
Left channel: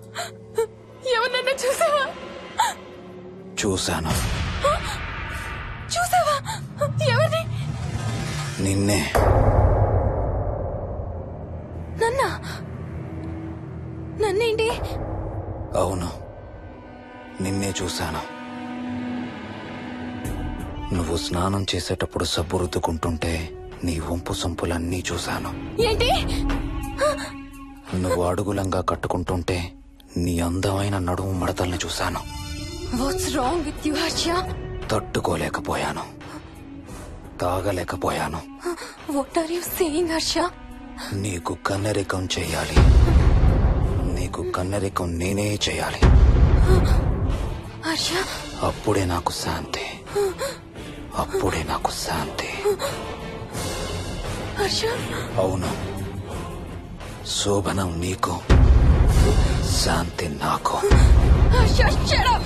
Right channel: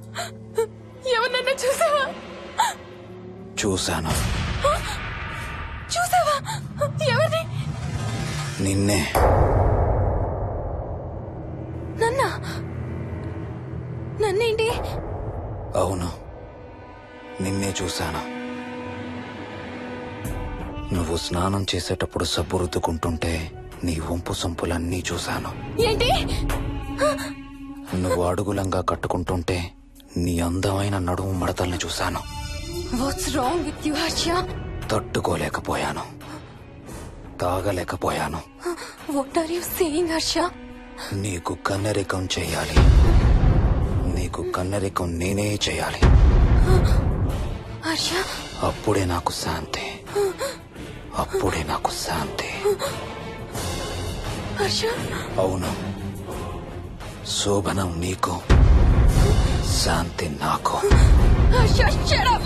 ఎవరన్నా చూసావా? చూశాను. చూసావా? ఎవరిని? నిన్నే. నన్నేంటి? అవును, నిన్నే చూశాను. నువ్వు స్నానం చేసేటప్పుడు సబ్బు రుద్దుకుంటుంటే నీ వంపు సొంపులన్నీ చూశాను. ఏంటి? నువ్వు అడుగులంగా కట్టుకుంటుంటే నీ అందమైన నడుము మడతల్ని చూశాను. What's wrong with you Harsha? తట్టుకోలేకపోయాను, తాగలేకపోయాను. What are you saying Harsha? నీకు కన్నరికం చెయ్యాలి. నీకు కన్నరికం నేనే చేయాలి. హర్ష, అప్పుడే నాకు శాంతి. అప్పుడే నాకు శాంతి. హర్ష, అవును, శోభనం నీకు, శాంతి నాకు. Harsha, shut up!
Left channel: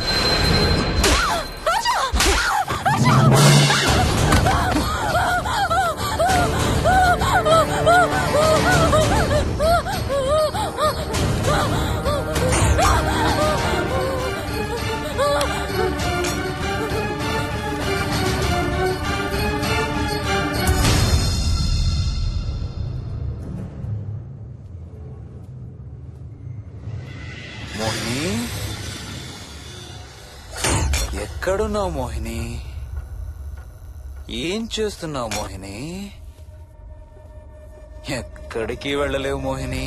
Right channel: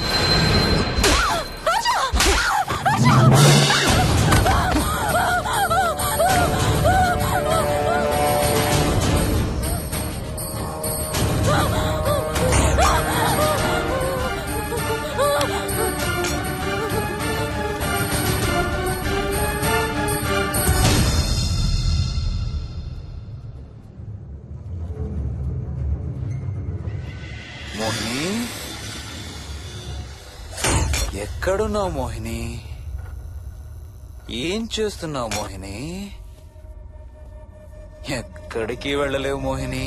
మోహిని, ఎక్కడున్నావు మోహిని? ఏం చేస్తున్నావు మోహిని? ఎక్కడికి వెళ్ళలేవు మోహిని.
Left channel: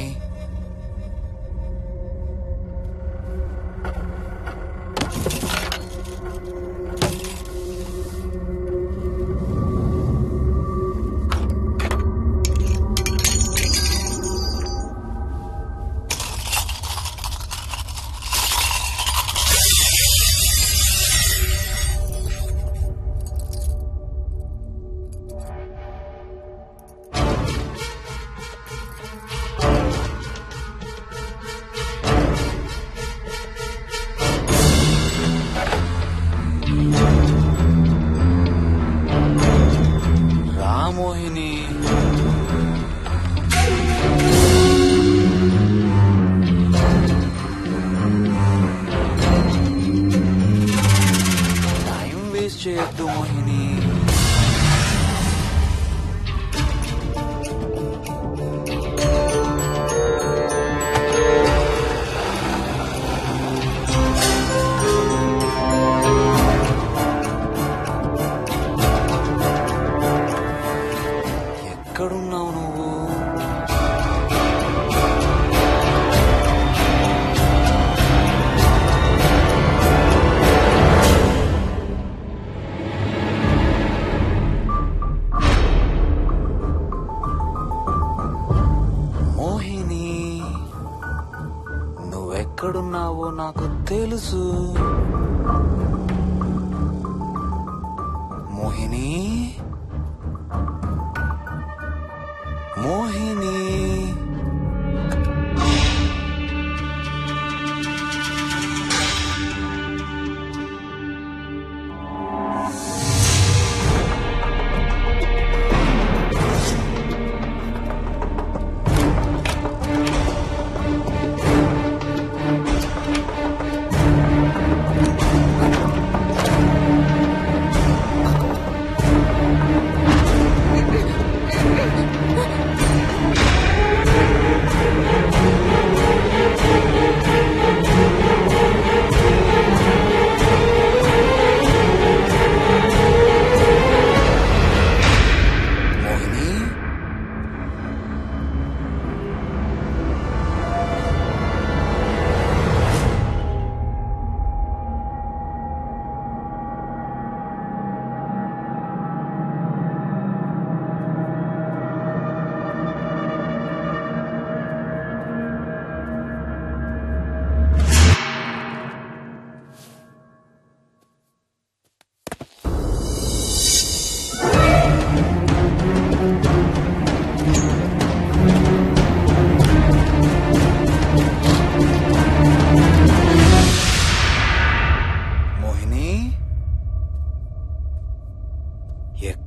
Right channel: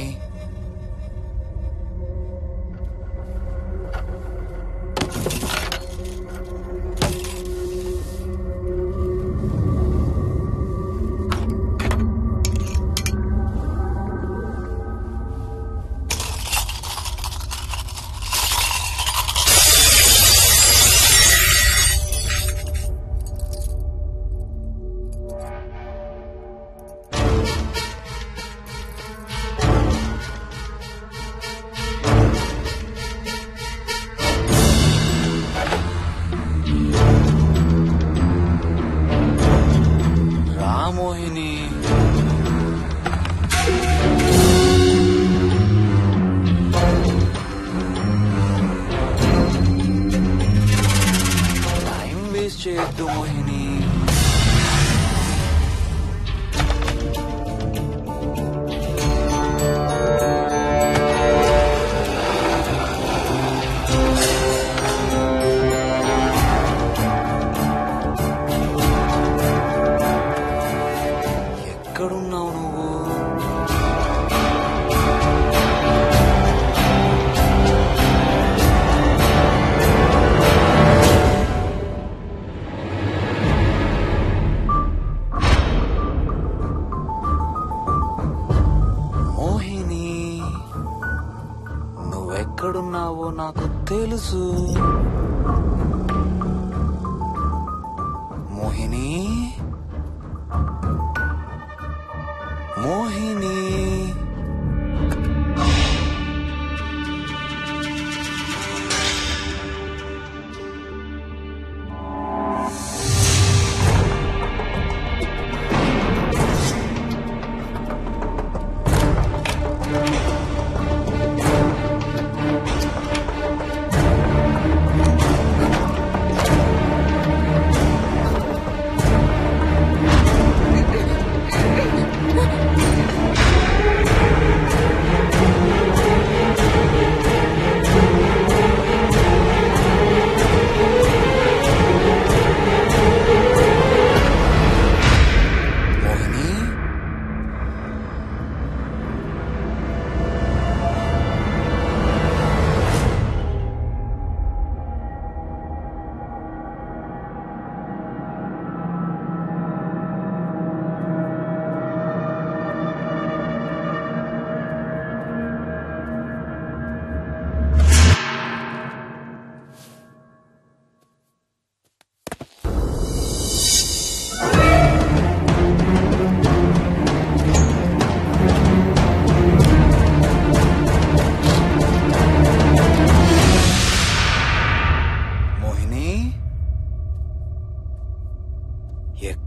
మోహిని, టైం వేస్ట్ చేయొద్దు మోహిని. ఎక్కడున్నావు నువ్వు? మోహిని, నువ్వెక్కడున్నావో నాకు తెలుసు. మోహిని, మోహిని,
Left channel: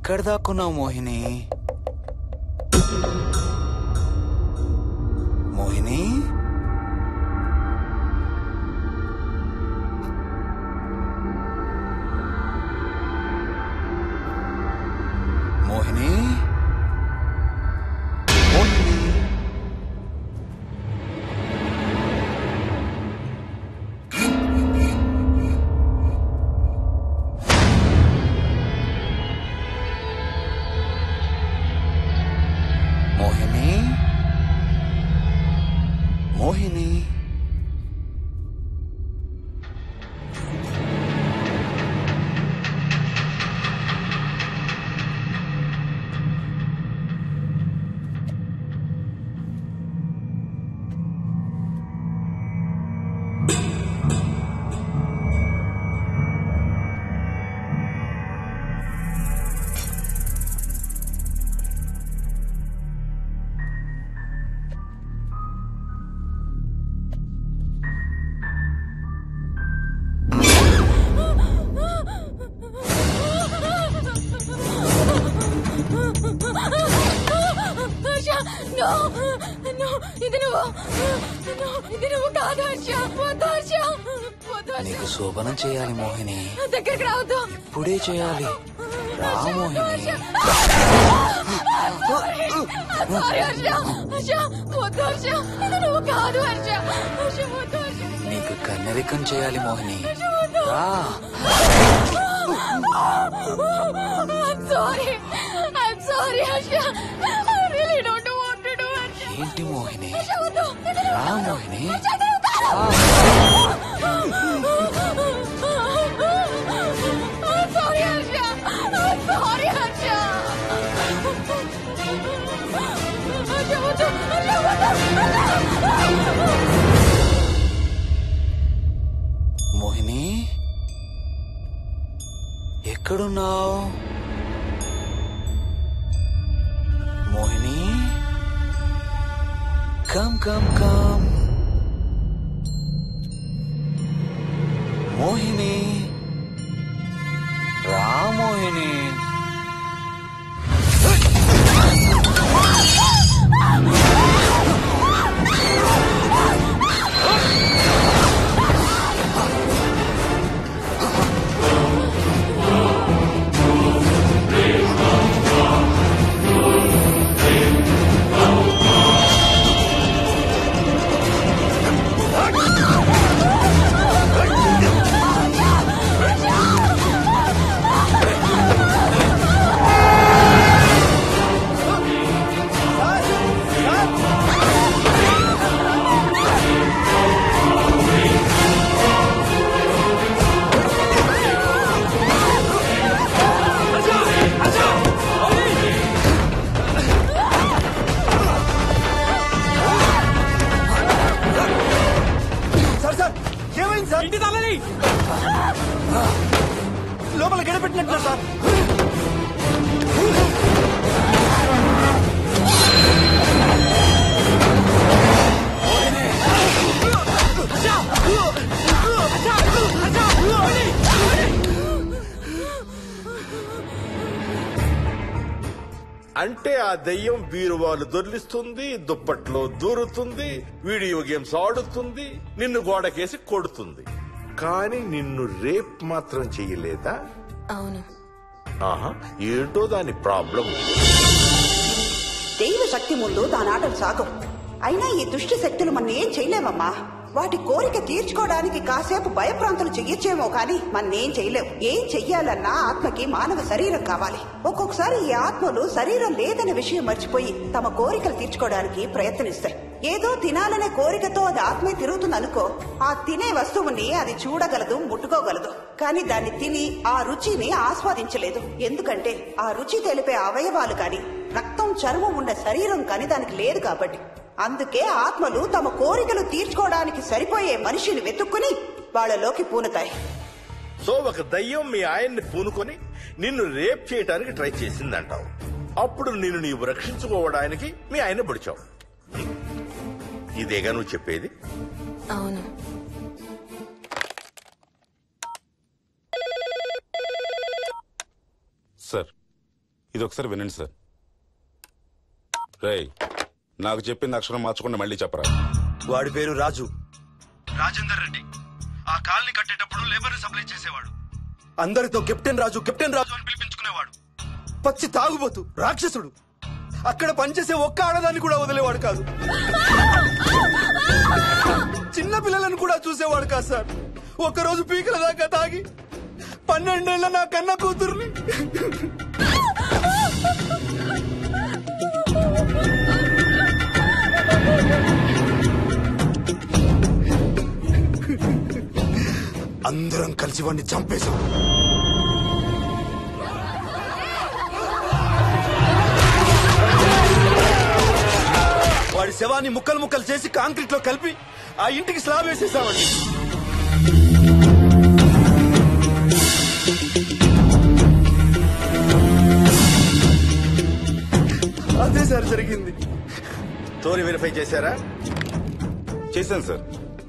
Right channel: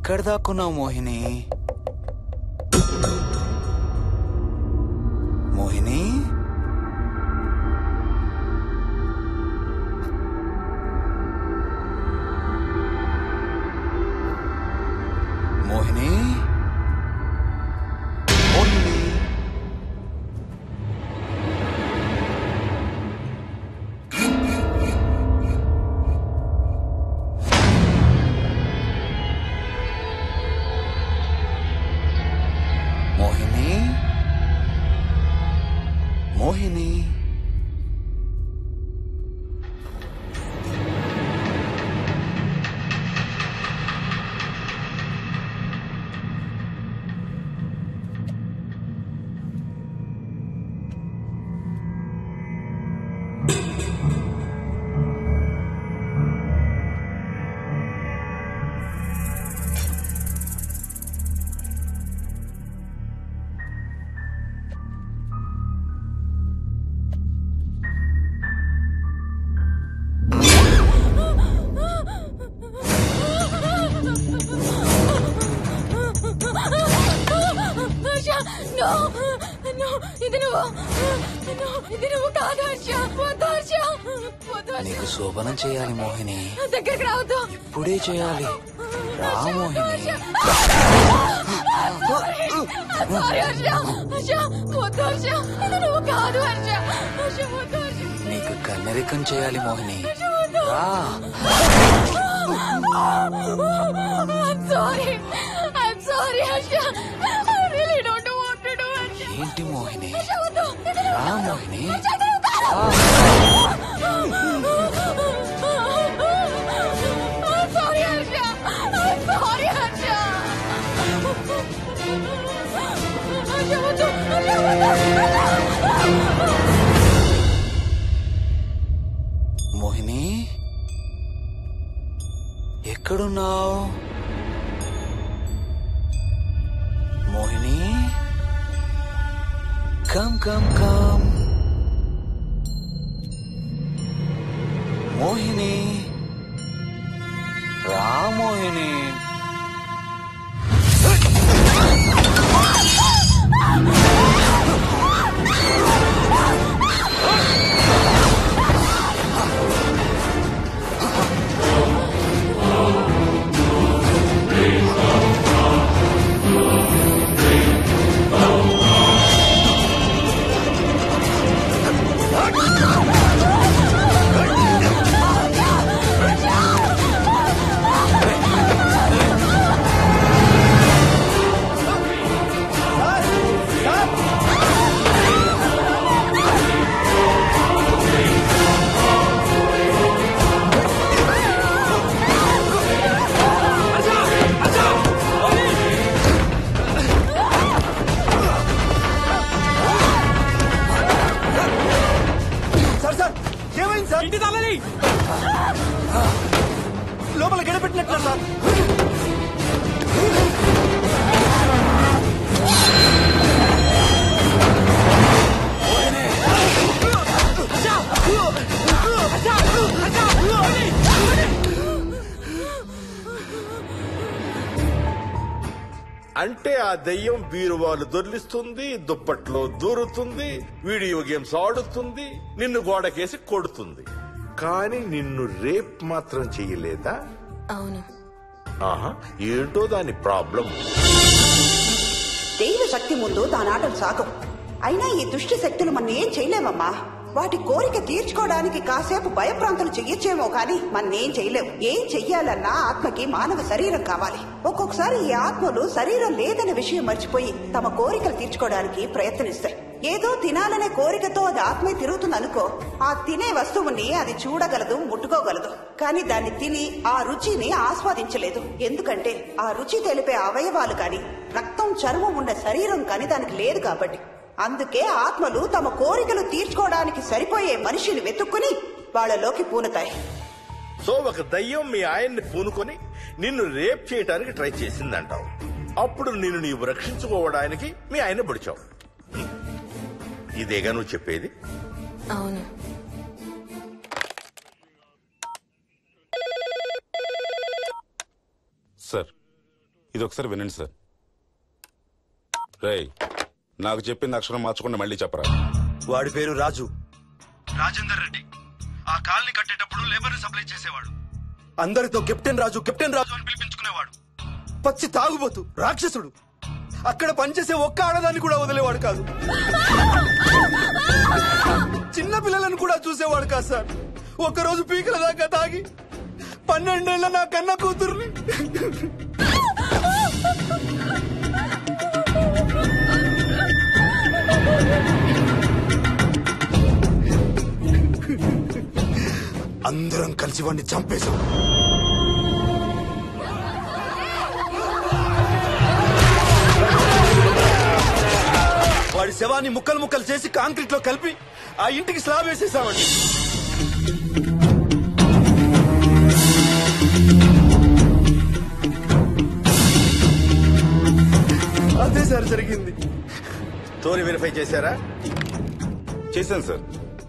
ఎక్కడ దాక్కున్నావు మోహిని? మోహిని, మోహిని, మోహిని. మోహిని, మోహిని. నీకు శోభనం చేయాలి మోహిని. దగ్గరికి రావద్దు. ఇప్పుడే చేయాలి. రా మోహిని. నీకు కన్నరికం చేయాలి మోహిని. రా. ఏంటి మోహిని? రా మోహిని. మోహిని, ఎక్కడున్నావు Mohini? Come come come Mohini. రా మోహిని. ఇంటి తాళాలి లోపల గడపెట్టినట్టు సార్. అంటే ఆ దెయ్యం బీరువాలు దొర్లిస్తుంది, దుప్పట్లో దూరుతుంది, వీడియో గేమ్స్ ఆడుతుంది, నిన్ను గోడకేసి కొడుతుంది. కానీ నిన్ను రేప్ మాత్రం చెయ్యలేదా? అవును. ఆహా, ఏంటో దాని ప్రాబ్లం. దైవ శక్తి ముందు దాని ఆటలు సాగం. అయినా ఈ దుష్ట శక్తులు మన ఏం చేయలేమమ్మా. వాటి కోరిక తీర్చుకోవడానికి కాసేపు భయప్రాంతులు చెయ్యొచ్చేమో కానీ మన్నేం చేయలేవు. ఏం చెయ్యాలన్నా ఆత్మకి మానవ శరీరం కావాలి. ఒక్కొక్కసారి ఈ ఆత్మలు శరీరం లేదన్న విషయం మర్చిపోయి తమ కోరికలు తీర్చుకోవడానికి ప్రయత్నిస్తాయి. ఏదో తినాలనే కోరికతో అది ఆత్మే తిరుగుతుందనుకో, ఆ తినే వస్తువుని అది చూడగలదు, ముట్టుకోగలదు. కానీ దాన్ని తిని ఆ రుచిని ఆస్వాదించలేదు. ఎందుకంటే ఆ రుచి తెలిపే అవయవాలు కాని రక్తం, చర్మం ఉన్న శరీరం కాని దానికి లేదు కాబట్టి. అందుకే ఆత్మలు తమ కోరికలు తీర్చుకోవడానికి సరిపోయే మనిషిని వెతుక్కుని వాళ్ళలోకి పూనుతాయి. సో ఒక దయ్యం మీ ఆయన్ని పూనుకొని నిన్ను రేప్ చేయడానికి ట్రై చేసిందంటావు. అప్పుడు నిన్ను నీవు రక్షించుకోవడానికి మీ ఆయన పొడిచావు. ఇదేగా నువ్వు చెప్పేది? అవును. సార్, ఇది ఒకసారి వినండి సార్. రేయ్, నాకు చెప్పింది అక్షరం మార్చకుండా మళ్ళీ చెప్పరా. వాడి పేరు రాజు, రాజేందర్ రెడ్డి. ఆ కాలనీ కట్టేటప్పుడు లేబర్ సప్లై చేసేవాడు. అందరితో కెప్టెన్ రాజు అని పిలిపించుకునేవాడు. పచ్చి తాగుబోతు, రాక్షసుడు. అక్కడ పనిచేసే ఒక్క ఆడదాన్ని కూడా వదిలేవాడు కాదు. చిన్న పిల్లలను కూడా చూసేవాడు కాదు సార్. ఒక్కరోజు పీకల దాకా తాగి 12 ఏళ్ల నా కన్న కూతుర్ని అందరం కలిసి వాడిని చంపేశాం. వాడి శవాన్ని ముక్కలు ముక్కలు చేసి కాంక్రీట్ లో కలిపి ఆ ఇంటికి స్లాబ్ వేసేసామండి. అదే సార్ జరిగింది. స్టోరీ వెరిఫై చేశారా? చేశాను సార్.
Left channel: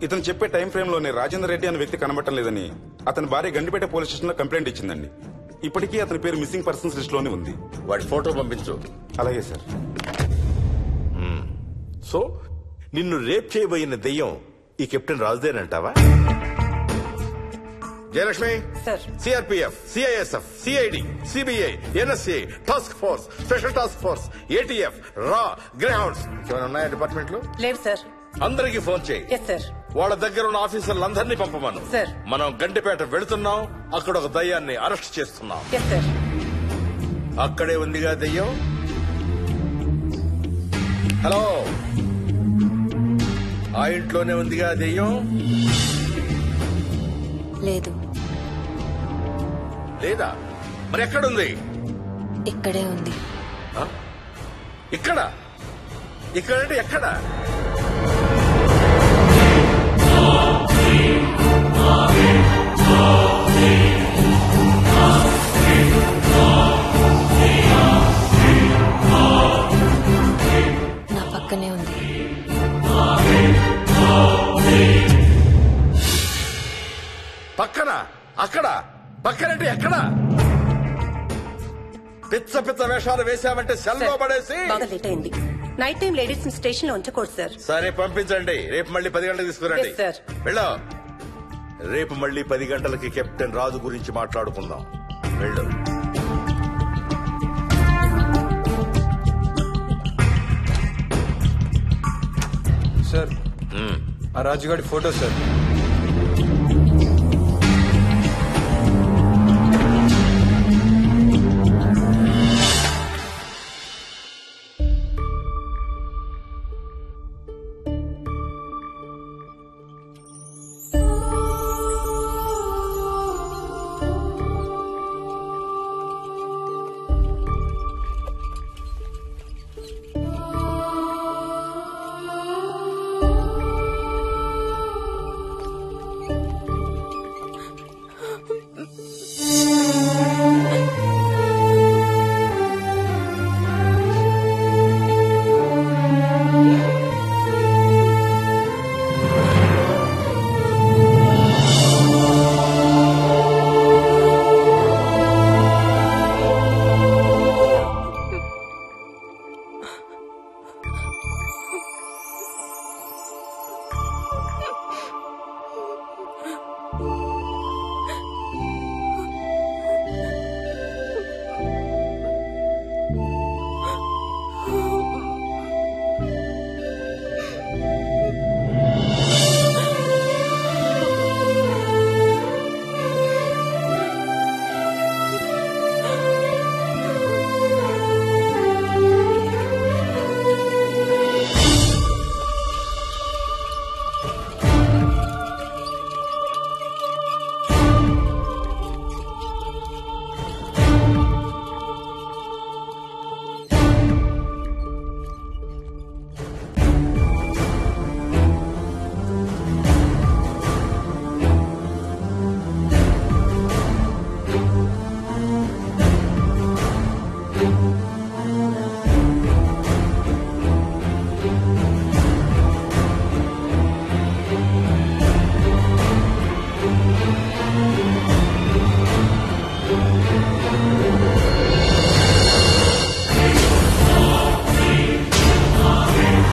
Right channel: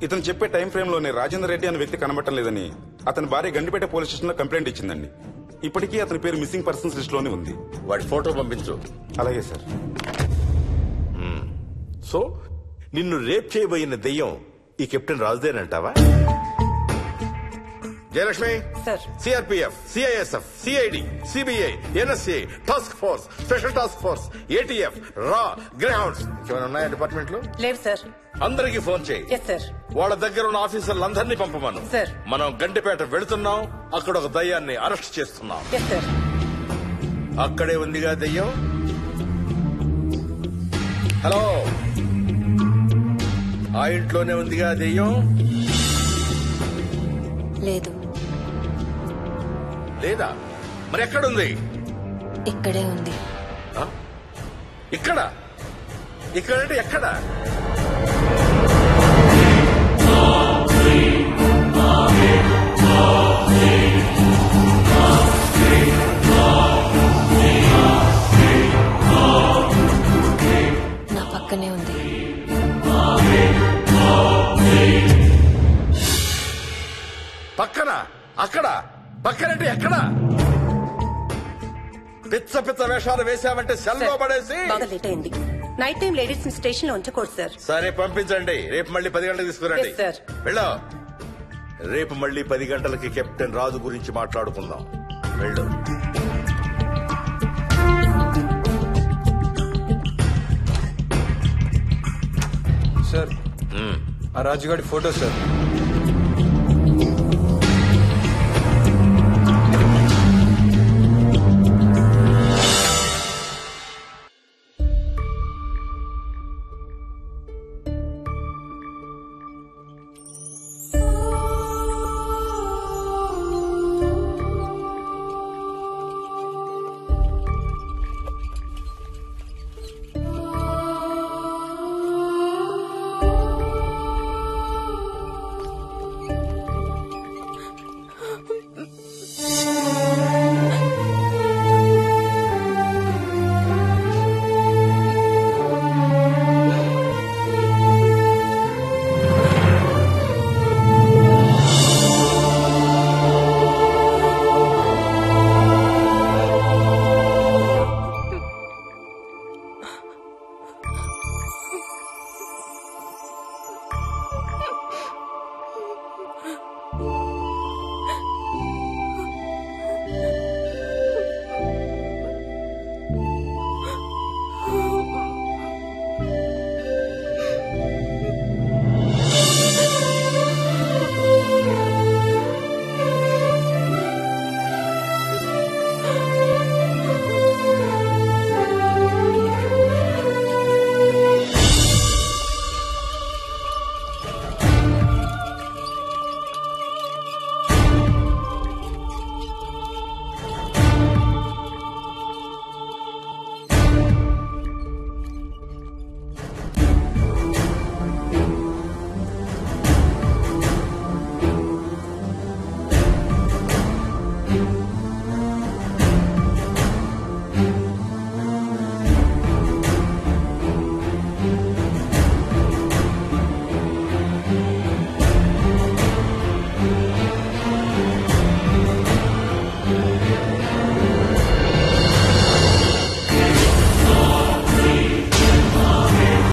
ఇతను చెప్పే టైం ఫ్రేమ్ లోనే రాజేందర్ రెడ్డి అనే వ్యక్తి కనబడటం లేదని అతని భార్య గండిపేట పోలీస్ స్టేషన్ లో కంప్లైంట్ ఇచ్చిందండి. ఇప్పటికీ అతని పేరు మిస్సింగ్ పర్సన్స్ లిస్ట్ లోనే ఉంది. వాడి ఫోటో పంపించు. అలాగే సార్. సో నిన్ను రేప్ చేయబోయిన దెయ్యం ఈ కెప్టెన్ రాజుదేనంటావా? Jayalakshmi, CRPF, CISF, CID, CBI, NSA, task force, special task force, ATF, రా, గ్రేహౌండ్స్ ఏమైనా ఉన్నాయా డిపార్ట్మెంట్ లో? లేదు సార్. అందరికీ ఫోన్ చేయి. వాళ్ళ దగ్గర ఉన్న ఆఫీసర్లందరినీ పంపమను. మనం గండిపేట వెళుతున్నాం. అక్కడ ఒక దయ్యాన్ని అరెస్ట్ చేస్తున్నాం. అక్కడే ఉందిగా దయ్యం. హలో, ఆ ఇంట్లోనే ఉందిగా దెయ్యం? లేదు. లేదా? మరి ఎక్కడుంది? ఇక్కడే ఉంది. ఇక్కడ? ఇక్కడంటే ఎక్కడ? నా పక్కనే ఉంది. పక్కన? అక్కడ? పక్కనంటే ఎక్కడ? పిచ్చ పిచ్చ వేషాలు వేశామంటే సెల్లో పడేసి. బాగా లేట్ అయింది. నైట్ టైం లేడీస్ స్టేషన్ లో ఉంచకూడదు సార్. సరే పంపించండి. రేపు మళ్ళీ 10 గంటలకు తీసుకురండి. వెళ్ళు. రేపు మళ్ళీ 10 గంటలకి కెప్టెన్ రాజు గురించి మాట్లాడుకుందాం. వెళ్ళు. సార్, ఆ రాజుగాడి ఫోటో సార్.